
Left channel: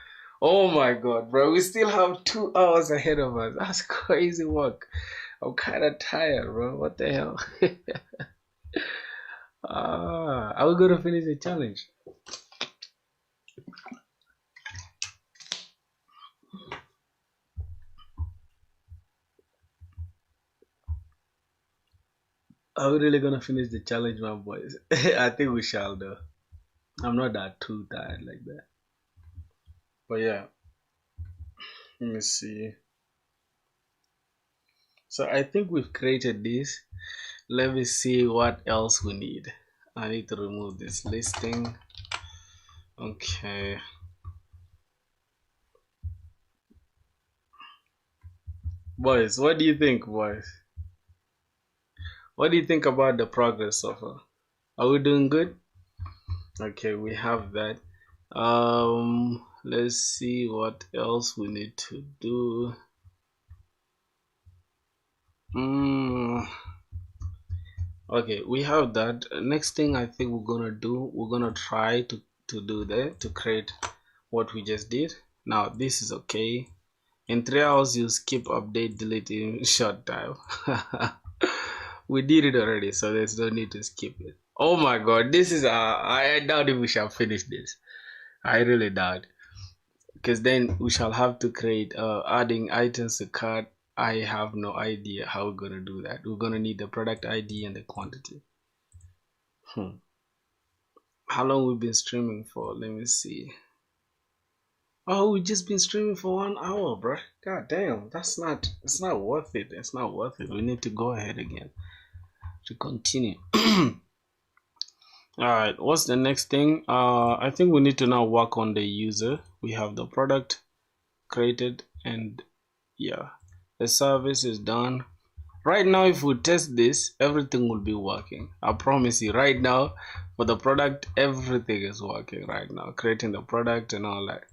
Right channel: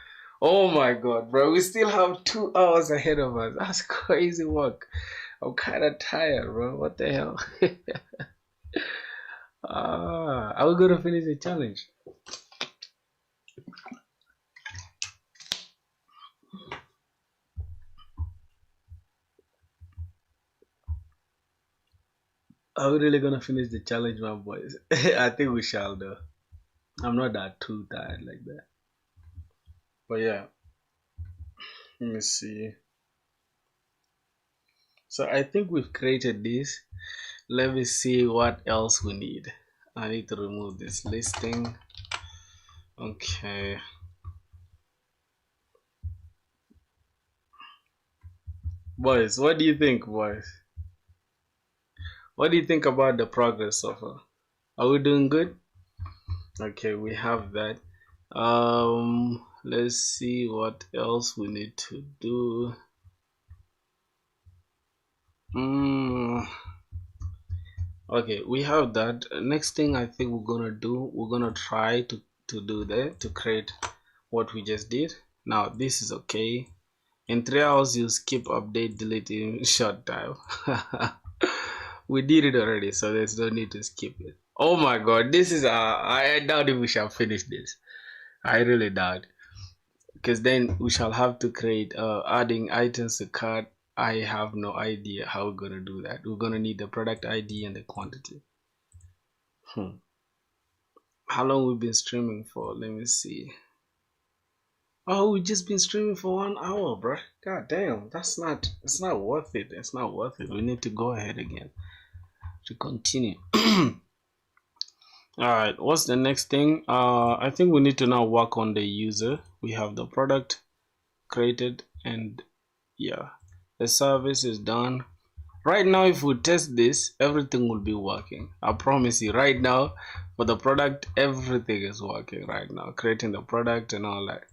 Oh my god, bro, we still have 2 hours ahead of us. That's crazy work. I'm kind of tired, bro. What the hell? Are we gonna finish the challenge? Are we really gonna finish the challenge, my boys? I think we shall, though. I'm not that too tired like that. But yeah, let me see. So I think we've created this. Let me see what else we need. I need to remove this listing. Okay. Boys, what do you think, boys? What do you think about the progress so far? Are we doing good? Okay, we have that. Let's see what else we need to do. Okay, we have that. Next thing I think we're gonna do, we're gonna try to do that, to create what we just did. Now this is okay. In 3 hours you skip update delete in short time. We did it already, so there's no need to skip it. Oh my god, this is I doubt if we shall finish this. I really doubt, because then we shall have to create adding items to cart. I have no idea how we're gonna do that. We're gonna need the product ID and the quantity. How long we've been streaming for? Let me see. Oh, we've just been streaming for 1 hour, bro. God damn, it's not worth it. It's not worth it. We need to go ahead again to continue. Alright, what's the next thing? I think we need to now work on the user. We have the product created, and yeah, the service is done. Right now, if we test this, everything will be working. I promise you, right now, for the product, everything is working right now. Creating the product and all that.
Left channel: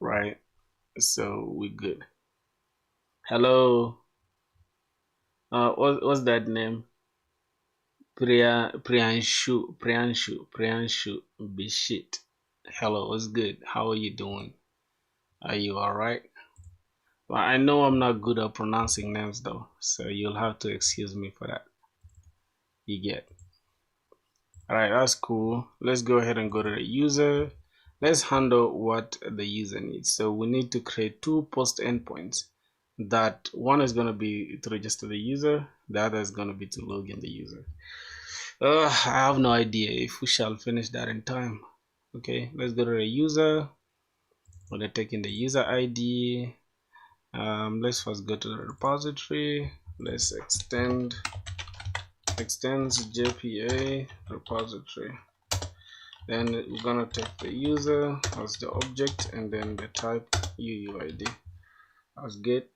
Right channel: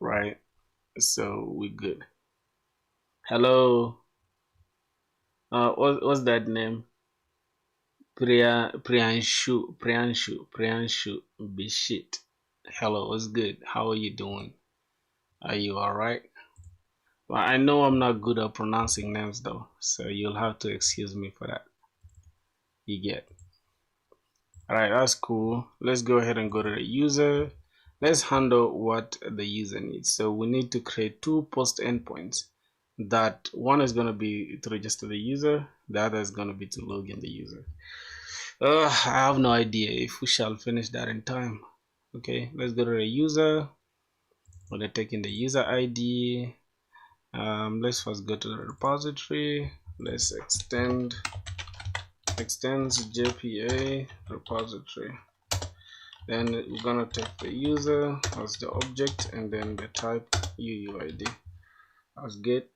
Right? So we're good. Hello. What's that name? Priyanshu Bishit. Hello, what's good? How are you doing? Are you alright? Well, I know I'm not good at pronouncing names though, so you'll have to excuse me for that. You get. Alright, that's cool. Let's go ahead and go to the user. Let's handle what the user needs. So we need to create 2 post endpoints. That one is going to be to register the user, the other is going to be to log in the user. I have no idea if we shall finish that in time. Okay, let's go to the user. We're going to take in the user ID. Let's first go to the repository. Let's extends JPA repository. Then we're gonna take the user as the object and then the type UUID. That's good.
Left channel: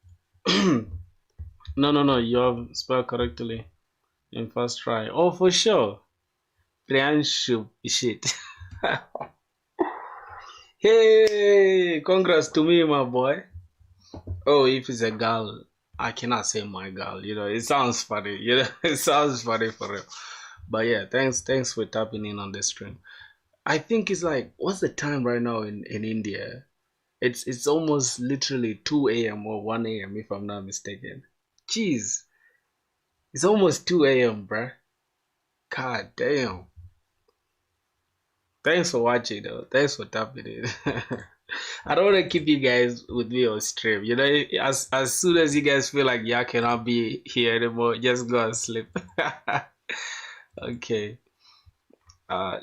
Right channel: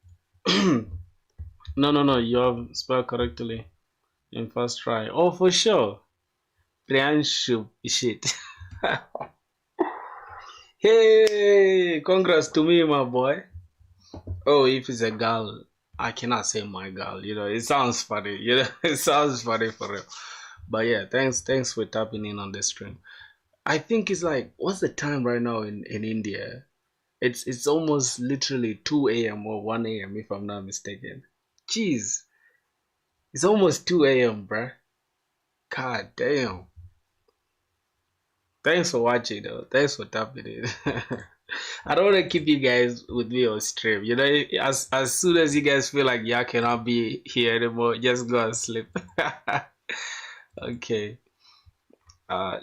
No, you have spelled correctly in first try. Oh, for sure. Priyanshu shit. Hey, congrats to me, my boy. Oh, if it's a girl, I cannot say my girl. You know, it sounds funny. You know, it sounds funny for real. But yeah, thanks for tapping in on the stream. I think it's like, what's the time right now in India? It's almost literally 2 a.m. or 1 a.m. if I'm not mistaken. Jeez. It's almost 2 a.m., bruh. God damn. Thanks for watching though. Thanks for tapping in. I don't want to keep you guys with me on stream. You know, as soon as you guys feel like y'all cannot be here anymore, just go and sleep. Okay.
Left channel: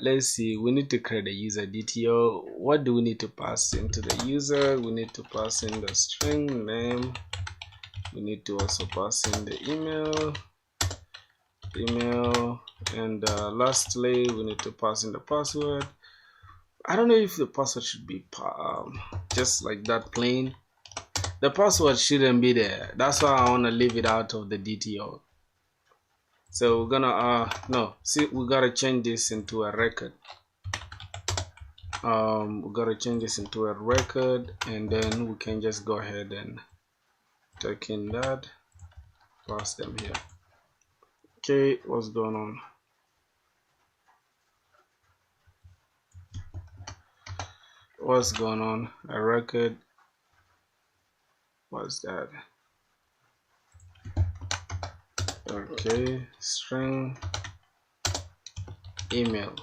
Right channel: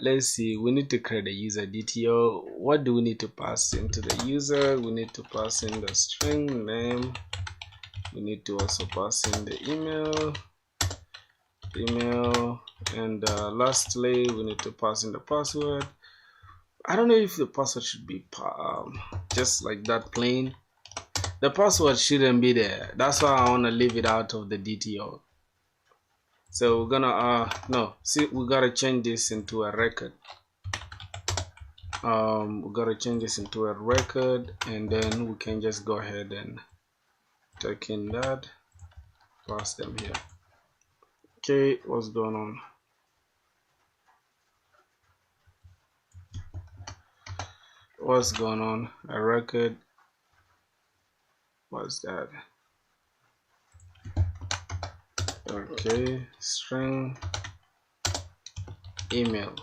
Let's see. We need to create a user DTO. What do we need to pass into the user? We need to pass in the string name. We need to also pass in the email. email, and lastly we need to pass in the password. I don't know if the password should be just like that plain. The password shouldn't be there. That's why I want to leave it out of the DTO. So we're gonna we gotta change this into a record. We gotta change this into a record, and then we can just go ahead and take in that, pass them here. Okay, what's going on? What's going on? A record. What's that? Okay, string email.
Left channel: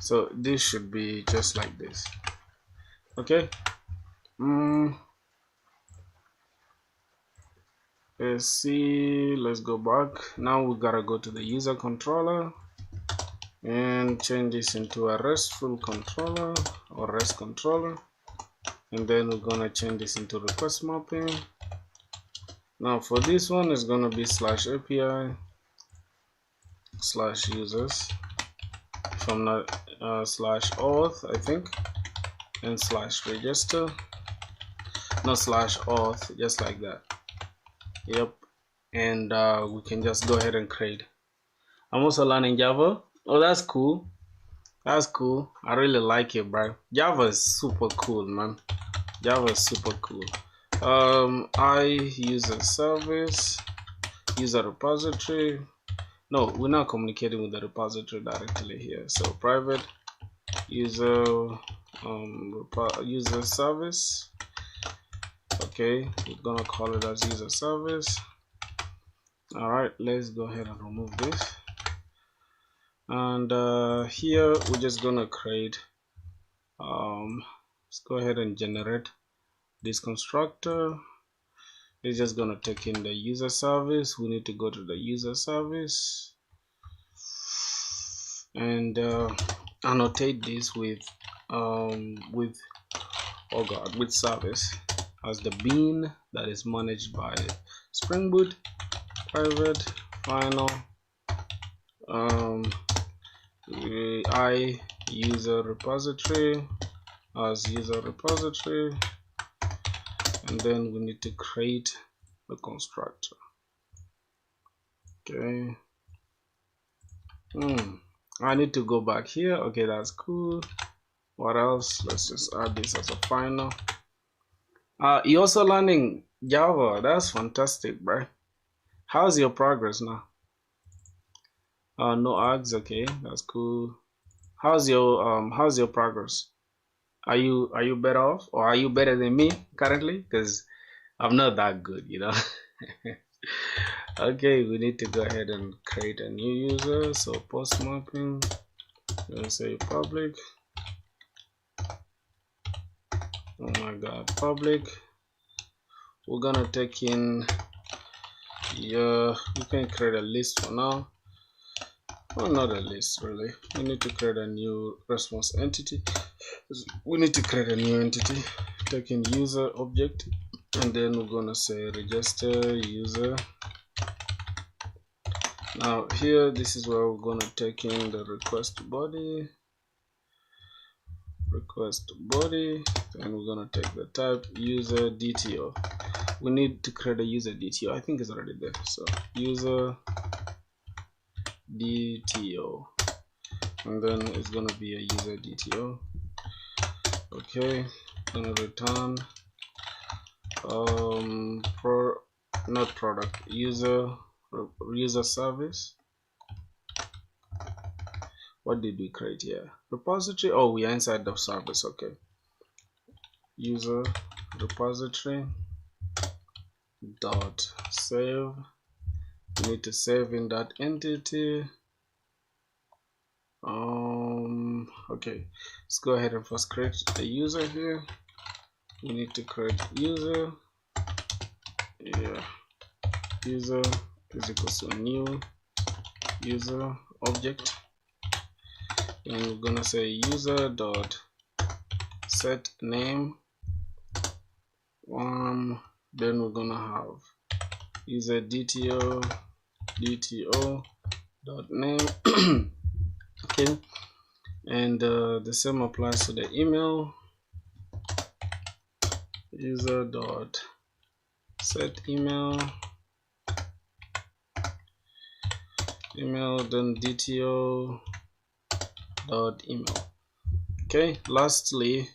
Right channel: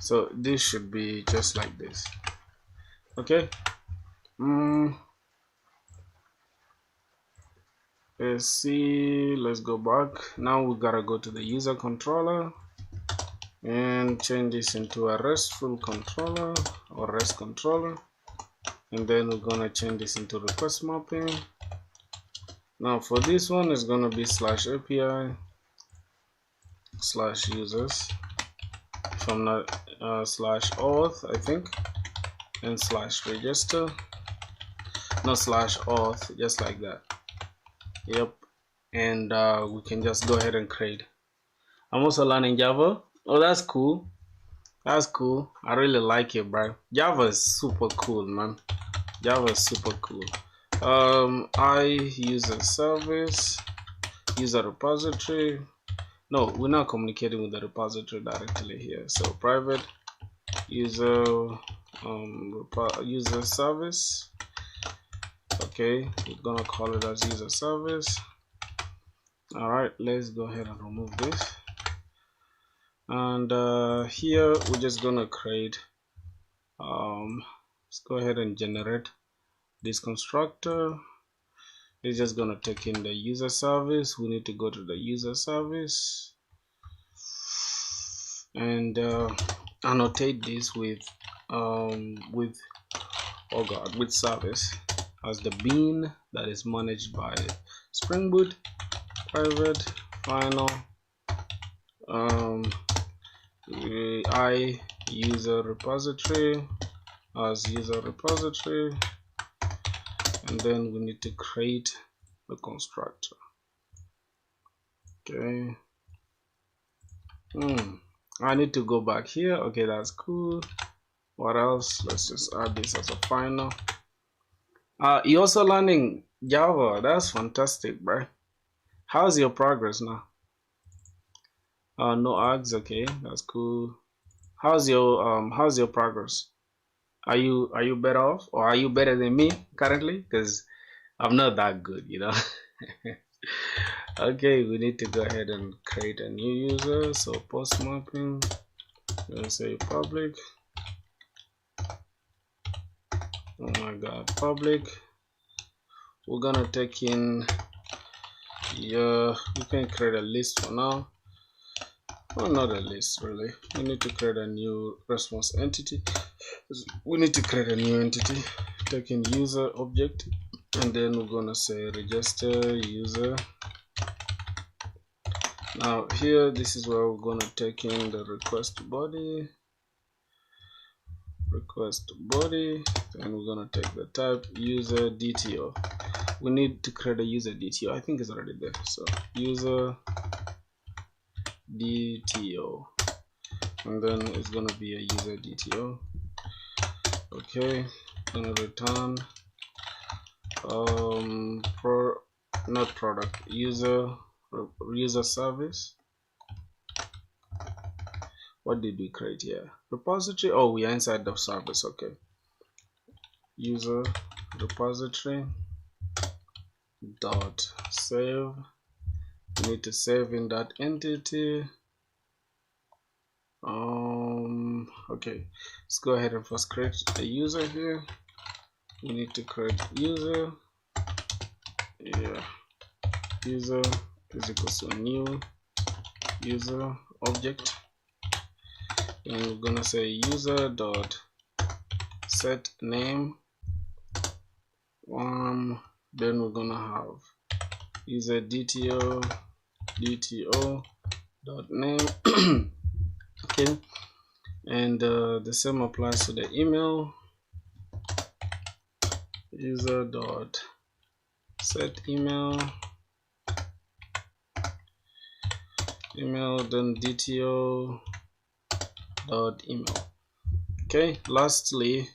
So this should be just like this. Okay. Let's see. Let's go back. Now we gotta go to the user controller and change this into a RESTful controller or REST controller, and then we're gonna change this into request mapping. Now for this one, it's gonna be /API /users, if I'm not /auth, I think, and /register, no /auth, just like that. Yep, and we can just go ahead and create. I'm also learning Java. Oh, that's cool. That's cool. I really like it, bro. Java is super cool, man. Java is super cool. I user service, user repository. No, we're not communicating with the repository directly here. So private user user service. Okay, we're gonna call it as user service. All right, let's go ahead and remove this. And here we're just gonna create. Let's go ahead and generate this constructor. It's just gonna take in the user service. We need to go to the user service and annotate this with service as the bean that is managed by SpringBoot. Private final I user repository as user repository, and then we need to create the constructor. Okay. I need to go back here. Okay, that's cool. What else? Let's just add this as a final. You're also learning Java. That's fantastic, bro. How's your progress now? No ads. Okay, that's cool. How's your progress? Are you better off, or are you better than me currently? Because I'm not that good, you know. Okay, we need to go ahead and create a new user. So post mapping, let's say public. Oh my god, public. We're gonna take in you can create a list for now. Well, not a list really. We need to create a new response entity. We need to create a new entity. Take in user object, and then we're gonna say register user. Now here, this is where we're gonna take in the request body, and we're gonna take the type user DTO. We need to create a user DTO. I think it's already there. So user DTO, and then it's gonna be a user DTO. Okay, gonna return not product, user service. What did we create here? Repository. Oh, we are inside the service. Okay, user repository dot save. We need to save in that entity. Okay, let's go ahead and first create the user here. We need to create user. Yeah, user is equals to new user object, and we're gonna say user dot set name. Then we're gonna have user DTO dot name. Okay, and the same applies to the email. User dot set email, then DTO dot email. Okay, lastly,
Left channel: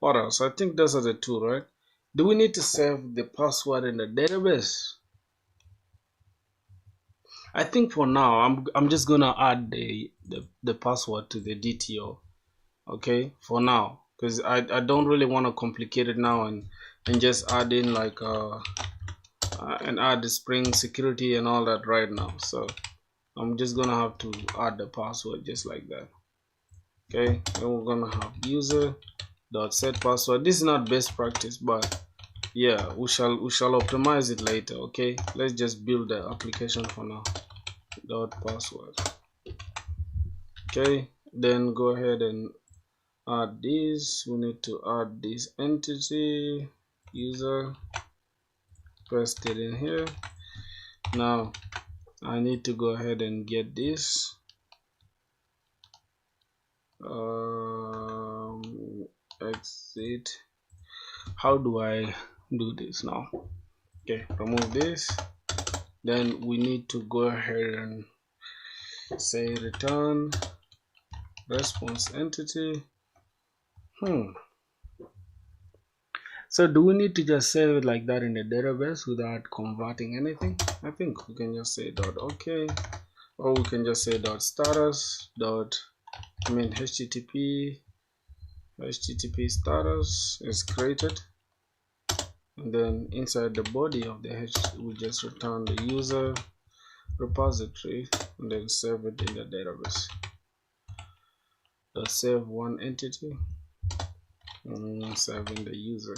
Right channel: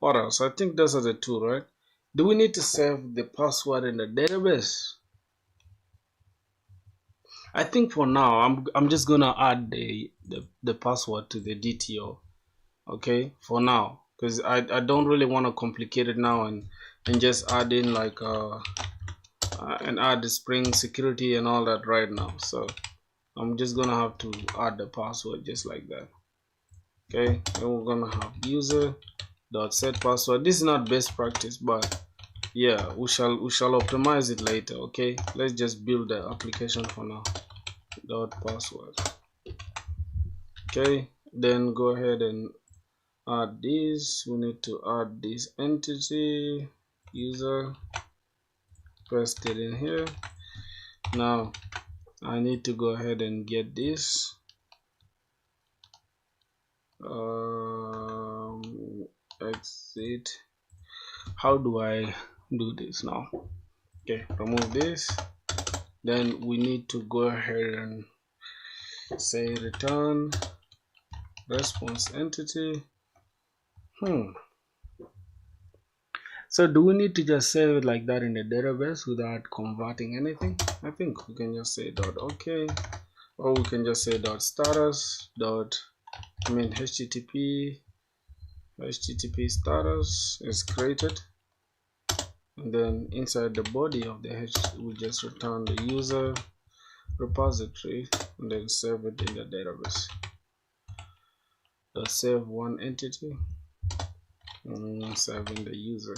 what else? I think those are the two, right? Do we need to save the password in the database? I think for now I'm just gonna add the password to the DTO. Okay, for now, because I don't really want to complicate it now and just add in like and add the Spring security and all that right now. So I'm just gonna have to add the password just like that. Okay, then we're gonna have user dot set password. This is not best practice, but yeah, we shall optimize it later. Okay, let's just build the application for now. Dot password. Okay, then go ahead and add this. We need to add this entity user, paste it in here. Now I need to go ahead and get this exit. How do I do this now? Okay, remove this. Then we need to go ahead and say return response entity. So do we need to just save it like that in the database without converting anything? I think we can just say dot okay, or we can just say dot status dot HTTP status is created, and then inside the body of the we just return the user repository and then save it in the database. Dot save one entity and saving the user.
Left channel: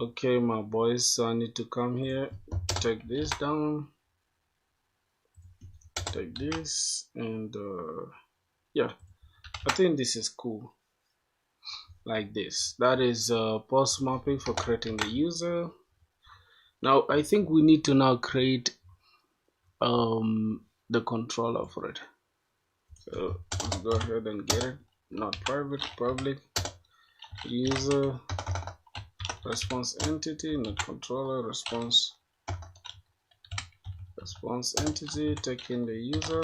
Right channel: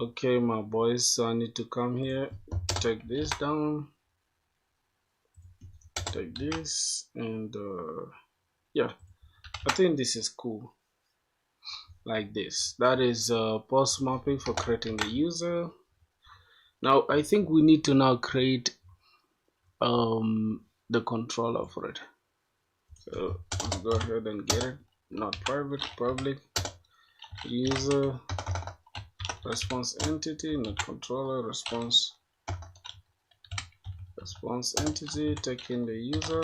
Okay, my boys, so I need to come here, take this down, take this, and yeah, I think this is cool like this. That is post mapping for creating the user. Now I think we need to now create the controller for it. So let's go ahead and get it. Not private, public user response entity, not controller, response entity, taking the user.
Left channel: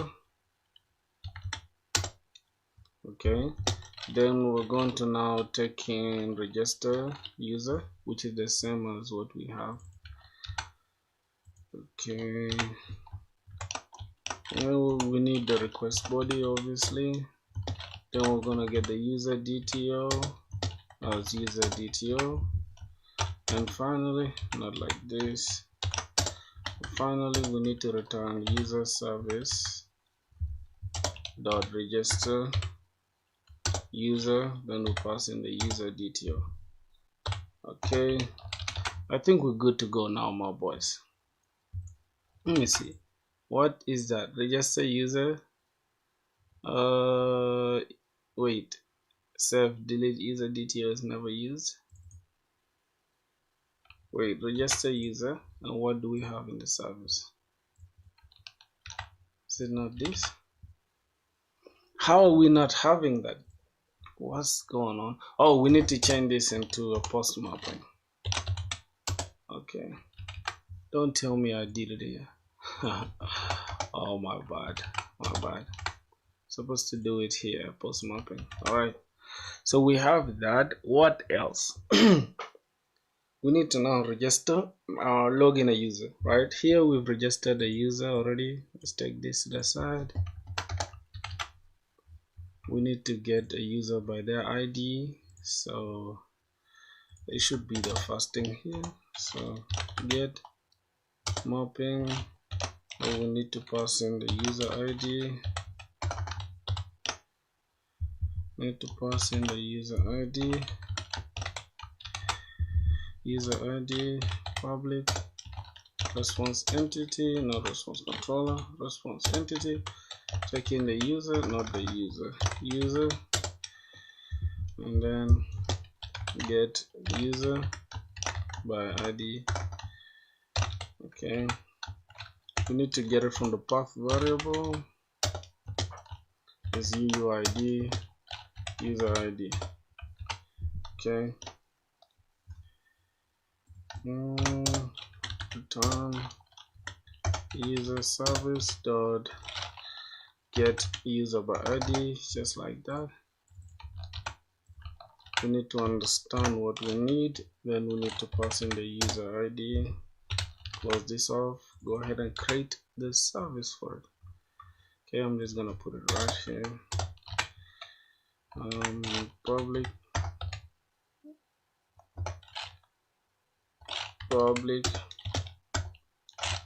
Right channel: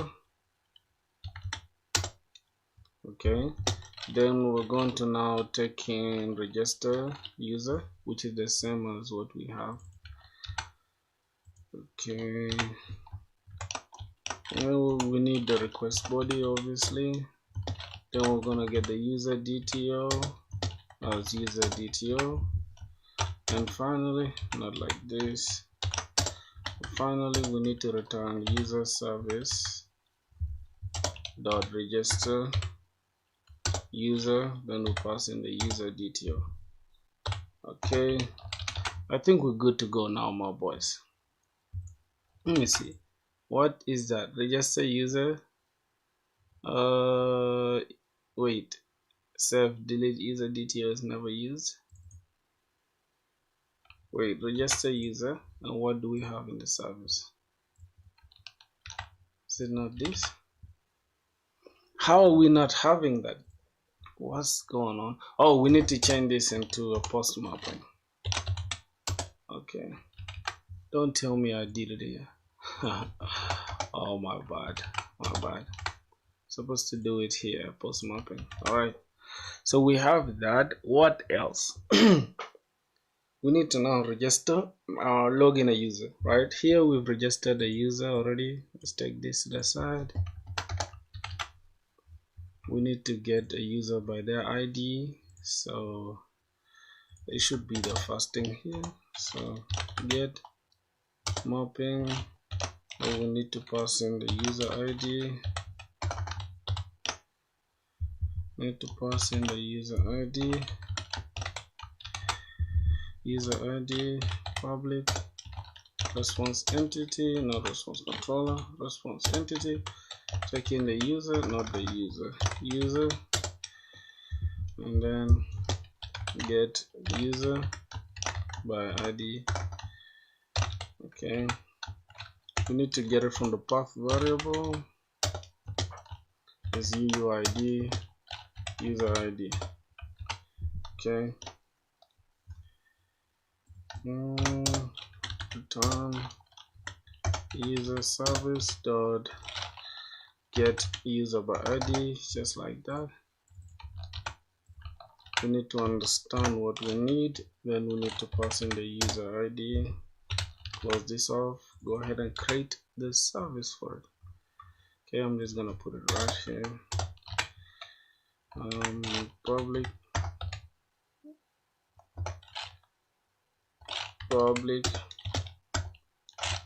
Okay, then we're going to now take in register user, which is the same as what we have. Okay, we need the request body, obviously. Then we're gonna get the user DTO as user DTO, and finally, not like this, finally we need to return user service dot register user, then we pass in the user DTO. Okay, I think we're good to go now, my boys. Let me see, what is that? Register user, wait, self delete user DTO is never used. Wait, register user, and what do we have in the service? Is it not this? How are we not having that? What's going on? Oh, we need to change this into a post mapping. Okay, don't tell me I did it here. Oh, my bad. Supposed to do it here, post mapping. All right, so we have that. What else? We need to now register log in a user. Right here we've registered a user already. Let's take this to the side. We need to get a user by their ID, so it should be the first thing here. So get mapping, and we need to pass in the user ID. Need to pass in the user ID. User ID public response entity, not response controller, response entity, taking the user, not the user, and then get user by ID Okay, we need to get it from the path variable. Is UUID user ID. Okay. Return user service dot get user by ID, just like that. We need to understand what we need, then we need to pass in the user ID. Close this off, go ahead and create the service for it. Okay, I'm just gonna put it right here. Public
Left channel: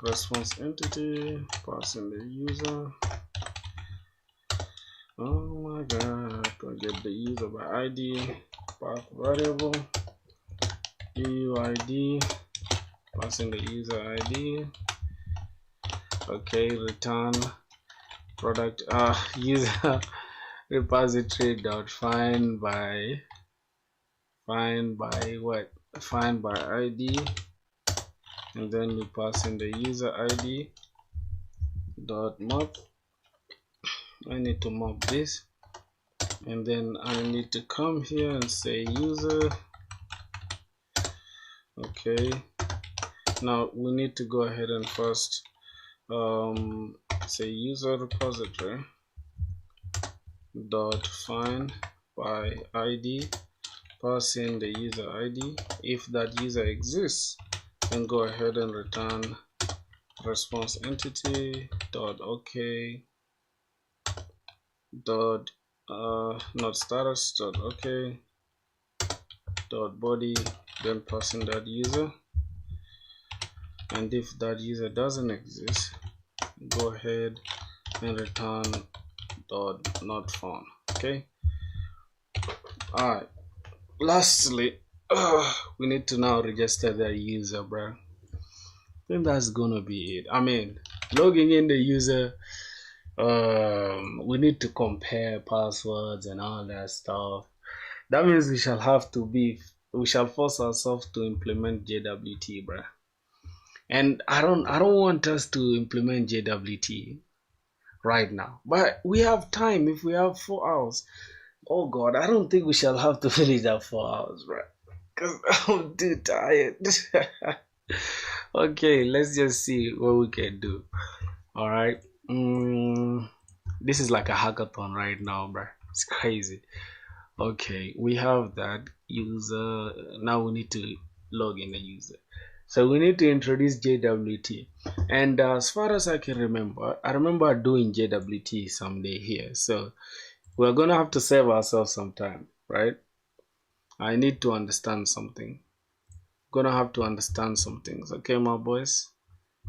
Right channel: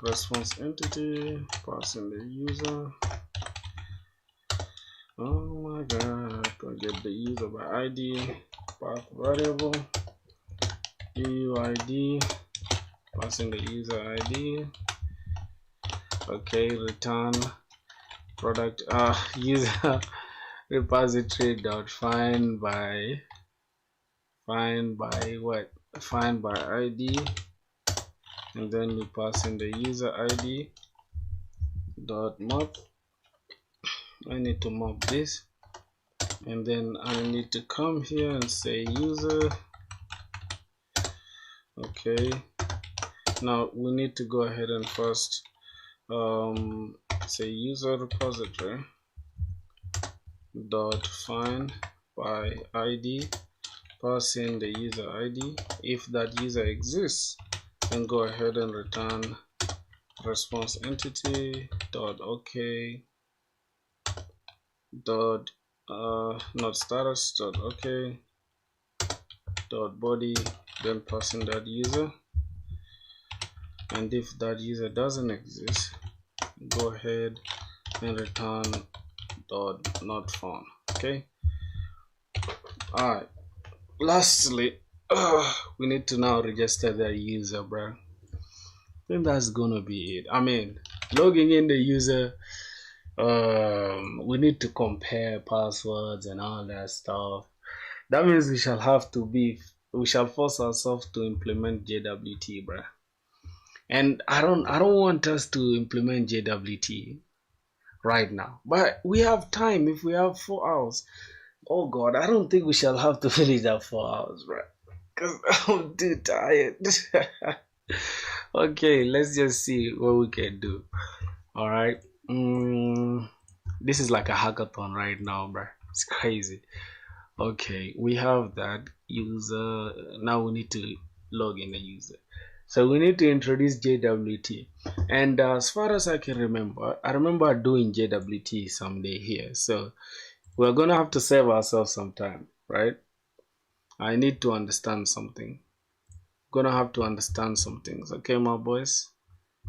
response entity, pass in the user. Oh my god, gonna get the user by ID, path variable, UUID, passing the user ID. Okay, return product user repository dot find by ID, and then we pass in the user ID dot map. I need to map this, and then I need to come here and say user. Okay, now we need to go ahead and first say user repository dot find by ID, pass in the user ID. If that user exists, then go ahead and return response entity dot okay dot not status dot okay dot body, then pass in that user. And if that user doesn't exist, go ahead and return dot not found. Okay. All right, lastly, we need to now register the user, bro. And that's gonna be it. I mean, logging in the user, we need to compare passwords and all that stuff. That means we shall force ourselves to implement JWT, bro. And I don't want us to implement JWT right now, but we have time. If we have 4 hours, oh god, I don't think we shall have to finish that 4 hours, bro, because I'm too tired. Okay, let's just see what we can do. All right, this is like a hackathon right now, bro. It's crazy. Okay, we have that user. Now we need to log in the user. So we need to introduce JWT. And as far as I can remember, I remember doing JWT someday here. So we're going to have to save ourselves some time, right? I need to understand something. Going to have to understand some things. Okay, my boys?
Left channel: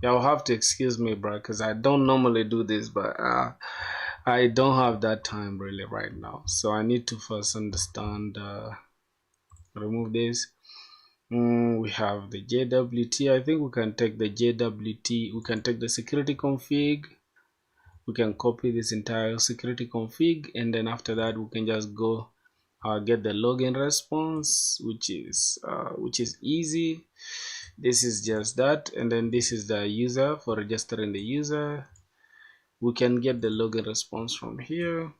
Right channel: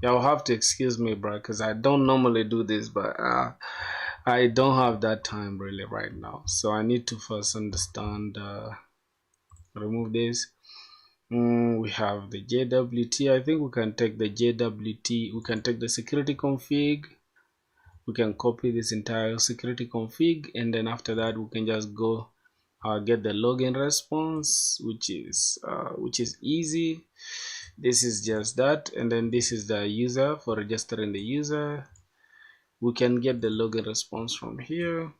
Y'all have to excuse me, bro, because I don't normally do this, but I don't have that time really right now. So I need to first understand, remove this. We have the JWT. I think we can take the JWT. We can take the security config. We can copy this entire security config, and then after that we can just go get the login response, which is easy. This is just that, and then this is the user for registering the user. We can get the login response from here.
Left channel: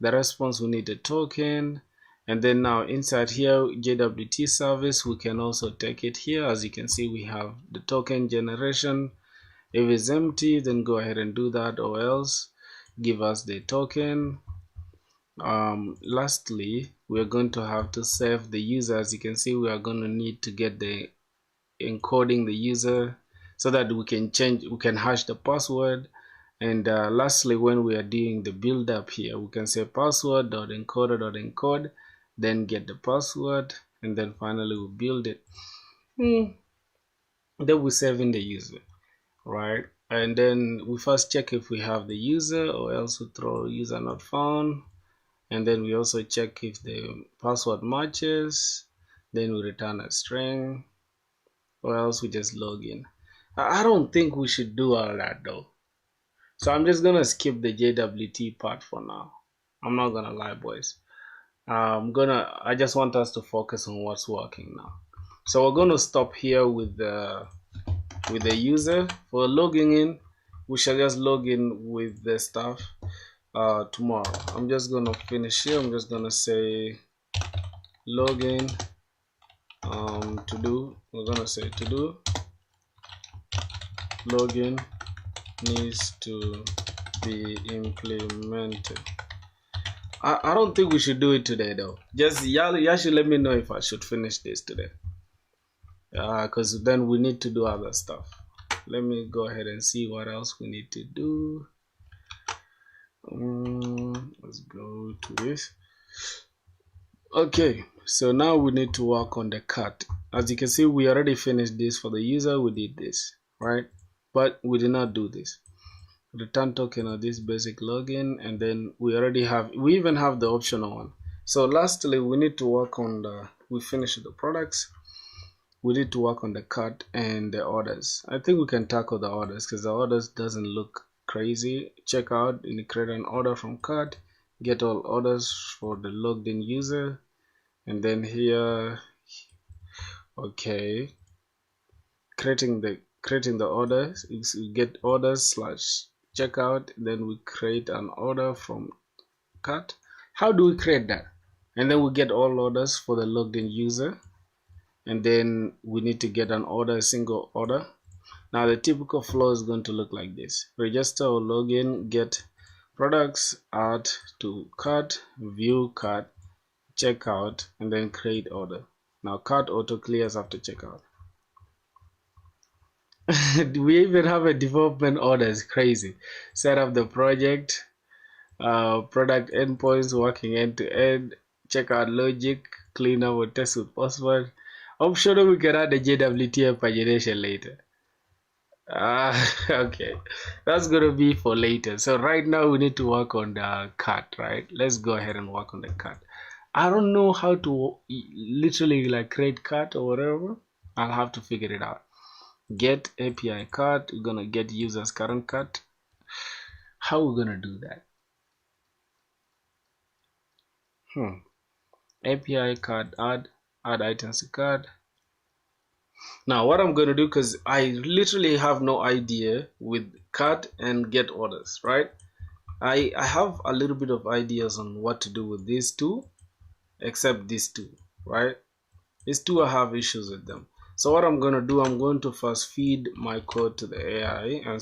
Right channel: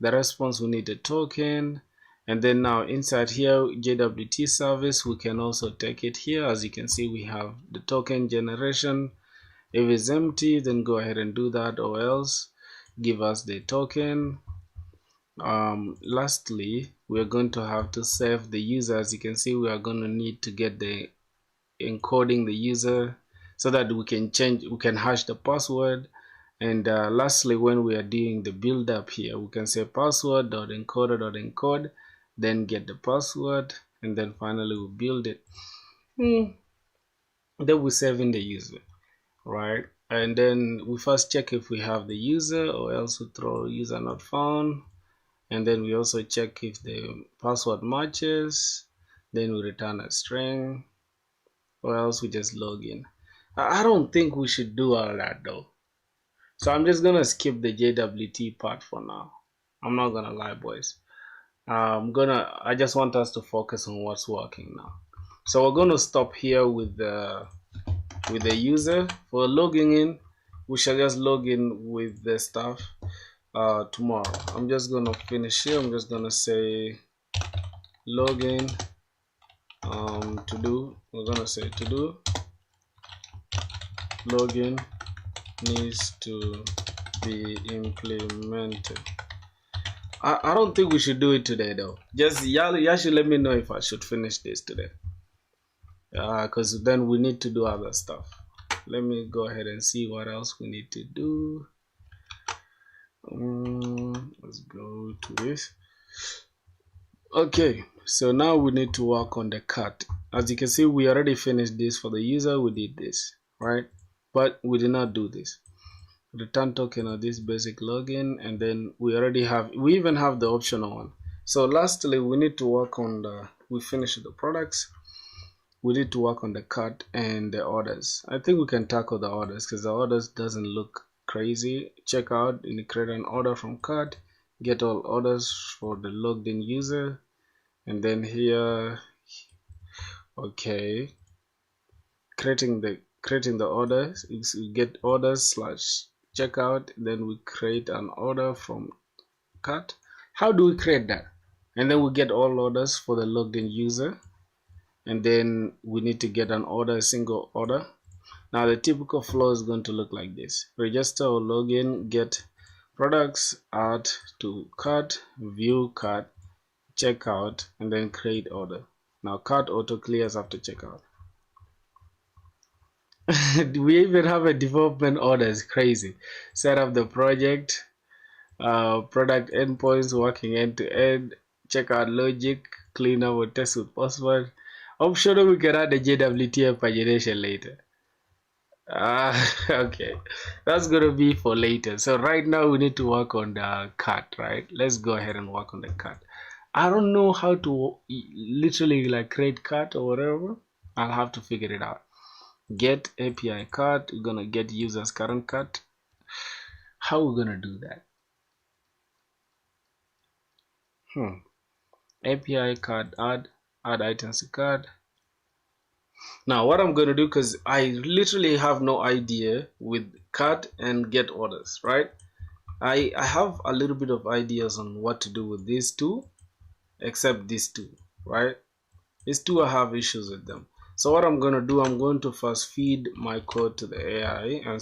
The response, we need a token. And then now inside here, JWT service, we can also take it here. As you can see, we have the token generation. If it's empty, then go ahead and do that, or else give us the token. Lastly, we're going to have to save the user. As you can see, we are going to need to get the encoding the user so that we can hash the password. And lastly, when we are doing the build up here, we can say password.encoder.encode, then get the password, and then finally we build it. Then we save in the user, right? And then we first check if we have the user, or else we throw user not found. And then we also check if the password matches, then we return a string, or else we just log in. I don't think we should do all that though. So I'm just gonna skip the JWT part for now. I'm not gonna lie, boys. I just want us to focus on what's working now. So we're gonna stop here with the with the user. For logging in, we shall just log in with the stuff tomorrow. I'm just gonna finish here. I'm just gonna say login to do. We're gonna say to do login needs to be implemented. I don't think we should do it today though. Just y'all should let me know if I should finish this today. Because then we need to do other stuff. Let me go ahead and see what else we need to do. Let's go to this. Okay, so now we need to work on the cut. As you can see, we already finished this for the user. We did this, right? But we did not do this. Return token of this basic login, and then we even have the optional one. So lastly, we need to work on we finished the products. We need to work on the cut and the orders. I think we can tackle the orders because the orders doesn't look crazy. Check out and create an order from cart, get all orders for the logged in user, and then here, okay, creating the orders. We get orders / checkout, then we create an order from cart. How do we create that? And then we get all orders for the logged in user, and then we need to get an order, a single order. Now the typical flow is going to look like this: register or login, get products, add to cart, view cart, checkout, and then create order. Now cart auto clears after checkout. We even have a development order. It's crazy. Set up the project, product endpoints working end to end, checkout logic, clean up or test with password. I'm sure we can add the JWT pagination later. Okay, that's gonna be for later. So right now we need to work on the cut, right? Let's go ahead and work on the cut. I don't know how to literally like create cut or whatever. I'll have to figure it out. Get API cut. We're gonna get users current cut. How are we gonna do that? API card add items to card. Now what I'm going to do, because I literally have no idea with cart and get orders, right? I have a little bit of ideas on what to do with these two, except these two, right? These two I have issues with them. So what I'm going to do, I'm going to first feed my code to the AI and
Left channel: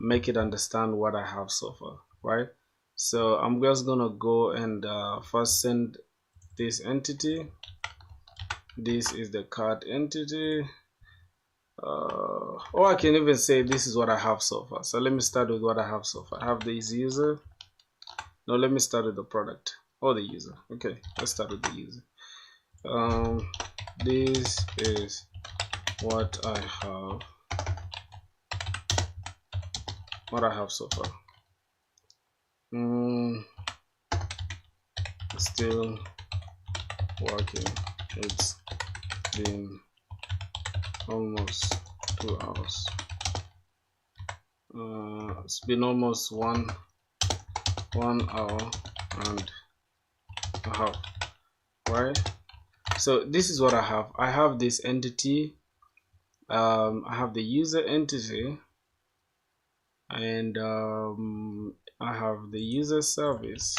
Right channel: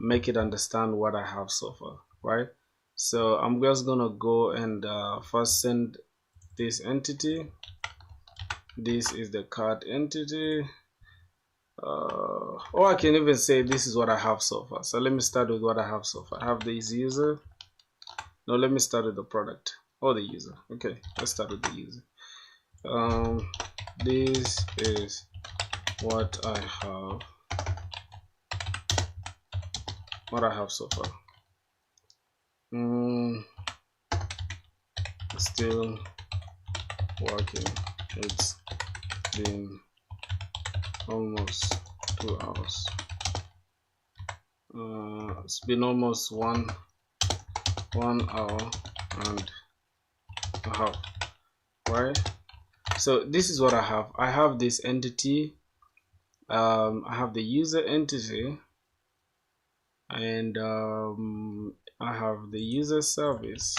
make it understand what I have so far, right? So I'm just going to go and first send this entity. This is the cart entity. Or I can even say this is what I have so far. So let me start with what I have so far. I have this user. No, let me start with the product or the user. Okay, let's start with the user. This is what I have so far. Still working. It's been almost 2 hours. It's been almost one hour and a half, right? So this is what I have. I have this entity. I have the user entity, and I have the user service.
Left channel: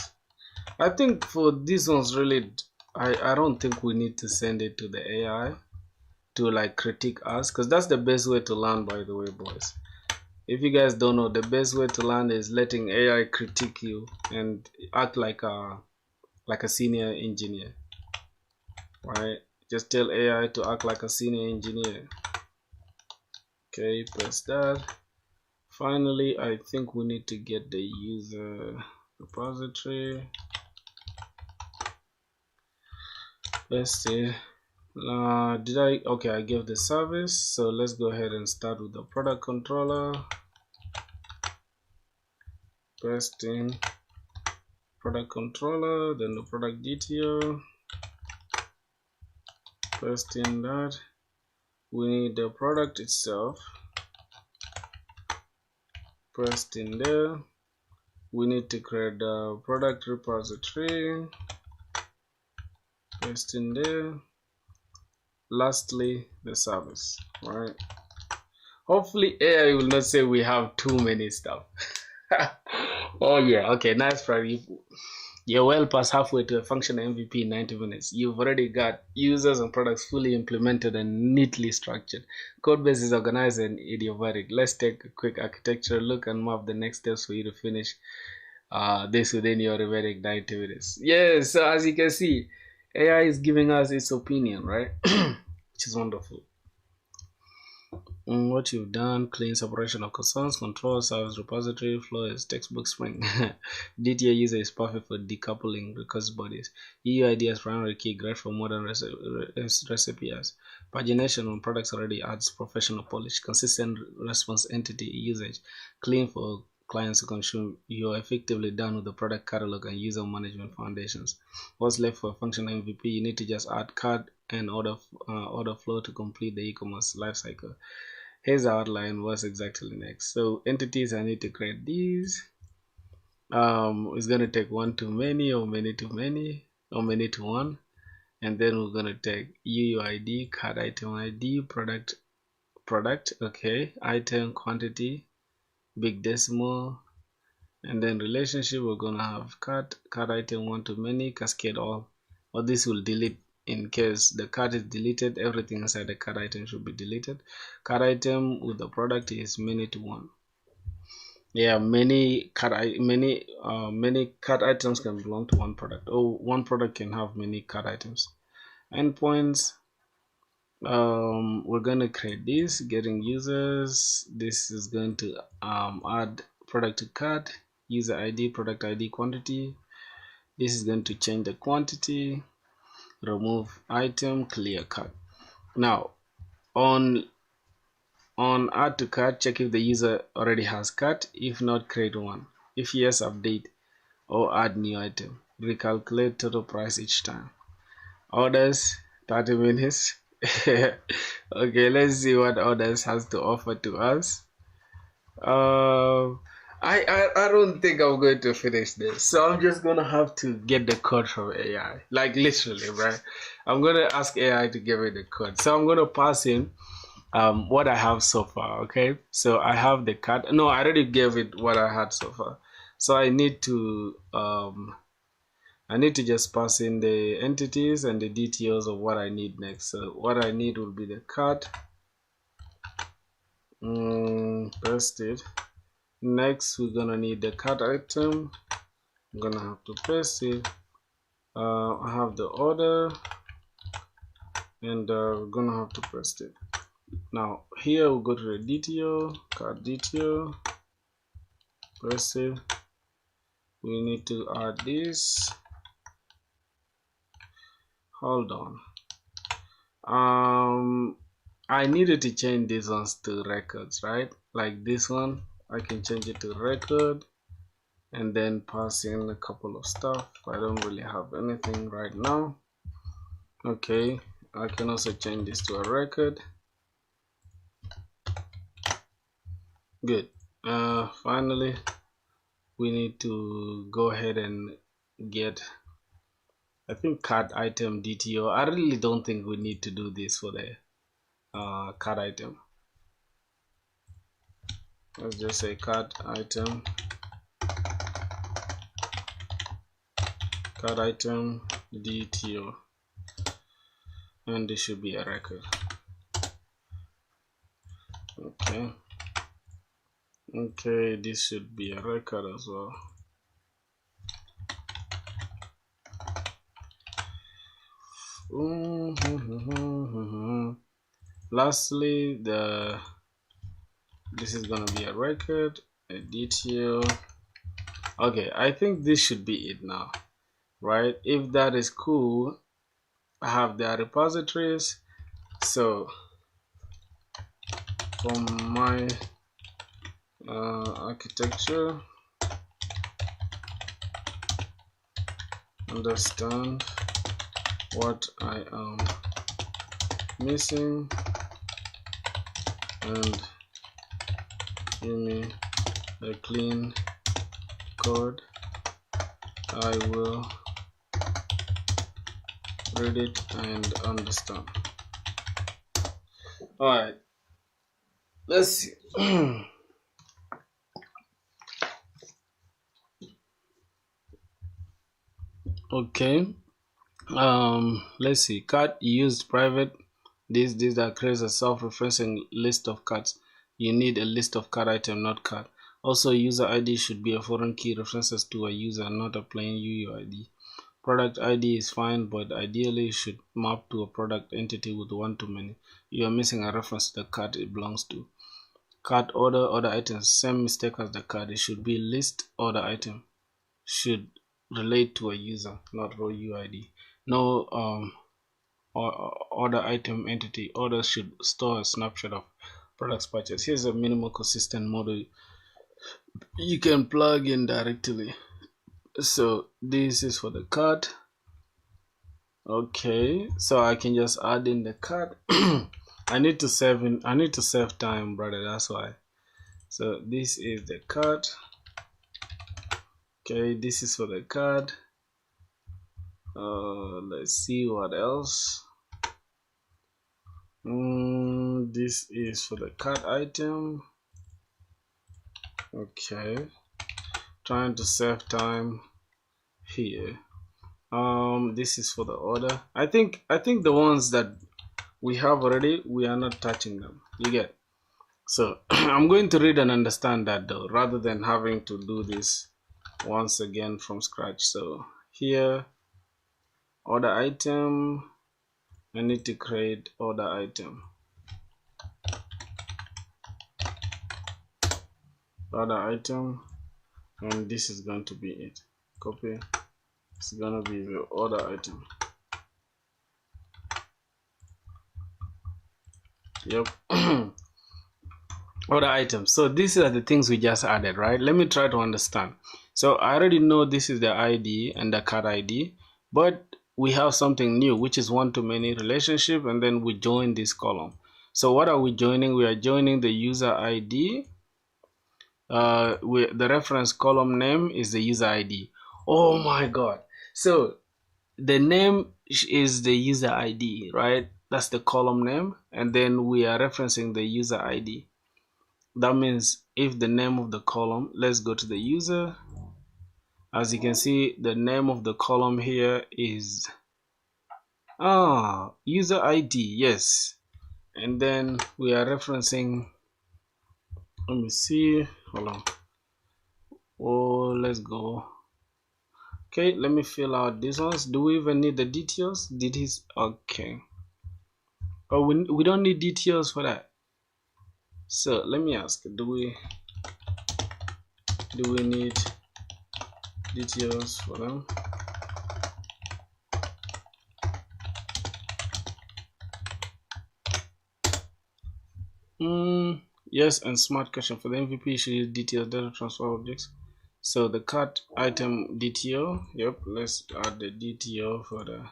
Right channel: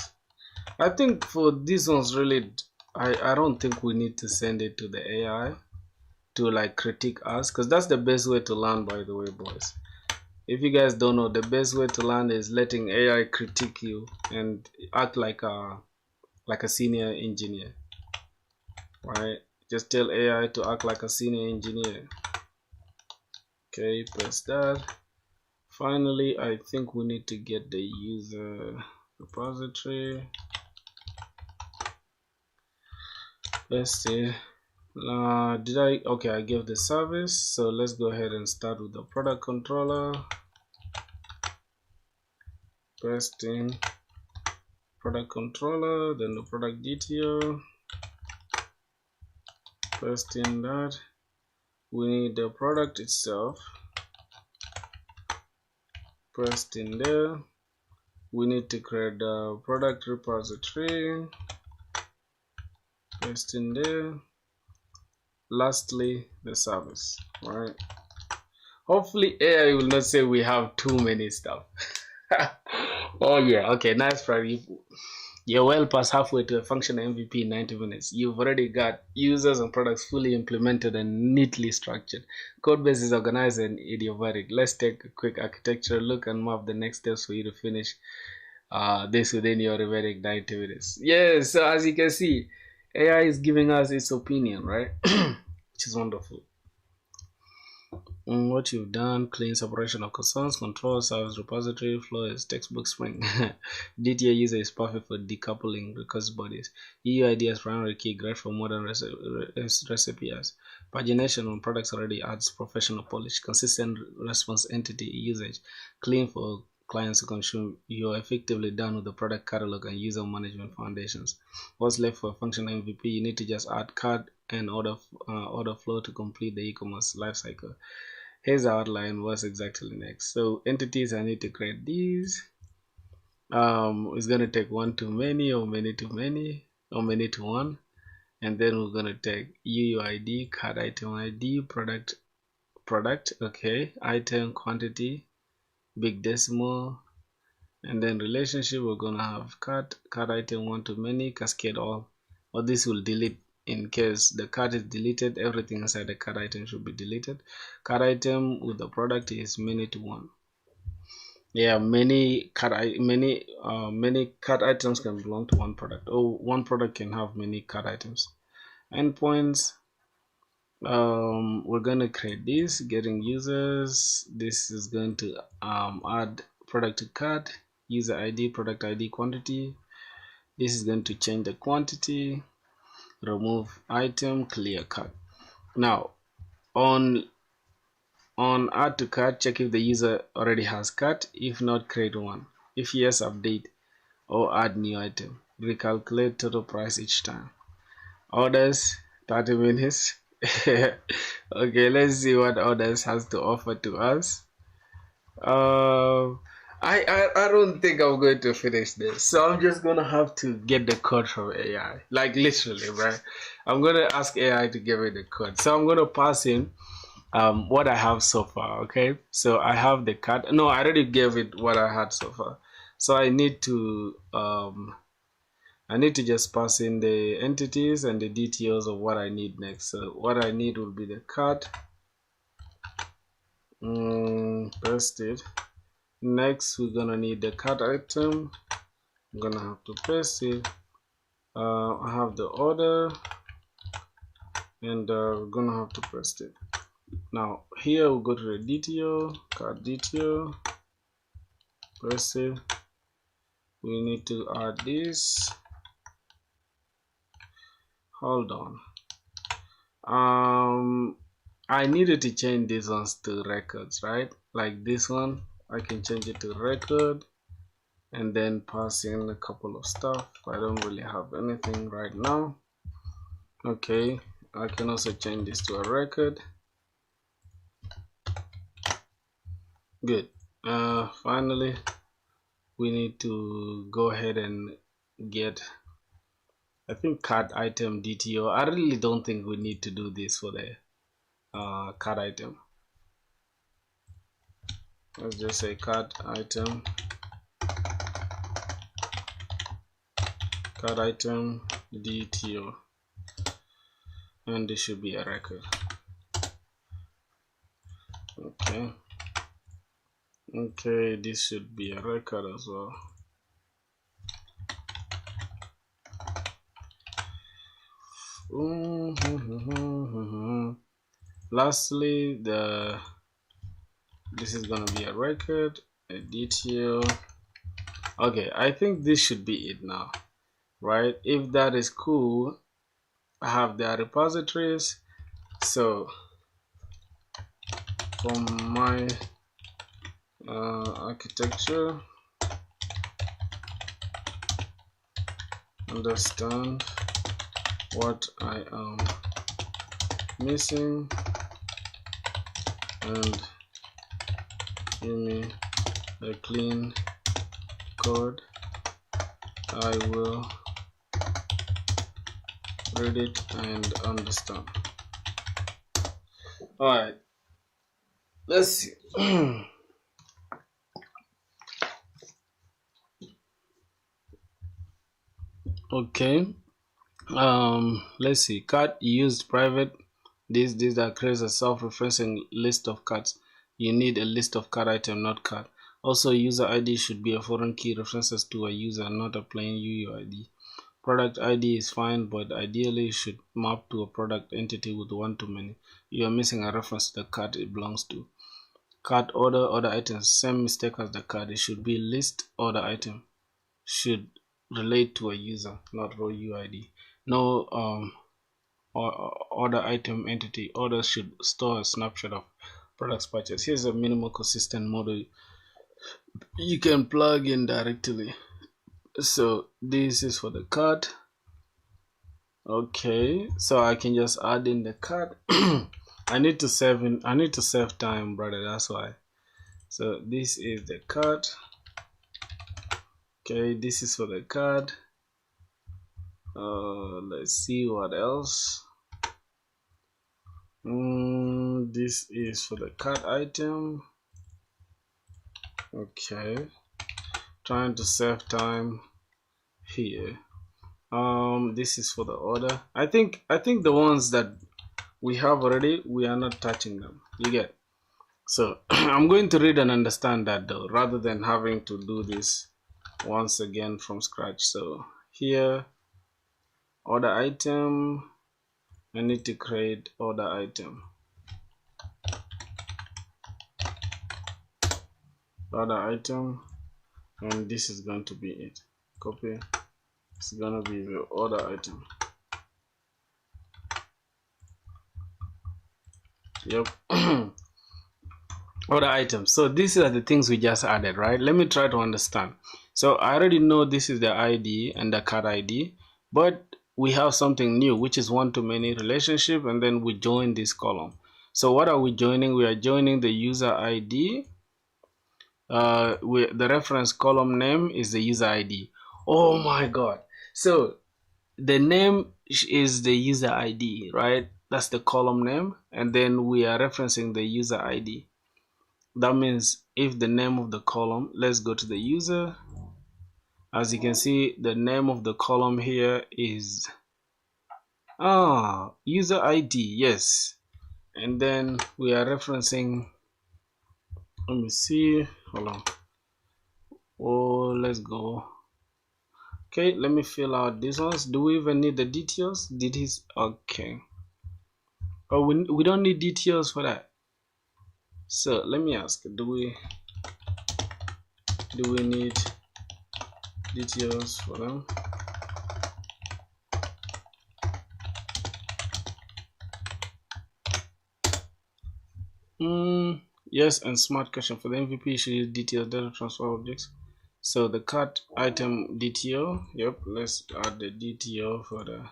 I think for these ones really, I don't think we need to send it to the AI to like critique us, because that's the best way to learn, by the way, boys. If you guys don't know, the best way to learn is letting AI critique you and act like a senior engineer, right? Just tell AI to act like a senior engineer. Okay, press that. Finally, I think we need to get the user repository. Let's see. Okay, I gave the service. So let's go ahead and start with the product controller. Pressed in product controller, then the product detail. Pressed in that. We need the product itself. Pressed in there. We need to create the product repository. Pressed in there. Lastly, the service, right? Hopefully AI will not say we have too many stuff. Oh yeah, okay, nice try. You're well past halfway to a functional MVP in 90 minutes. You've already got users and products fully implemented and neatly structured. Codebase is organized and idiomatic. Let's take a quick architecture look and map the next steps for you to finish this within your remaining 90 minutes. Yeah, so as you can see, AI is giving us its opinion, right? Which is wonderful. What you've done: clean separation of concerns, control, service repository, flow is textbook Spring. DTA user is perfect for decoupling request bodies. EUID as primary key, great for modern recipes. Pagination on products already adds professional polish. Consistent response entity usage, clean for clients to consume. You're effectively done with the product catalog and user management foundations. What's left for functional MVP? You need to just add card and order flow to complete the e-commerce lifecycle. Here's the outline. What's exactly next? So entities, I need to create these. It's going to take one to many or many to many or many to one, and then we're going to take UUID, card item ID, product, okay, item, quantity, big decimal, and then relationship. We're going to have card item one to many, cascade all, or this will delete. In case the card is deleted, everything inside the card item should be deleted. Card item with the product is many to one. Yeah, many card items can belong to one product, or one product can have many card items. Endpoints. We're going to create this, getting users. This is going to add product to cart, user ID, product ID, quantity. This is going to change the quantity. Remove item, clear cart. Now on add to cart, check if the user already has cart. If not, create one. If yes, update or add new item. Recalculate total price each time. Orders 30 minutes. Okay, let's see what orders has to offer to us. I don't think I'm going to finish this, so I'm just gonna have to get the code from AI, like literally, right? I'm gonna ask AI to give me the code, so I'm gonna pass in what I have so far. Okay, so I have the card. No, I already gave it what I had so far, so I need to just pass in the entities and the details of what I need next. So what I need will be the card. Paste it. Next, we're gonna need the card item. I'm gonna have to paste it. I have the order, and we're gonna have to paste it. Now here we'll go to the detail, card detail, paste it. We need to add this. Hold on. I needed to change these ones to records, right? Like this one, I can change it to record and then pass in a couple of stuff. I don't really have anything right now. Okay, I can also change this to a record. Good. Finally, we need to go ahead and get, I think, card item DTO. I really don't think we need to do this for the card item. Let's just say card item DTO, and this should be a record. Okay, this should be a record as well. Lastly, this is gonna be a record, a detail. Okay, I think this should be it now, right? If that is cool, I have the repositories. So from my architecture, understand what I am missing and give me a clean code. I will read it and understand. Alright, Let's see. Okay. Let's see. Cart used private. This that creates a self-referencing list of cards. You need a list of card item, not card. Also, user ID should be a foreign key references to a user, not a plain UUID. Product ID is fine, but ideally should map to a product entity with one-to-many. You are missing a reference to the card it belongs to. Card order items, same mistake as the card. It should be list order item. Should relate to a user, not raw UID. No order item entity. Order should store a snapshot of products purchased. Here's a minimal consistent model you can plug in directly. So this is for the card. Okay, so I can just add in the card. I need to save time, brother, that's why. So this is the card. Okay, this is for the card. Let's see what else. This is for the card item. Okay, trying to save time here. This is for the order. I think the ones that we have already, we are not touching them. You get? So I'm going to read and understand that though, rather than having to do this once again from scratch. So here, order item, I need to create order item. Order item, and this is going to be it. Copy. It's gonna be the order item. Yep. Order item. So these are the things we just added, right? Let me try to understand. So I already know this is the ID and the card ID, but we have something new, which is one-to-many relationship, and then we join this column. So what are we joining? We are joining the user ID. The reference column name is the user ID. Oh my God. So the name is the user ID, right? That's the column name, and then we are referencing the user ID. That means if the name of the column, let's go to the user. As you can see, the name of the column here is user ID, yes. And then we are referencing, let me see, hold on. Oh, let's go. Okay, let me fill out these ones. Do we even need the details? Okay. Oh, we don't need details for that. So let me ask, do we need details for them? Yes, and smart question for the MVP should use details data transfer objects. So the cart item DTO, yep, let's add the DTO for the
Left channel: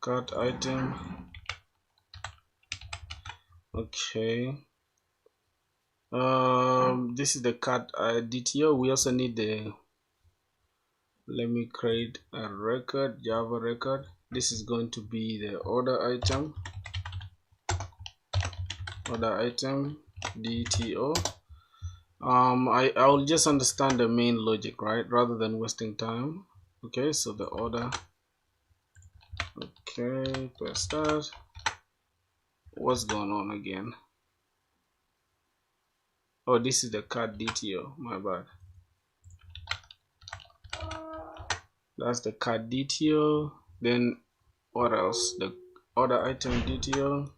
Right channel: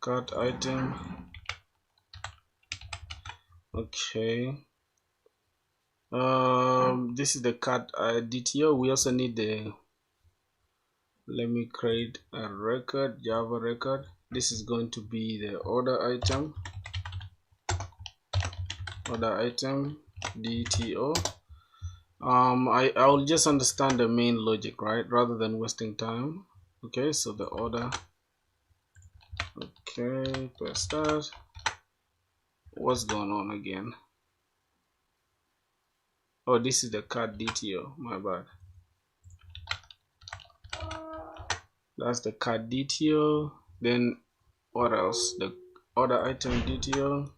cart item. Okay. This is the cart DTO. We also need the, let me create a record, Java record. This is going to be the order item DTO. I'll just understand the main logic, right, rather than wasting time. Okay, so the order. Okay, press start. What's going on again? Oh, this is the card DTO, my bad. That's the card DTO. Then what else? The order item DTO.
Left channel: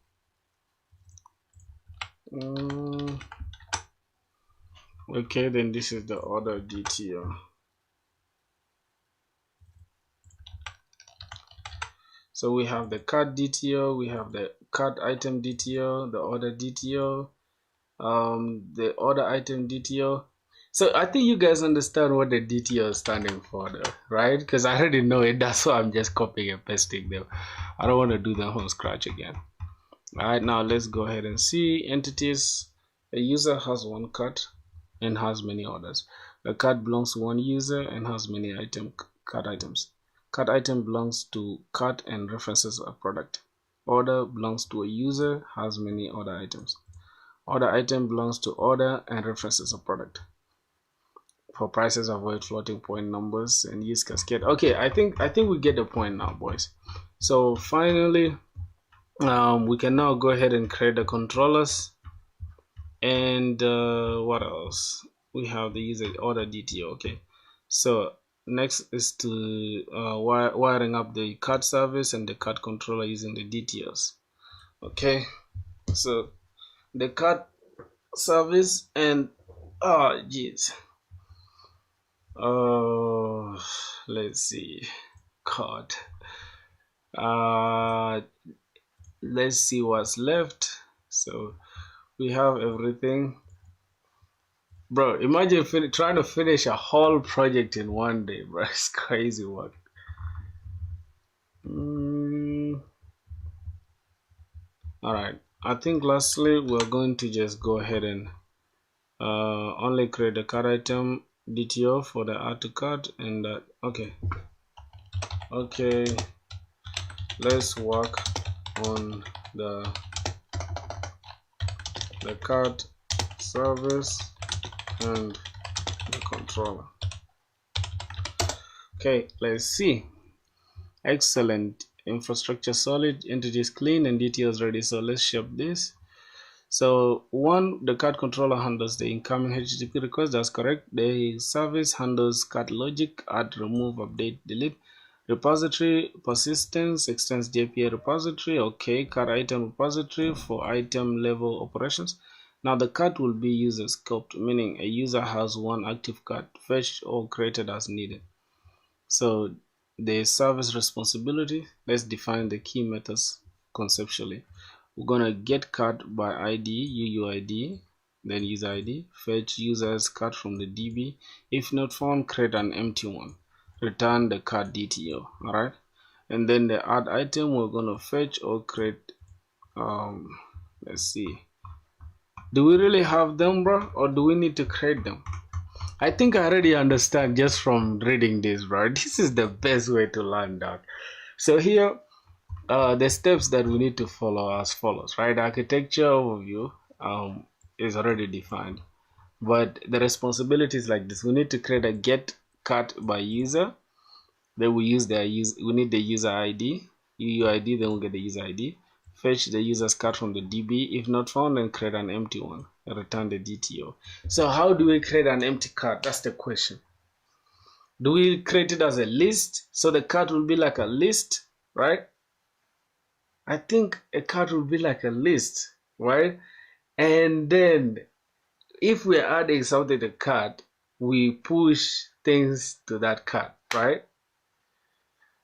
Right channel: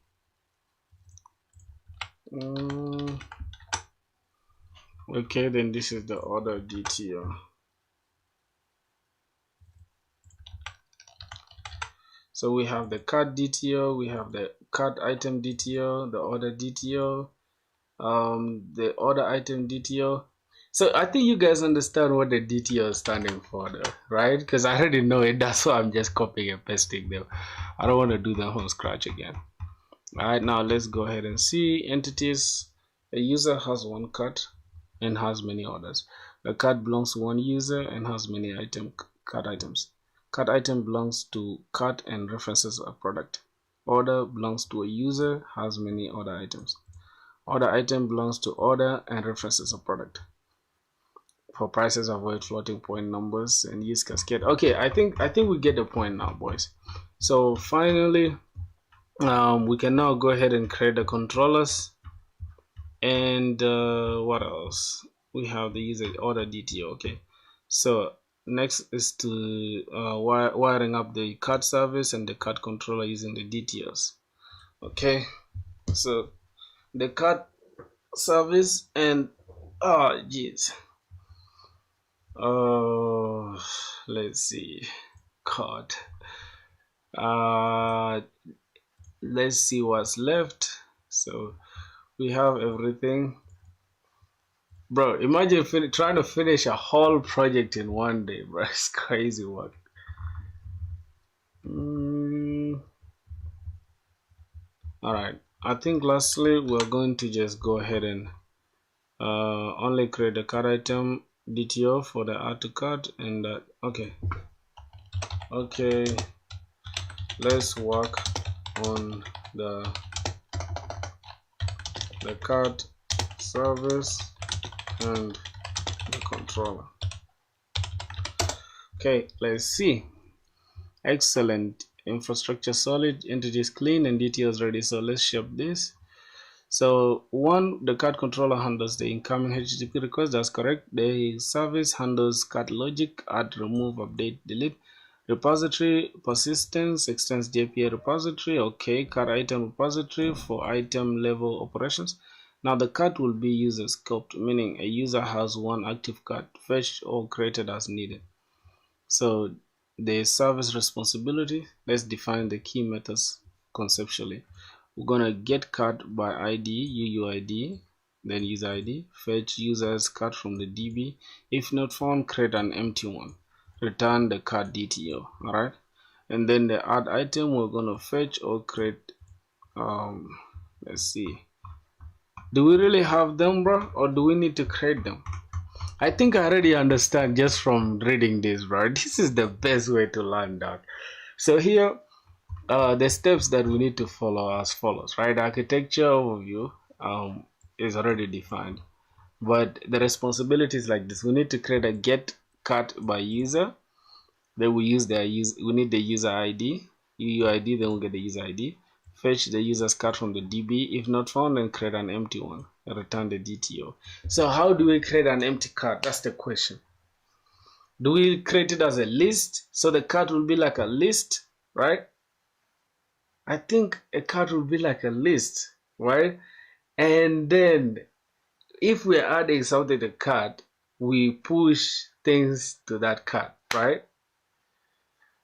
Okay, then this is the order DTO. So we have the card DTO, we have the card item DTO, the order DTO, the order item DTO. So I think you guys understand what the DTO is standing for, though, right? Because I already know it. That's why I'm just copying and pasting them. I don't want to do that from scratch again. All right, now let's go ahead and see entities. The user has one card and has many orders. The card belongs to one user and has many card items. Card item belongs to card and references a product. Order belongs to a user, has many order items. Order item belongs to order and references a product. For prices, avoid floating point numbers and use cascade. Okay, I think we get the point now, boys. So finally, we can now go ahead and create the controllers. And what else? We have the user order DTO. Okay, so next is to wiring up the card service and the card controller using the DTOs. Okay, so the card service and let's see, card. Let's see what's left. So we have everything. Bro, imagine trying to finish a whole project in one day, bro. It's crazy work. Alright, I think lastly we're going to just go ahead and only create the card item DTO for the add to cart. And okay, let's work on the card service and the controller. Okay, let's see. Excellent. Infrastructure solid, entities clean, and DTOs ready. So let's ship this. So the card controller handles the incoming HTTP request. That's correct. The service handles card logic, add, remove, update, delete. Repository persistence extends the API repository. Okay, card item repository for item level operations. Now the card will be user scoped, meaning a user has one active card fetched or created as needed. So the service responsibility, let's define the key methods conceptually. We're gonna get card by ID, UUID, then user ID, fetch user's card from the DB. If not found, create an empty one. Return the card DTO. Alright, and then the add item, we're gonna fetch or create. Let's see. Do we really have them, bro, or do we need to create them? I think I already understand just from reading this, bro. This is the best way to learn that. So here, the steps that we need to follow as follows, right? Architecture overview is already defined, but the responsibility is like this. We need to create a get card by user. Then we need the user ID, UUID, then we'll get the user ID. Fetch the user's card from the DB. If not found, then create an empty one and return the DTO. So how do we create an empty card? That's the question. Do we create it as a list? So the card will be like a list, right? I think a card will be like a list, right? And then if we're adding something to the card, we push things to that card, right?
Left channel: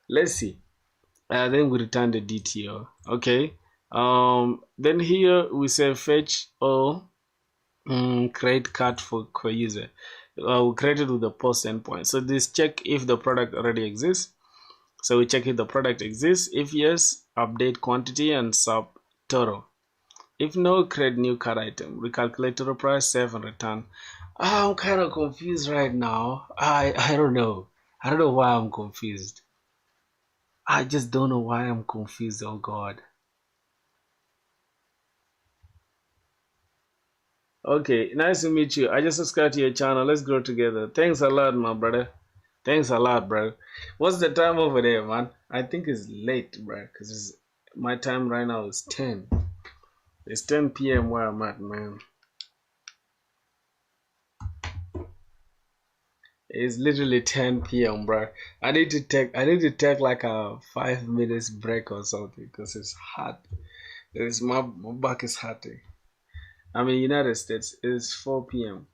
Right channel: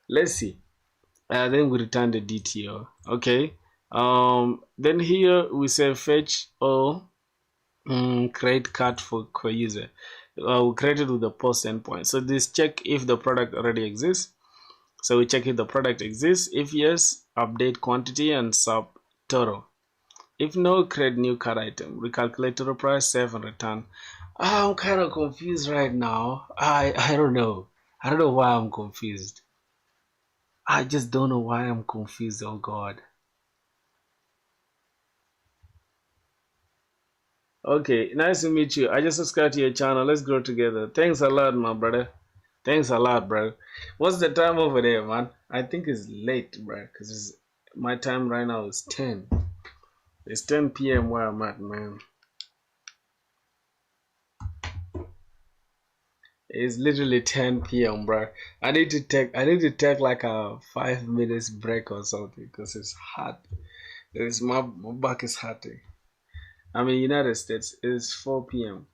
Let's see. Then we return the DTO. Okay. Then here we say fetch or create card for user. We create it with the post endpoint. So this check if the product already exists. So we check if the product exists. If yes, update quantity and sub total. If no, create new card item. Recalculate total price, save and return. I'm kind of confused right now. I don't know. I don't know why I'm confused. I just don't know why I'm confused. Oh God. Okay, nice to meet you. I just subscribed to your channel. Let's grow together. Thanks a lot, my brother. Thanks a lot, bro. What's the time over there, man? I think it's late, bro, because my time right now is 10. It's 10 p.m. where I'm at, man. It's literally 10 p.m., bro. I need to take like a 5 minutes break or something because it's hot. My back is hurting. I'm in United States. It's 4 p.m.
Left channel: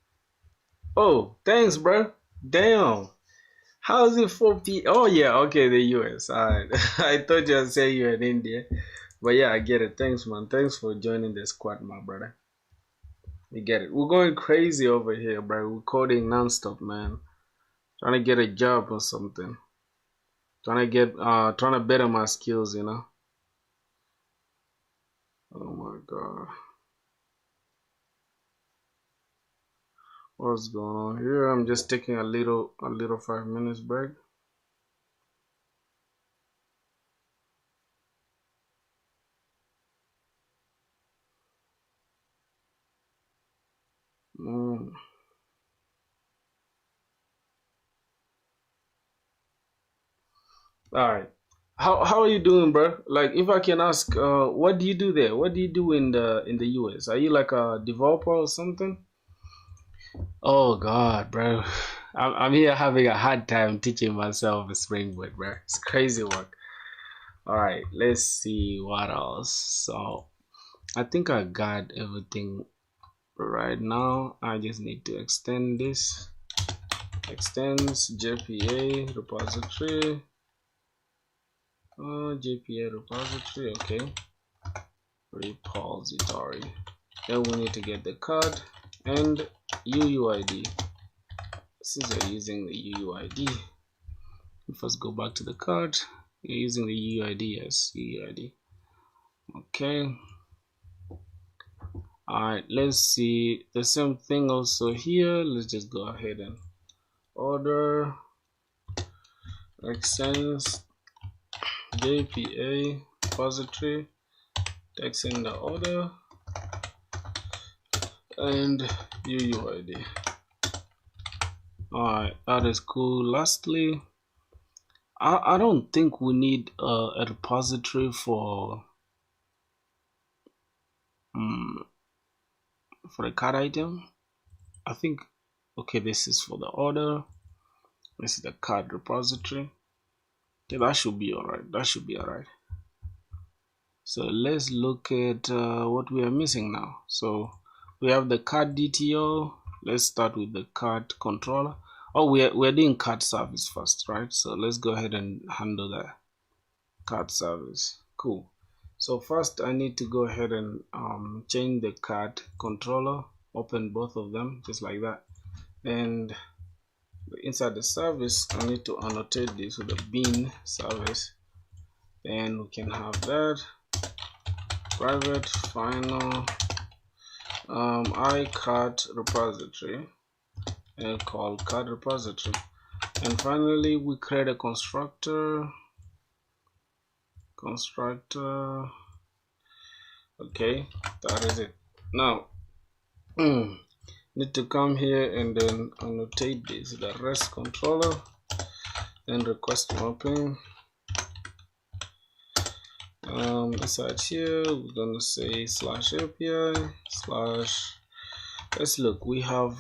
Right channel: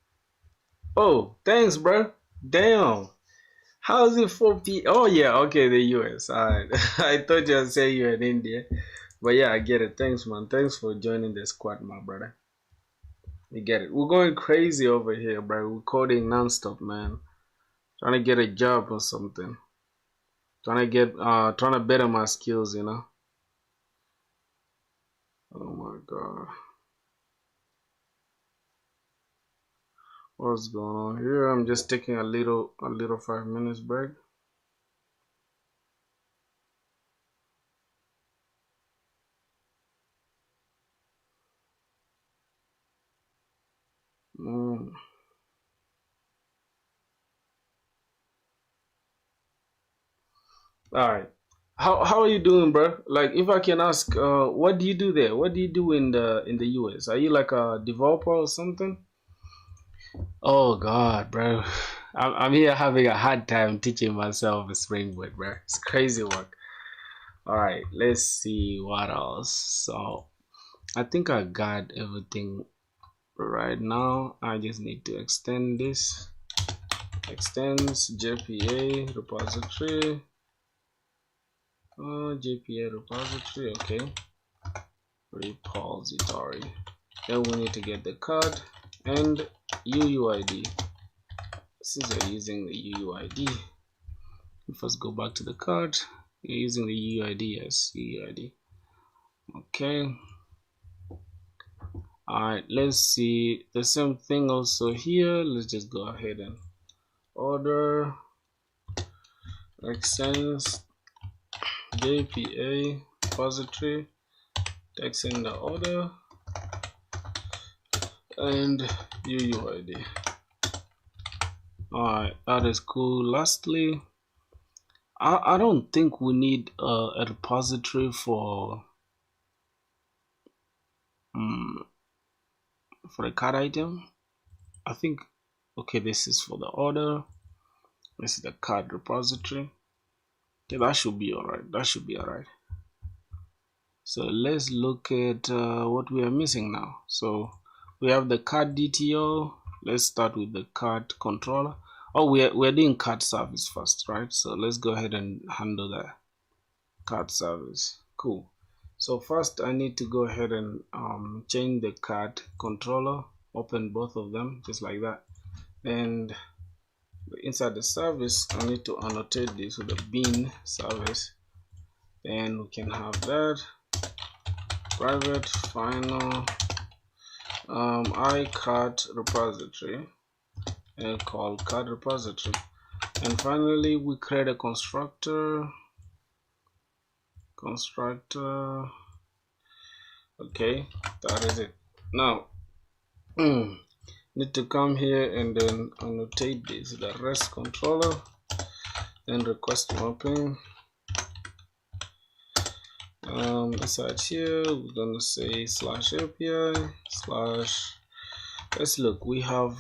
Oh, thanks, bro. Damn. How is it 4 p.m.? Oh, yeah. Okay, the US. All right. I thought you were saying you're in India. But yeah, I get it. Thanks, man. Thanks for joining the squad, my brother. You get it. We're going crazy over here, bro. We're coding nonstop, man. Trying to get a job or something. Trying to better my skills, you know. Oh my God. What's going on here? I'm just taking a little 5 minutes break. All right. How are you doing, bro? Like, if I can ask, what do you do there? What do you do in the US? Are you like a developer or something? Oh God, bro. I'm here having a hard time teaching myself SpringBoot, bro. It's crazy work. All right, let's see what else. So I think I got everything right now. I just need to extend this. Extends JPA repository. JPA repository. Okay. Repository. Then we need to get the card and UUID. Since we're using the UUID, we first go back to the card. We're using the UUID. Yes, UUID. Okay. Alright, let's see the same thing also here. Let's just go ahead and order extends JPA repository, text in the order, and UUID. Alright, that is cool. Lastly, I don't think we need a repository for a card item. I think, okay, this is for the order. This is the card repository. Okay, that should be alright. That should be alright. So let's look at what we are missing now. So we have the card DTO. Let's start with the card controller. Oh, we're doing card service first, right? So let's go ahead and handle the card service. Cool. So first I need to go ahead and change the card controller, open both of them just like that, and inside the service I need to annotate this with a bin service, and we can have that private final iCard repository and call card repository, and finally we create a constructor. Okay, that is it. Now need to come here and then annotate this, the REST controller, then request mapping. Inside here we're gonna say /API/ let's look, we have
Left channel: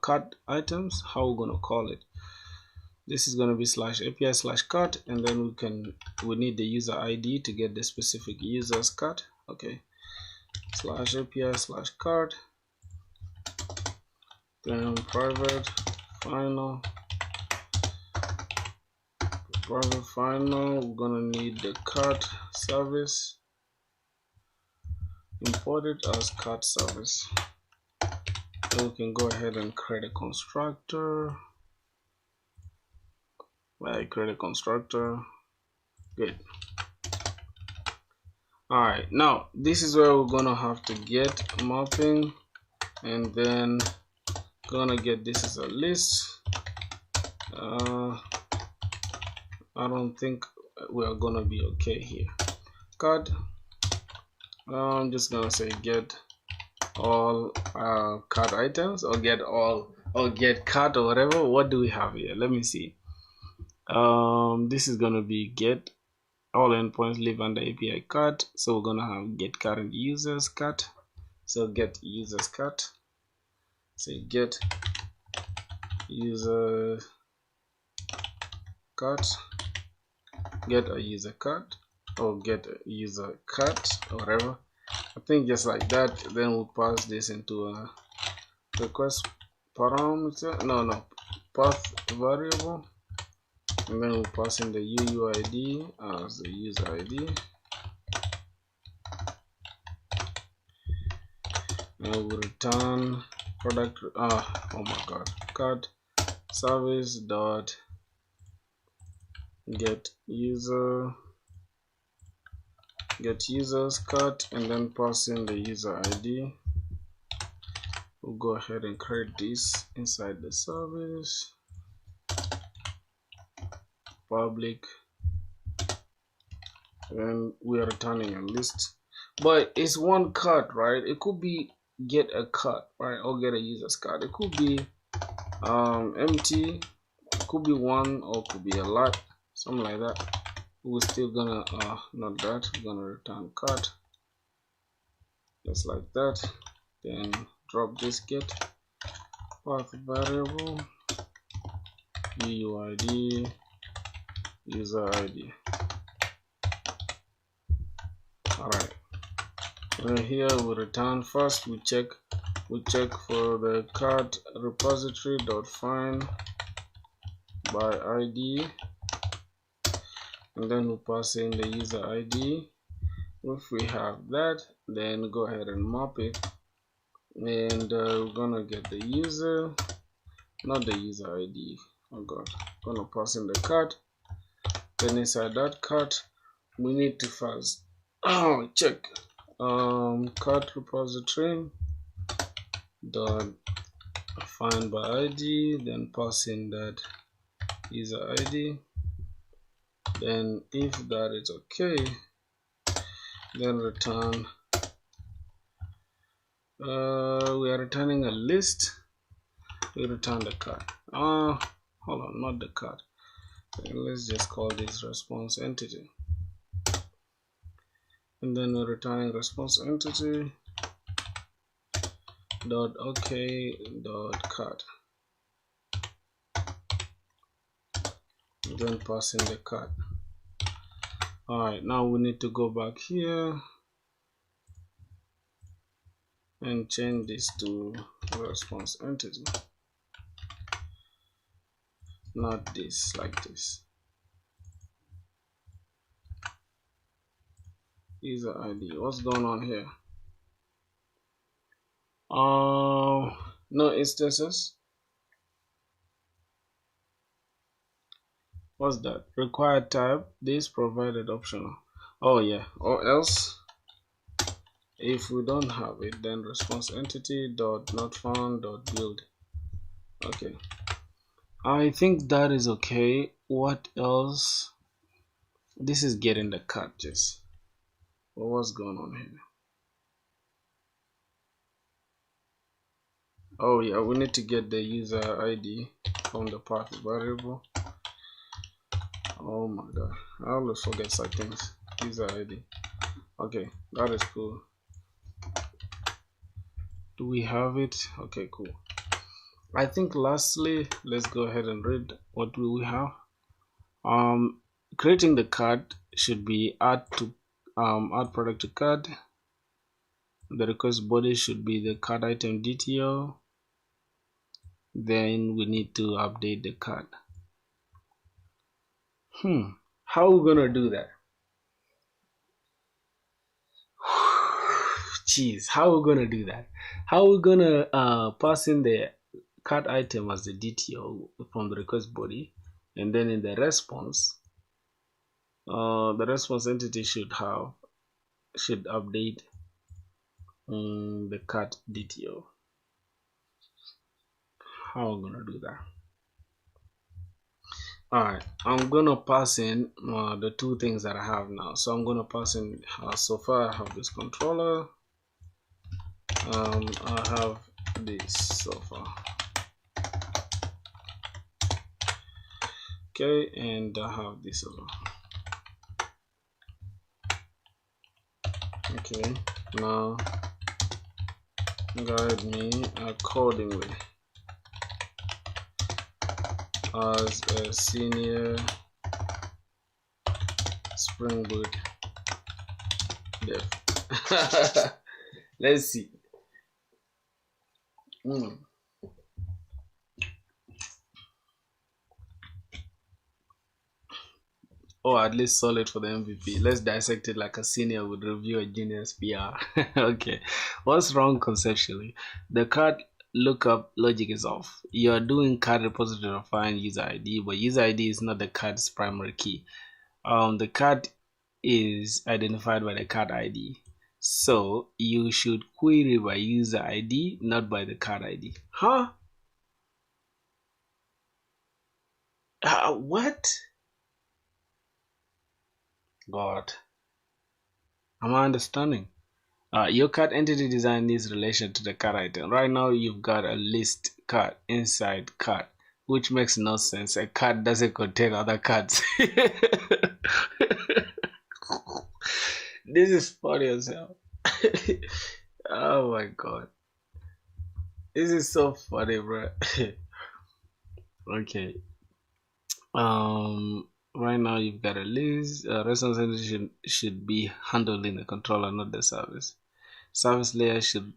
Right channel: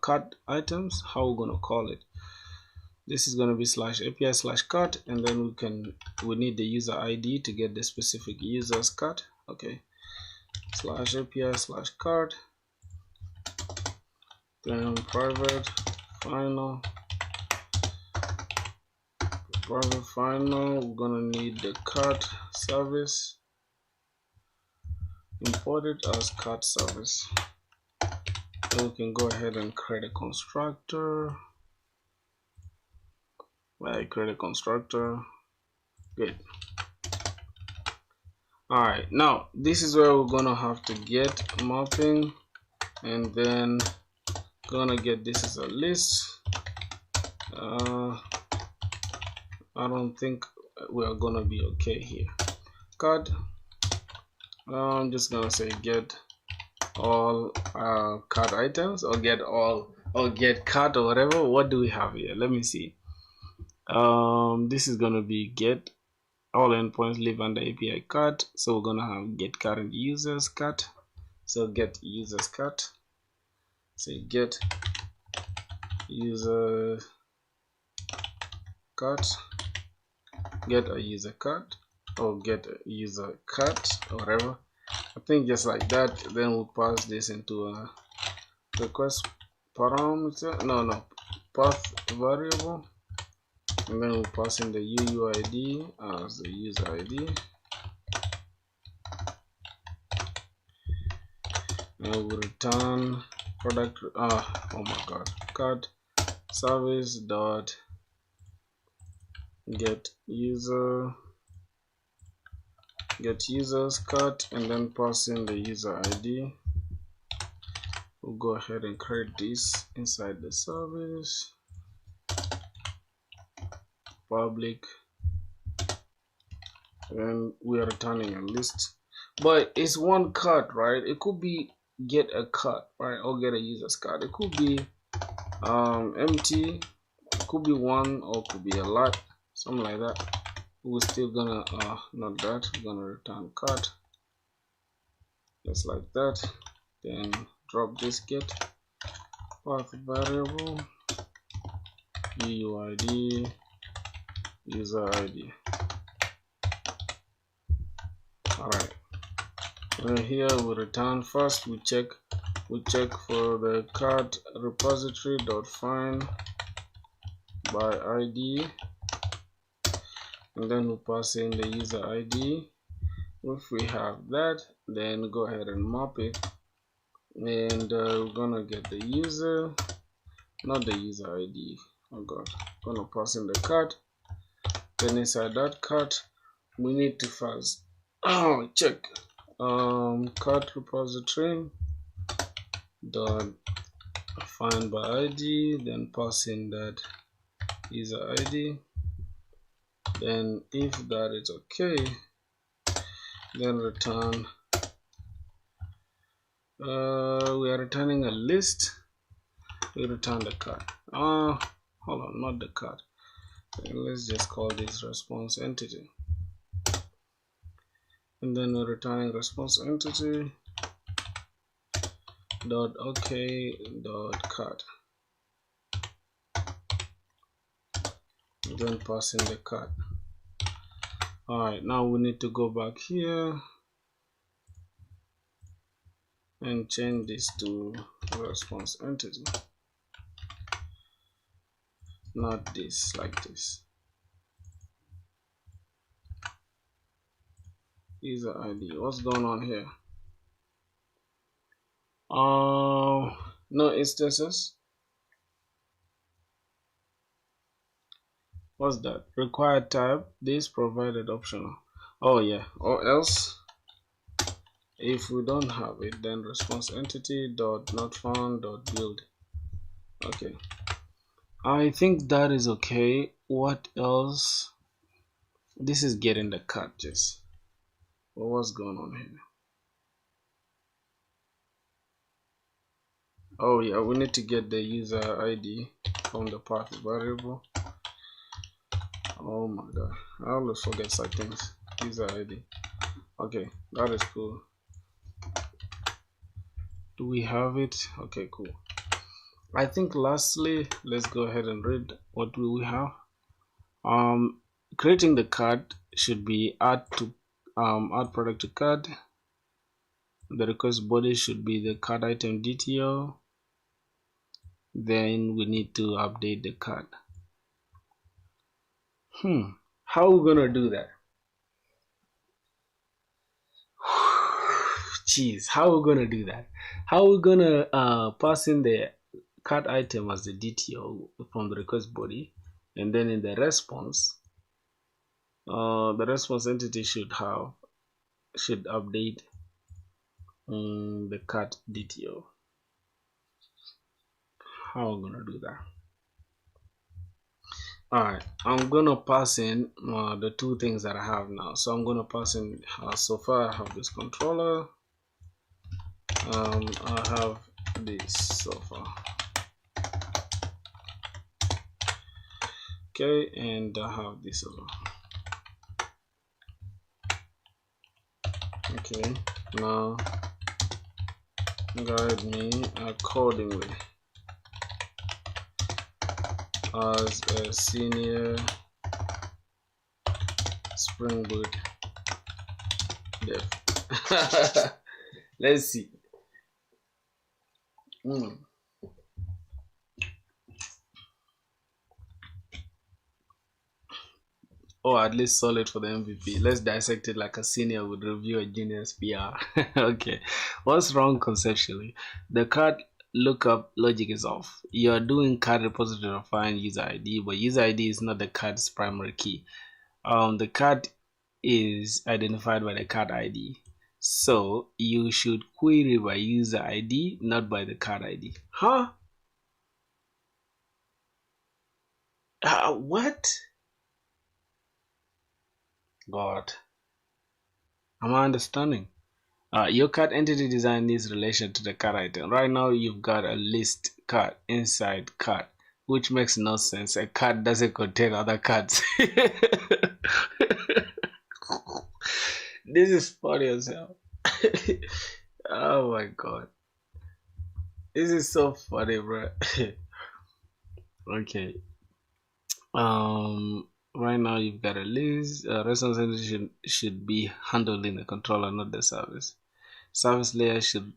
card items. How we're gonna call it? This is gonna be /API/card, and then we need the user ID to get the specific user's card. Okay, /API/card, then private final. We're gonna need the card service, import it as card service. Then we can go ahead and create a constructor. Create a constructor. Good. Alright, now this is where we're gonna have to get mapping, and then gonna get this as a list. I don't think we're gonna be okay here. Card. I'm just gonna say get all card items, or get all, or get card, or whatever. What do we have here? Let me see. This is gonna be get all endpoints live under API card. So we're gonna have get current users card. So get users card. Say get user card. Get a user card, or get a user card, or whatever. I think just like that. Then we'll pass this into a request parameter. No, path variable. And then we'll pass in the UUID as the user ID. And we'll return product. Oh my god, card service dot get users card, and then pass in the user ID. We'll go ahead and create this inside the service. Public, and we are returning a list, but it's one card, right? It could be get a card, right, or get a user's card. It could be empty, it could be one, or it could be a lot, something like that. we're still gonna not that, we're gonna return cart just like that. Then drop this get path variable UUID user ID. Alright, and here we return first, we check for the cart repository dot find by ID, and then we pass in the user ID. If we have that, then go ahead and map it, and we're gonna get the user, not the user ID, oh god, gonna pass in the cart. Then inside that cart we need to first check cart repository dot find by ID, then pass in that user ID. Then if that is okay, then return we are returning a list. We return the card. Hold on, not the card. Let's just call this response entity, and then we're returning response entity dot okay dot card, then pass in the card. Alright, now we need to go back here and change this to response entity, not this, like this. User ID, what's going on here? No instances. What's that? Required type, this provided optional. Oh yeah, or else if we don't have it, then response entity dot not found dot build. Okay, I think that is okay. What else? This is getting the catches. Well, what's going on here? Oh yeah, we need to get the user ID from the path variable. Oh my god, I always forget some things. User ID. Okay, that is cool. Do we have it? Okay, cool. I think lastly, let's go ahead and read what do we have. Creating the card should be add product to card. The request body should be the card item DTO. Then we need to update the card. How are we gonna do that? Jeez, how are we gonna do that? How are we gonna pass in the card item as the DTO from the request body, and then in the response entity should update the card DTO. How are we gonna do that? Alright, I'm gonna pass in the two things that I have now. So I'm gonna pass in so far I have this controller, I have this so far, okay, and I have this as well. Okay, now guide me accordingly as a senior SpringBoot dev. Let's see. Oh, at least solid for the MVP. Let's dissect it like a senior would review a junior's PR. Okay, what's wrong conceptually? The card lookup logic is off. You are doing card repository to find user ID, but user ID is not the card's primary key. The card is identified by the card ID. So you should query by user ID, not by the card ID. Huh? What? God. Am I understanding? Your card entity design needs relation to the card item. Right now you've got a list card inside card, which makes no sense. A card doesn't contain other cards. This is funny as hell. Oh my god. This is so funny, bro. Okay. Right now you've got a list. Responsibility should be handled in the controller, not the service. Service layer should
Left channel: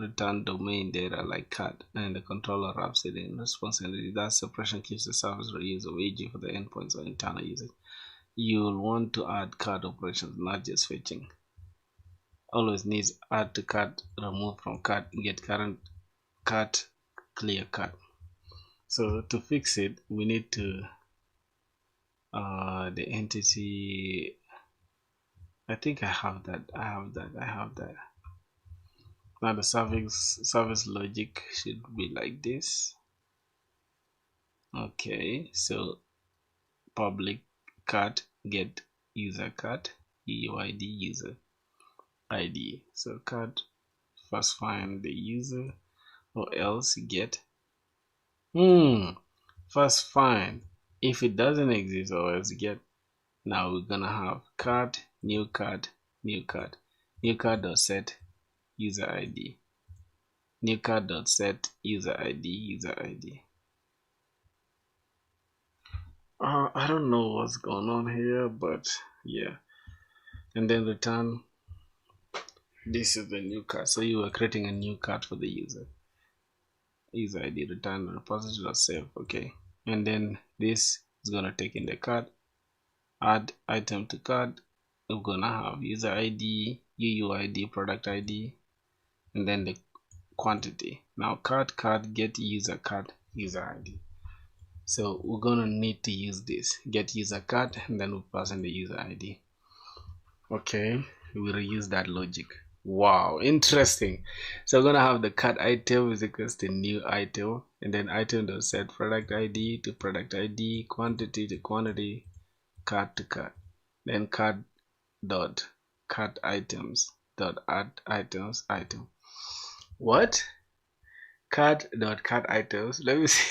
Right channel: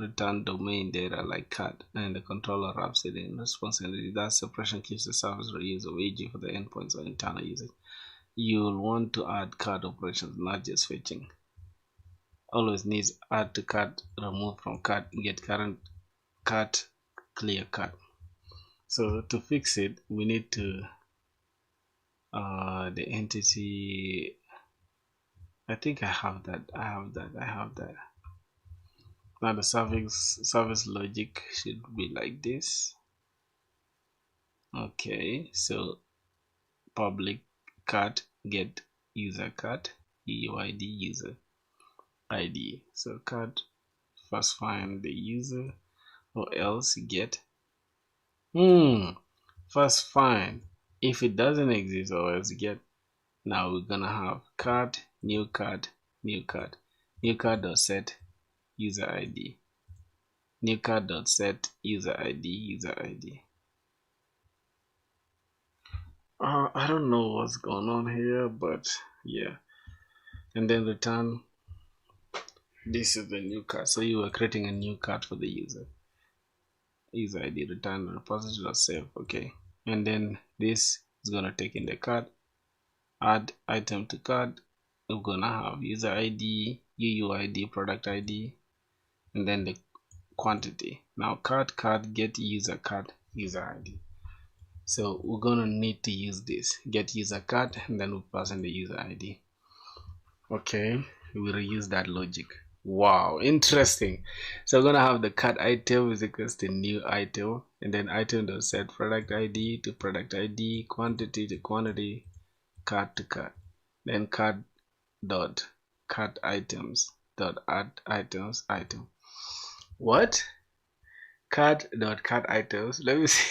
return domain data like cat, and the controller wraps it in. Responsibility, that separation keeps the service reusable, e.g. for the endpoints or internal users. You'll want to add cat operations, not just fetching. Always needs add to cat, remove from cat, get current cat, clear cat. So to fix it, we need to the entity. I think I have that. Now the service logic should be like this. Okay, so public cat get user cat UUID user ID. So cat first find the user, or else get first find. If it doesn't exist, or else get. Now we're gonna have cat new cat dot set user ID, new cat dot set user ID. I don't know what's going on here, but yeah. And then return. This is the new card. So you are creating a new card for the user ID, return repository dot save. Okay. And then this is gonna take in the card, add item to card. We're gonna have user ID, UUID, product ID, and then the quantity. Now card get user ID. So we're gonna need to use this get user card, and then we pass in the user ID. Okay, we reuse that logic. Wow, interesting. So we're gonna have the card item is equals to new item, and then item dot set product ID to product ID, quantity to quantity, card to card. Then card dot card items dot add items item. What? Card dot card items. Let me see.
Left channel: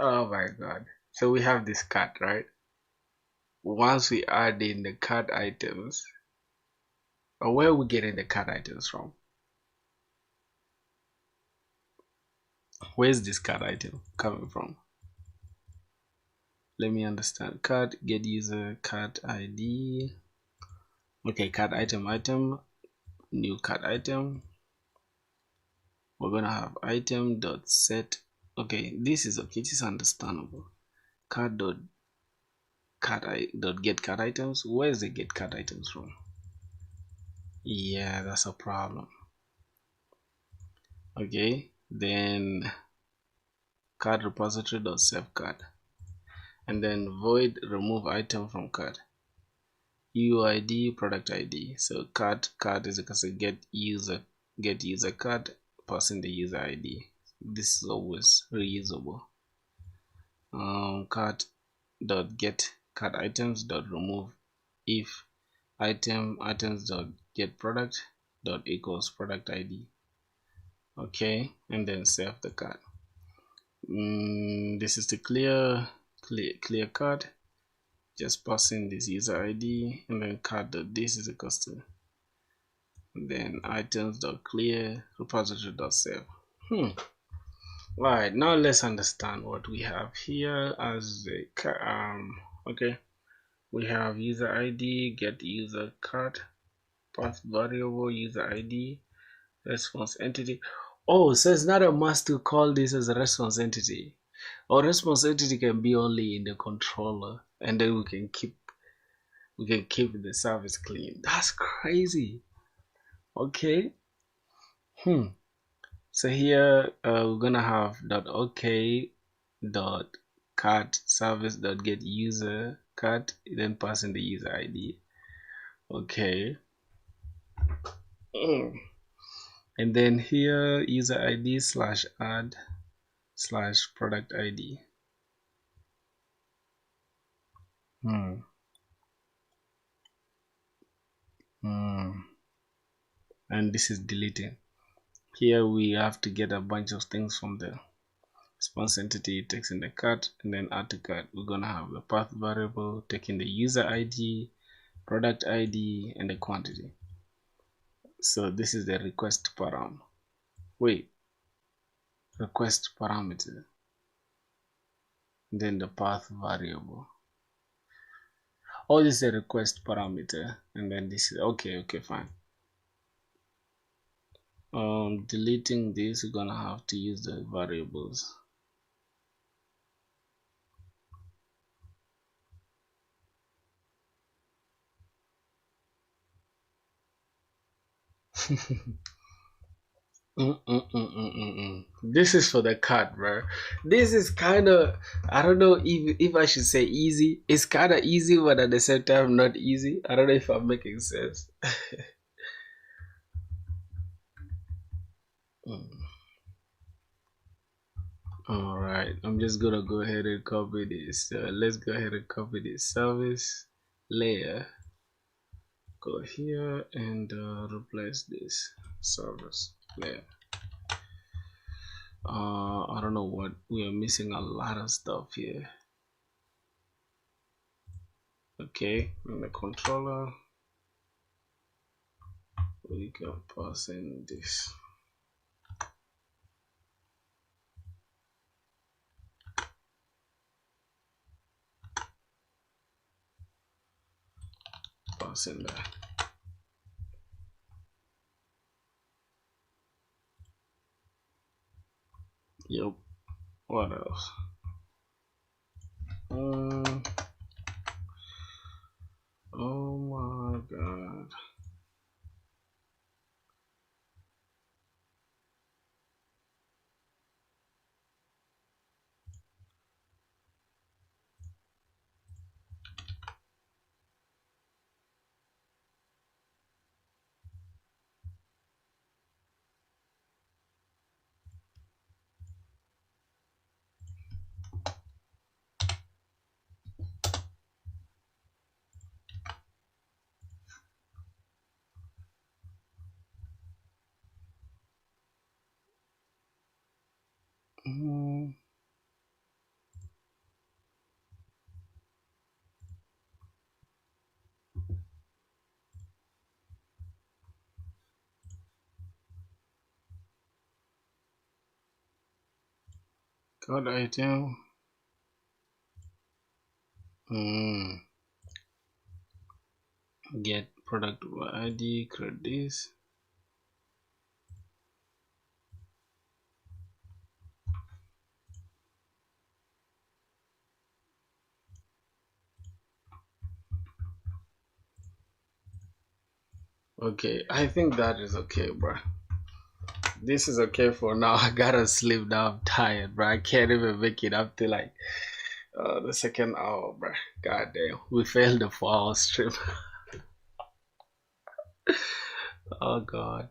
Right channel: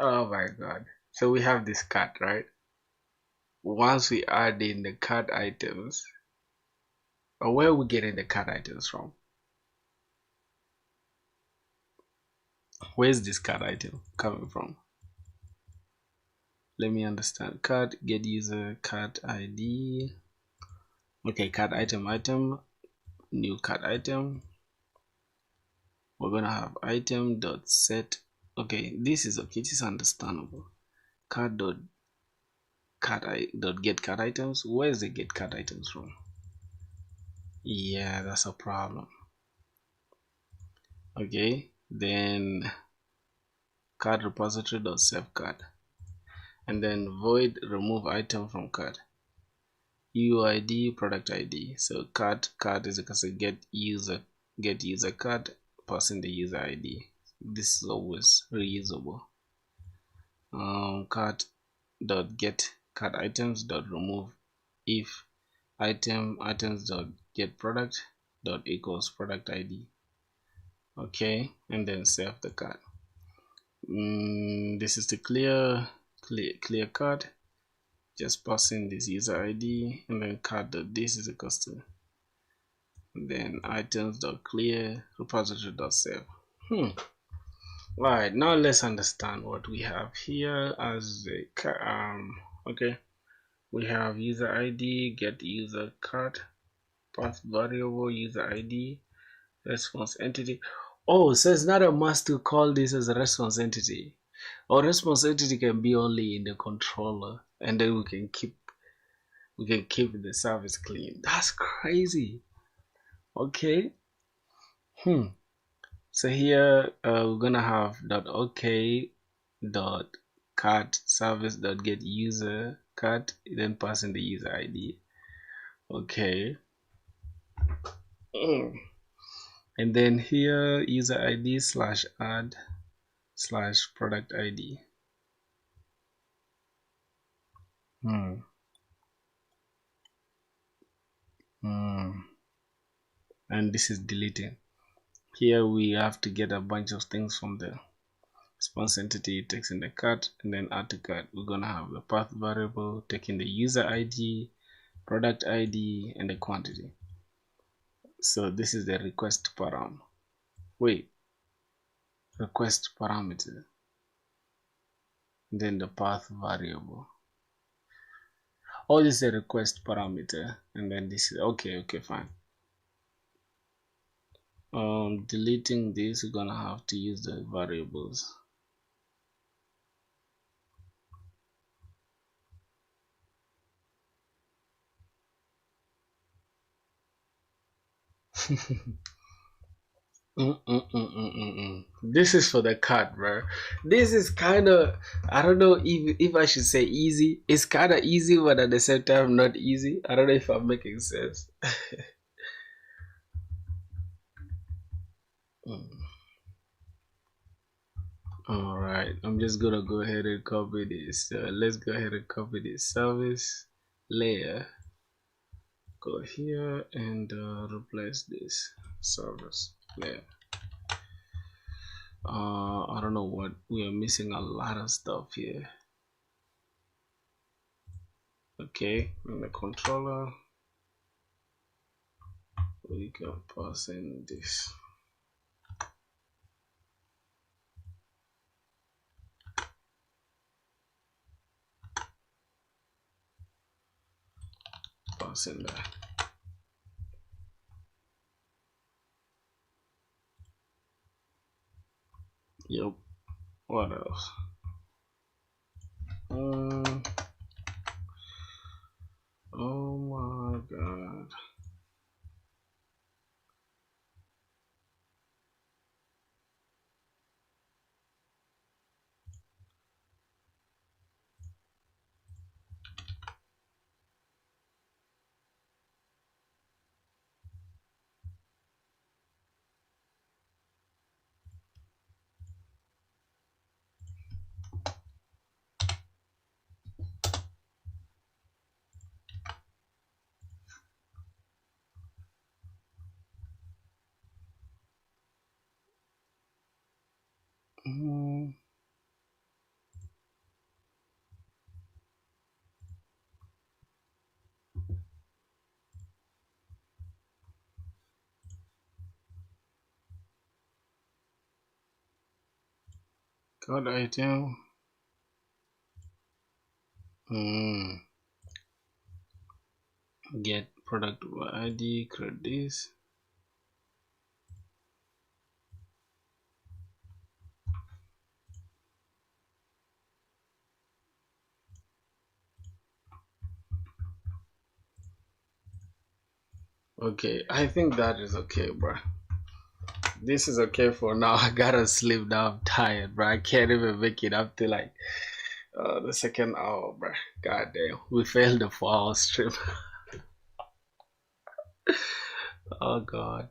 Oh my god. So we have this card, right? Once we add in the card items, or where are we getting the card items from? Where's this card item coming from? Let me understand. Card get user card ID. Okay, card item, new card item. We're gonna have item dot set. Okay, this is okay. This is understandable. Card dot get card items. Where is the get card items from? Yeah, that's a problem. Okay, then card repository dot save card, and then void remove item from card, UID product ID. So card is equal to get user card, passing the user ID. This is always reusable. Card dot get card items dot remove if items dot get product dot equals product ID. Okay, and then save the card. This is the clear card. Just pass in this user ID, and then card dot this is equals to, then items dot clear repository dot save. Right, now let's understand what we have here as the okay, we have user ID get user card, path variable user ID, response entity. Oh, so it's not a must to call this as a response entity, or response entity can be only in the controller, and then we can keep the service clean. That's crazy. Okay. So here we're gonna have .ok .cat service .get user cat, then pass in the user ID. Okay. And then here user ID slash add slash product ID. And this is deleting. Here we have to get a bunch of things from there. response entity, text in the cart, and then add to cart. We're gonna have the path variable taking the user ID, product ID, and the quantity. So this is the request param. Wait, request parameter. Then the path variable. Oh, this is a request parameter, and then this is okay, fine. Deleting this, we're gonna have to use the variables. This is for the card, bro. This is kind of, I don't know if I should say easy. It's kind of easy, but at the same time not easy. I don't know if I'm making sense. All right, I'm just gonna go ahead and copy this. Let's go ahead and copy this service layer. Go here and replace this service layer. I don't know what we are missing, a lot of stuff here. Okay, in the controller we can pass in this. Pass in there. Yep. What else? Oh my god. Code item. Get product ID, create this. Okay, I think that is okay, bro. This is okay for now. I gotta sleep now. I'm tired, bro. I can't even make it up to like the second hour, bro. God damn, we failed the 4-hour stream. Oh god.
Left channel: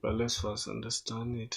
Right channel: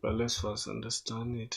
But let's first understand it.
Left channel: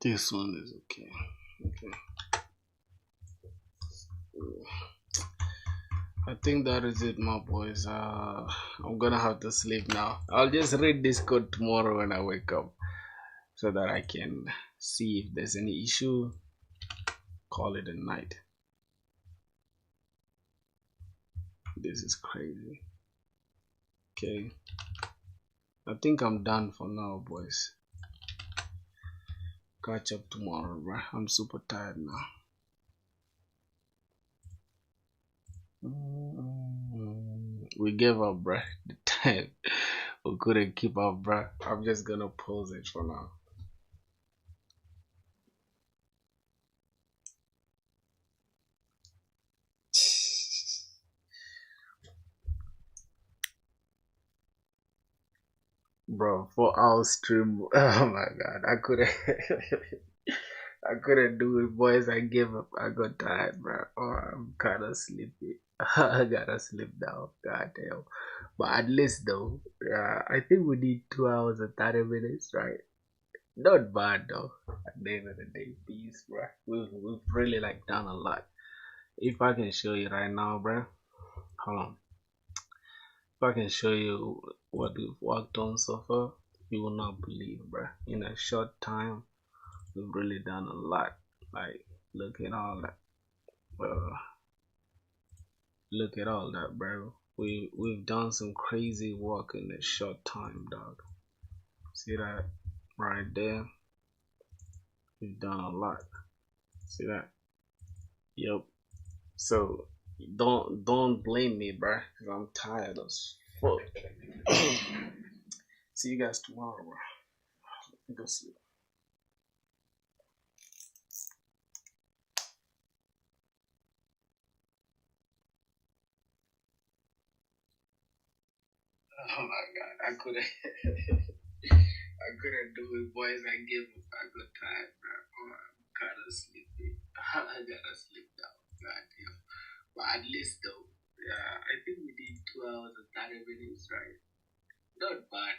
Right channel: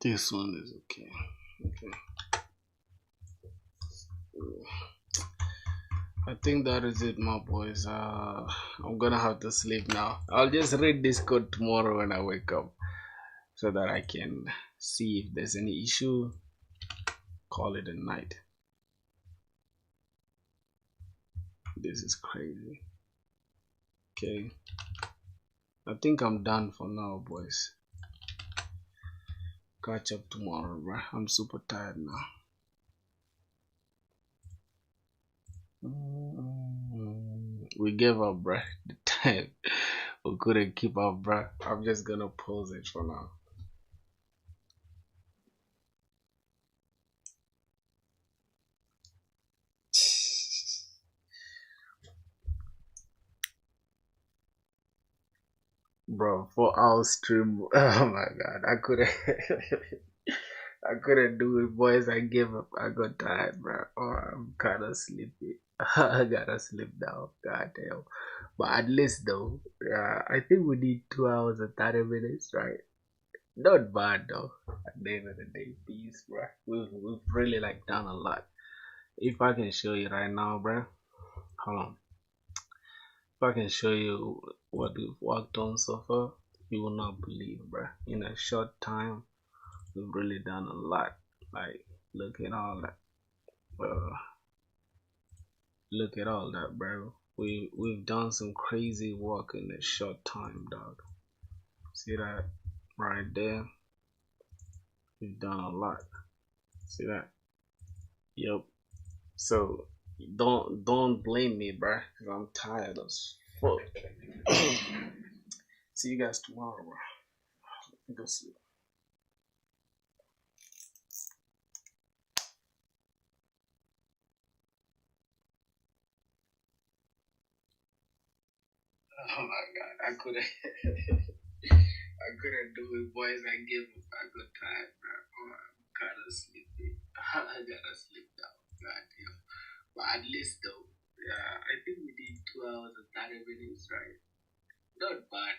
This one is okay. Okay. I think that is it, my boys. I'm gonna have to sleep now. I'll just read this code tomorrow when I wake up so that I can see if there's any issue. Call it a night. This is crazy. Okay. I think I'm done for now, boys. Catch up tomorrow, bro. I'm super tired now. We gave up, bro. The time we couldn't keep up, bro. I'm just gonna pause it for now. Bro, 4 hour stream. Oh my god, I couldn't. I couldn't do it, boys. I gave up. I got tired, bro. Oh, I'm kind of sleepy. I gotta sleep now. God damn. But at least though, I think we need 2 hours and 30 minutes, right? Not bad though. At the end of the day, peace, bro. We've really like done a lot. If I can show you right now, bro. Hold on. If I can show you what we've worked on so far, you will not believe, bro. In a short time, we've really done a lot. Like, look at all that. Uh, look at all that, bro. We've done some crazy work in a short time, dog. See that right there? We've done a lot. See that? Yep. So don't blame me, bro, because I'm tired as fuck. See you guys tomorrow, bro. Go sleep. Oh my god, I couldn't. I couldn't do it, boys. I gave up. I got tired, bro. Oh, I'm kind of sleepy. I gotta sleep now. God damn. But at least though, I think we did 2 hours and 30 minutes, right? Not bad.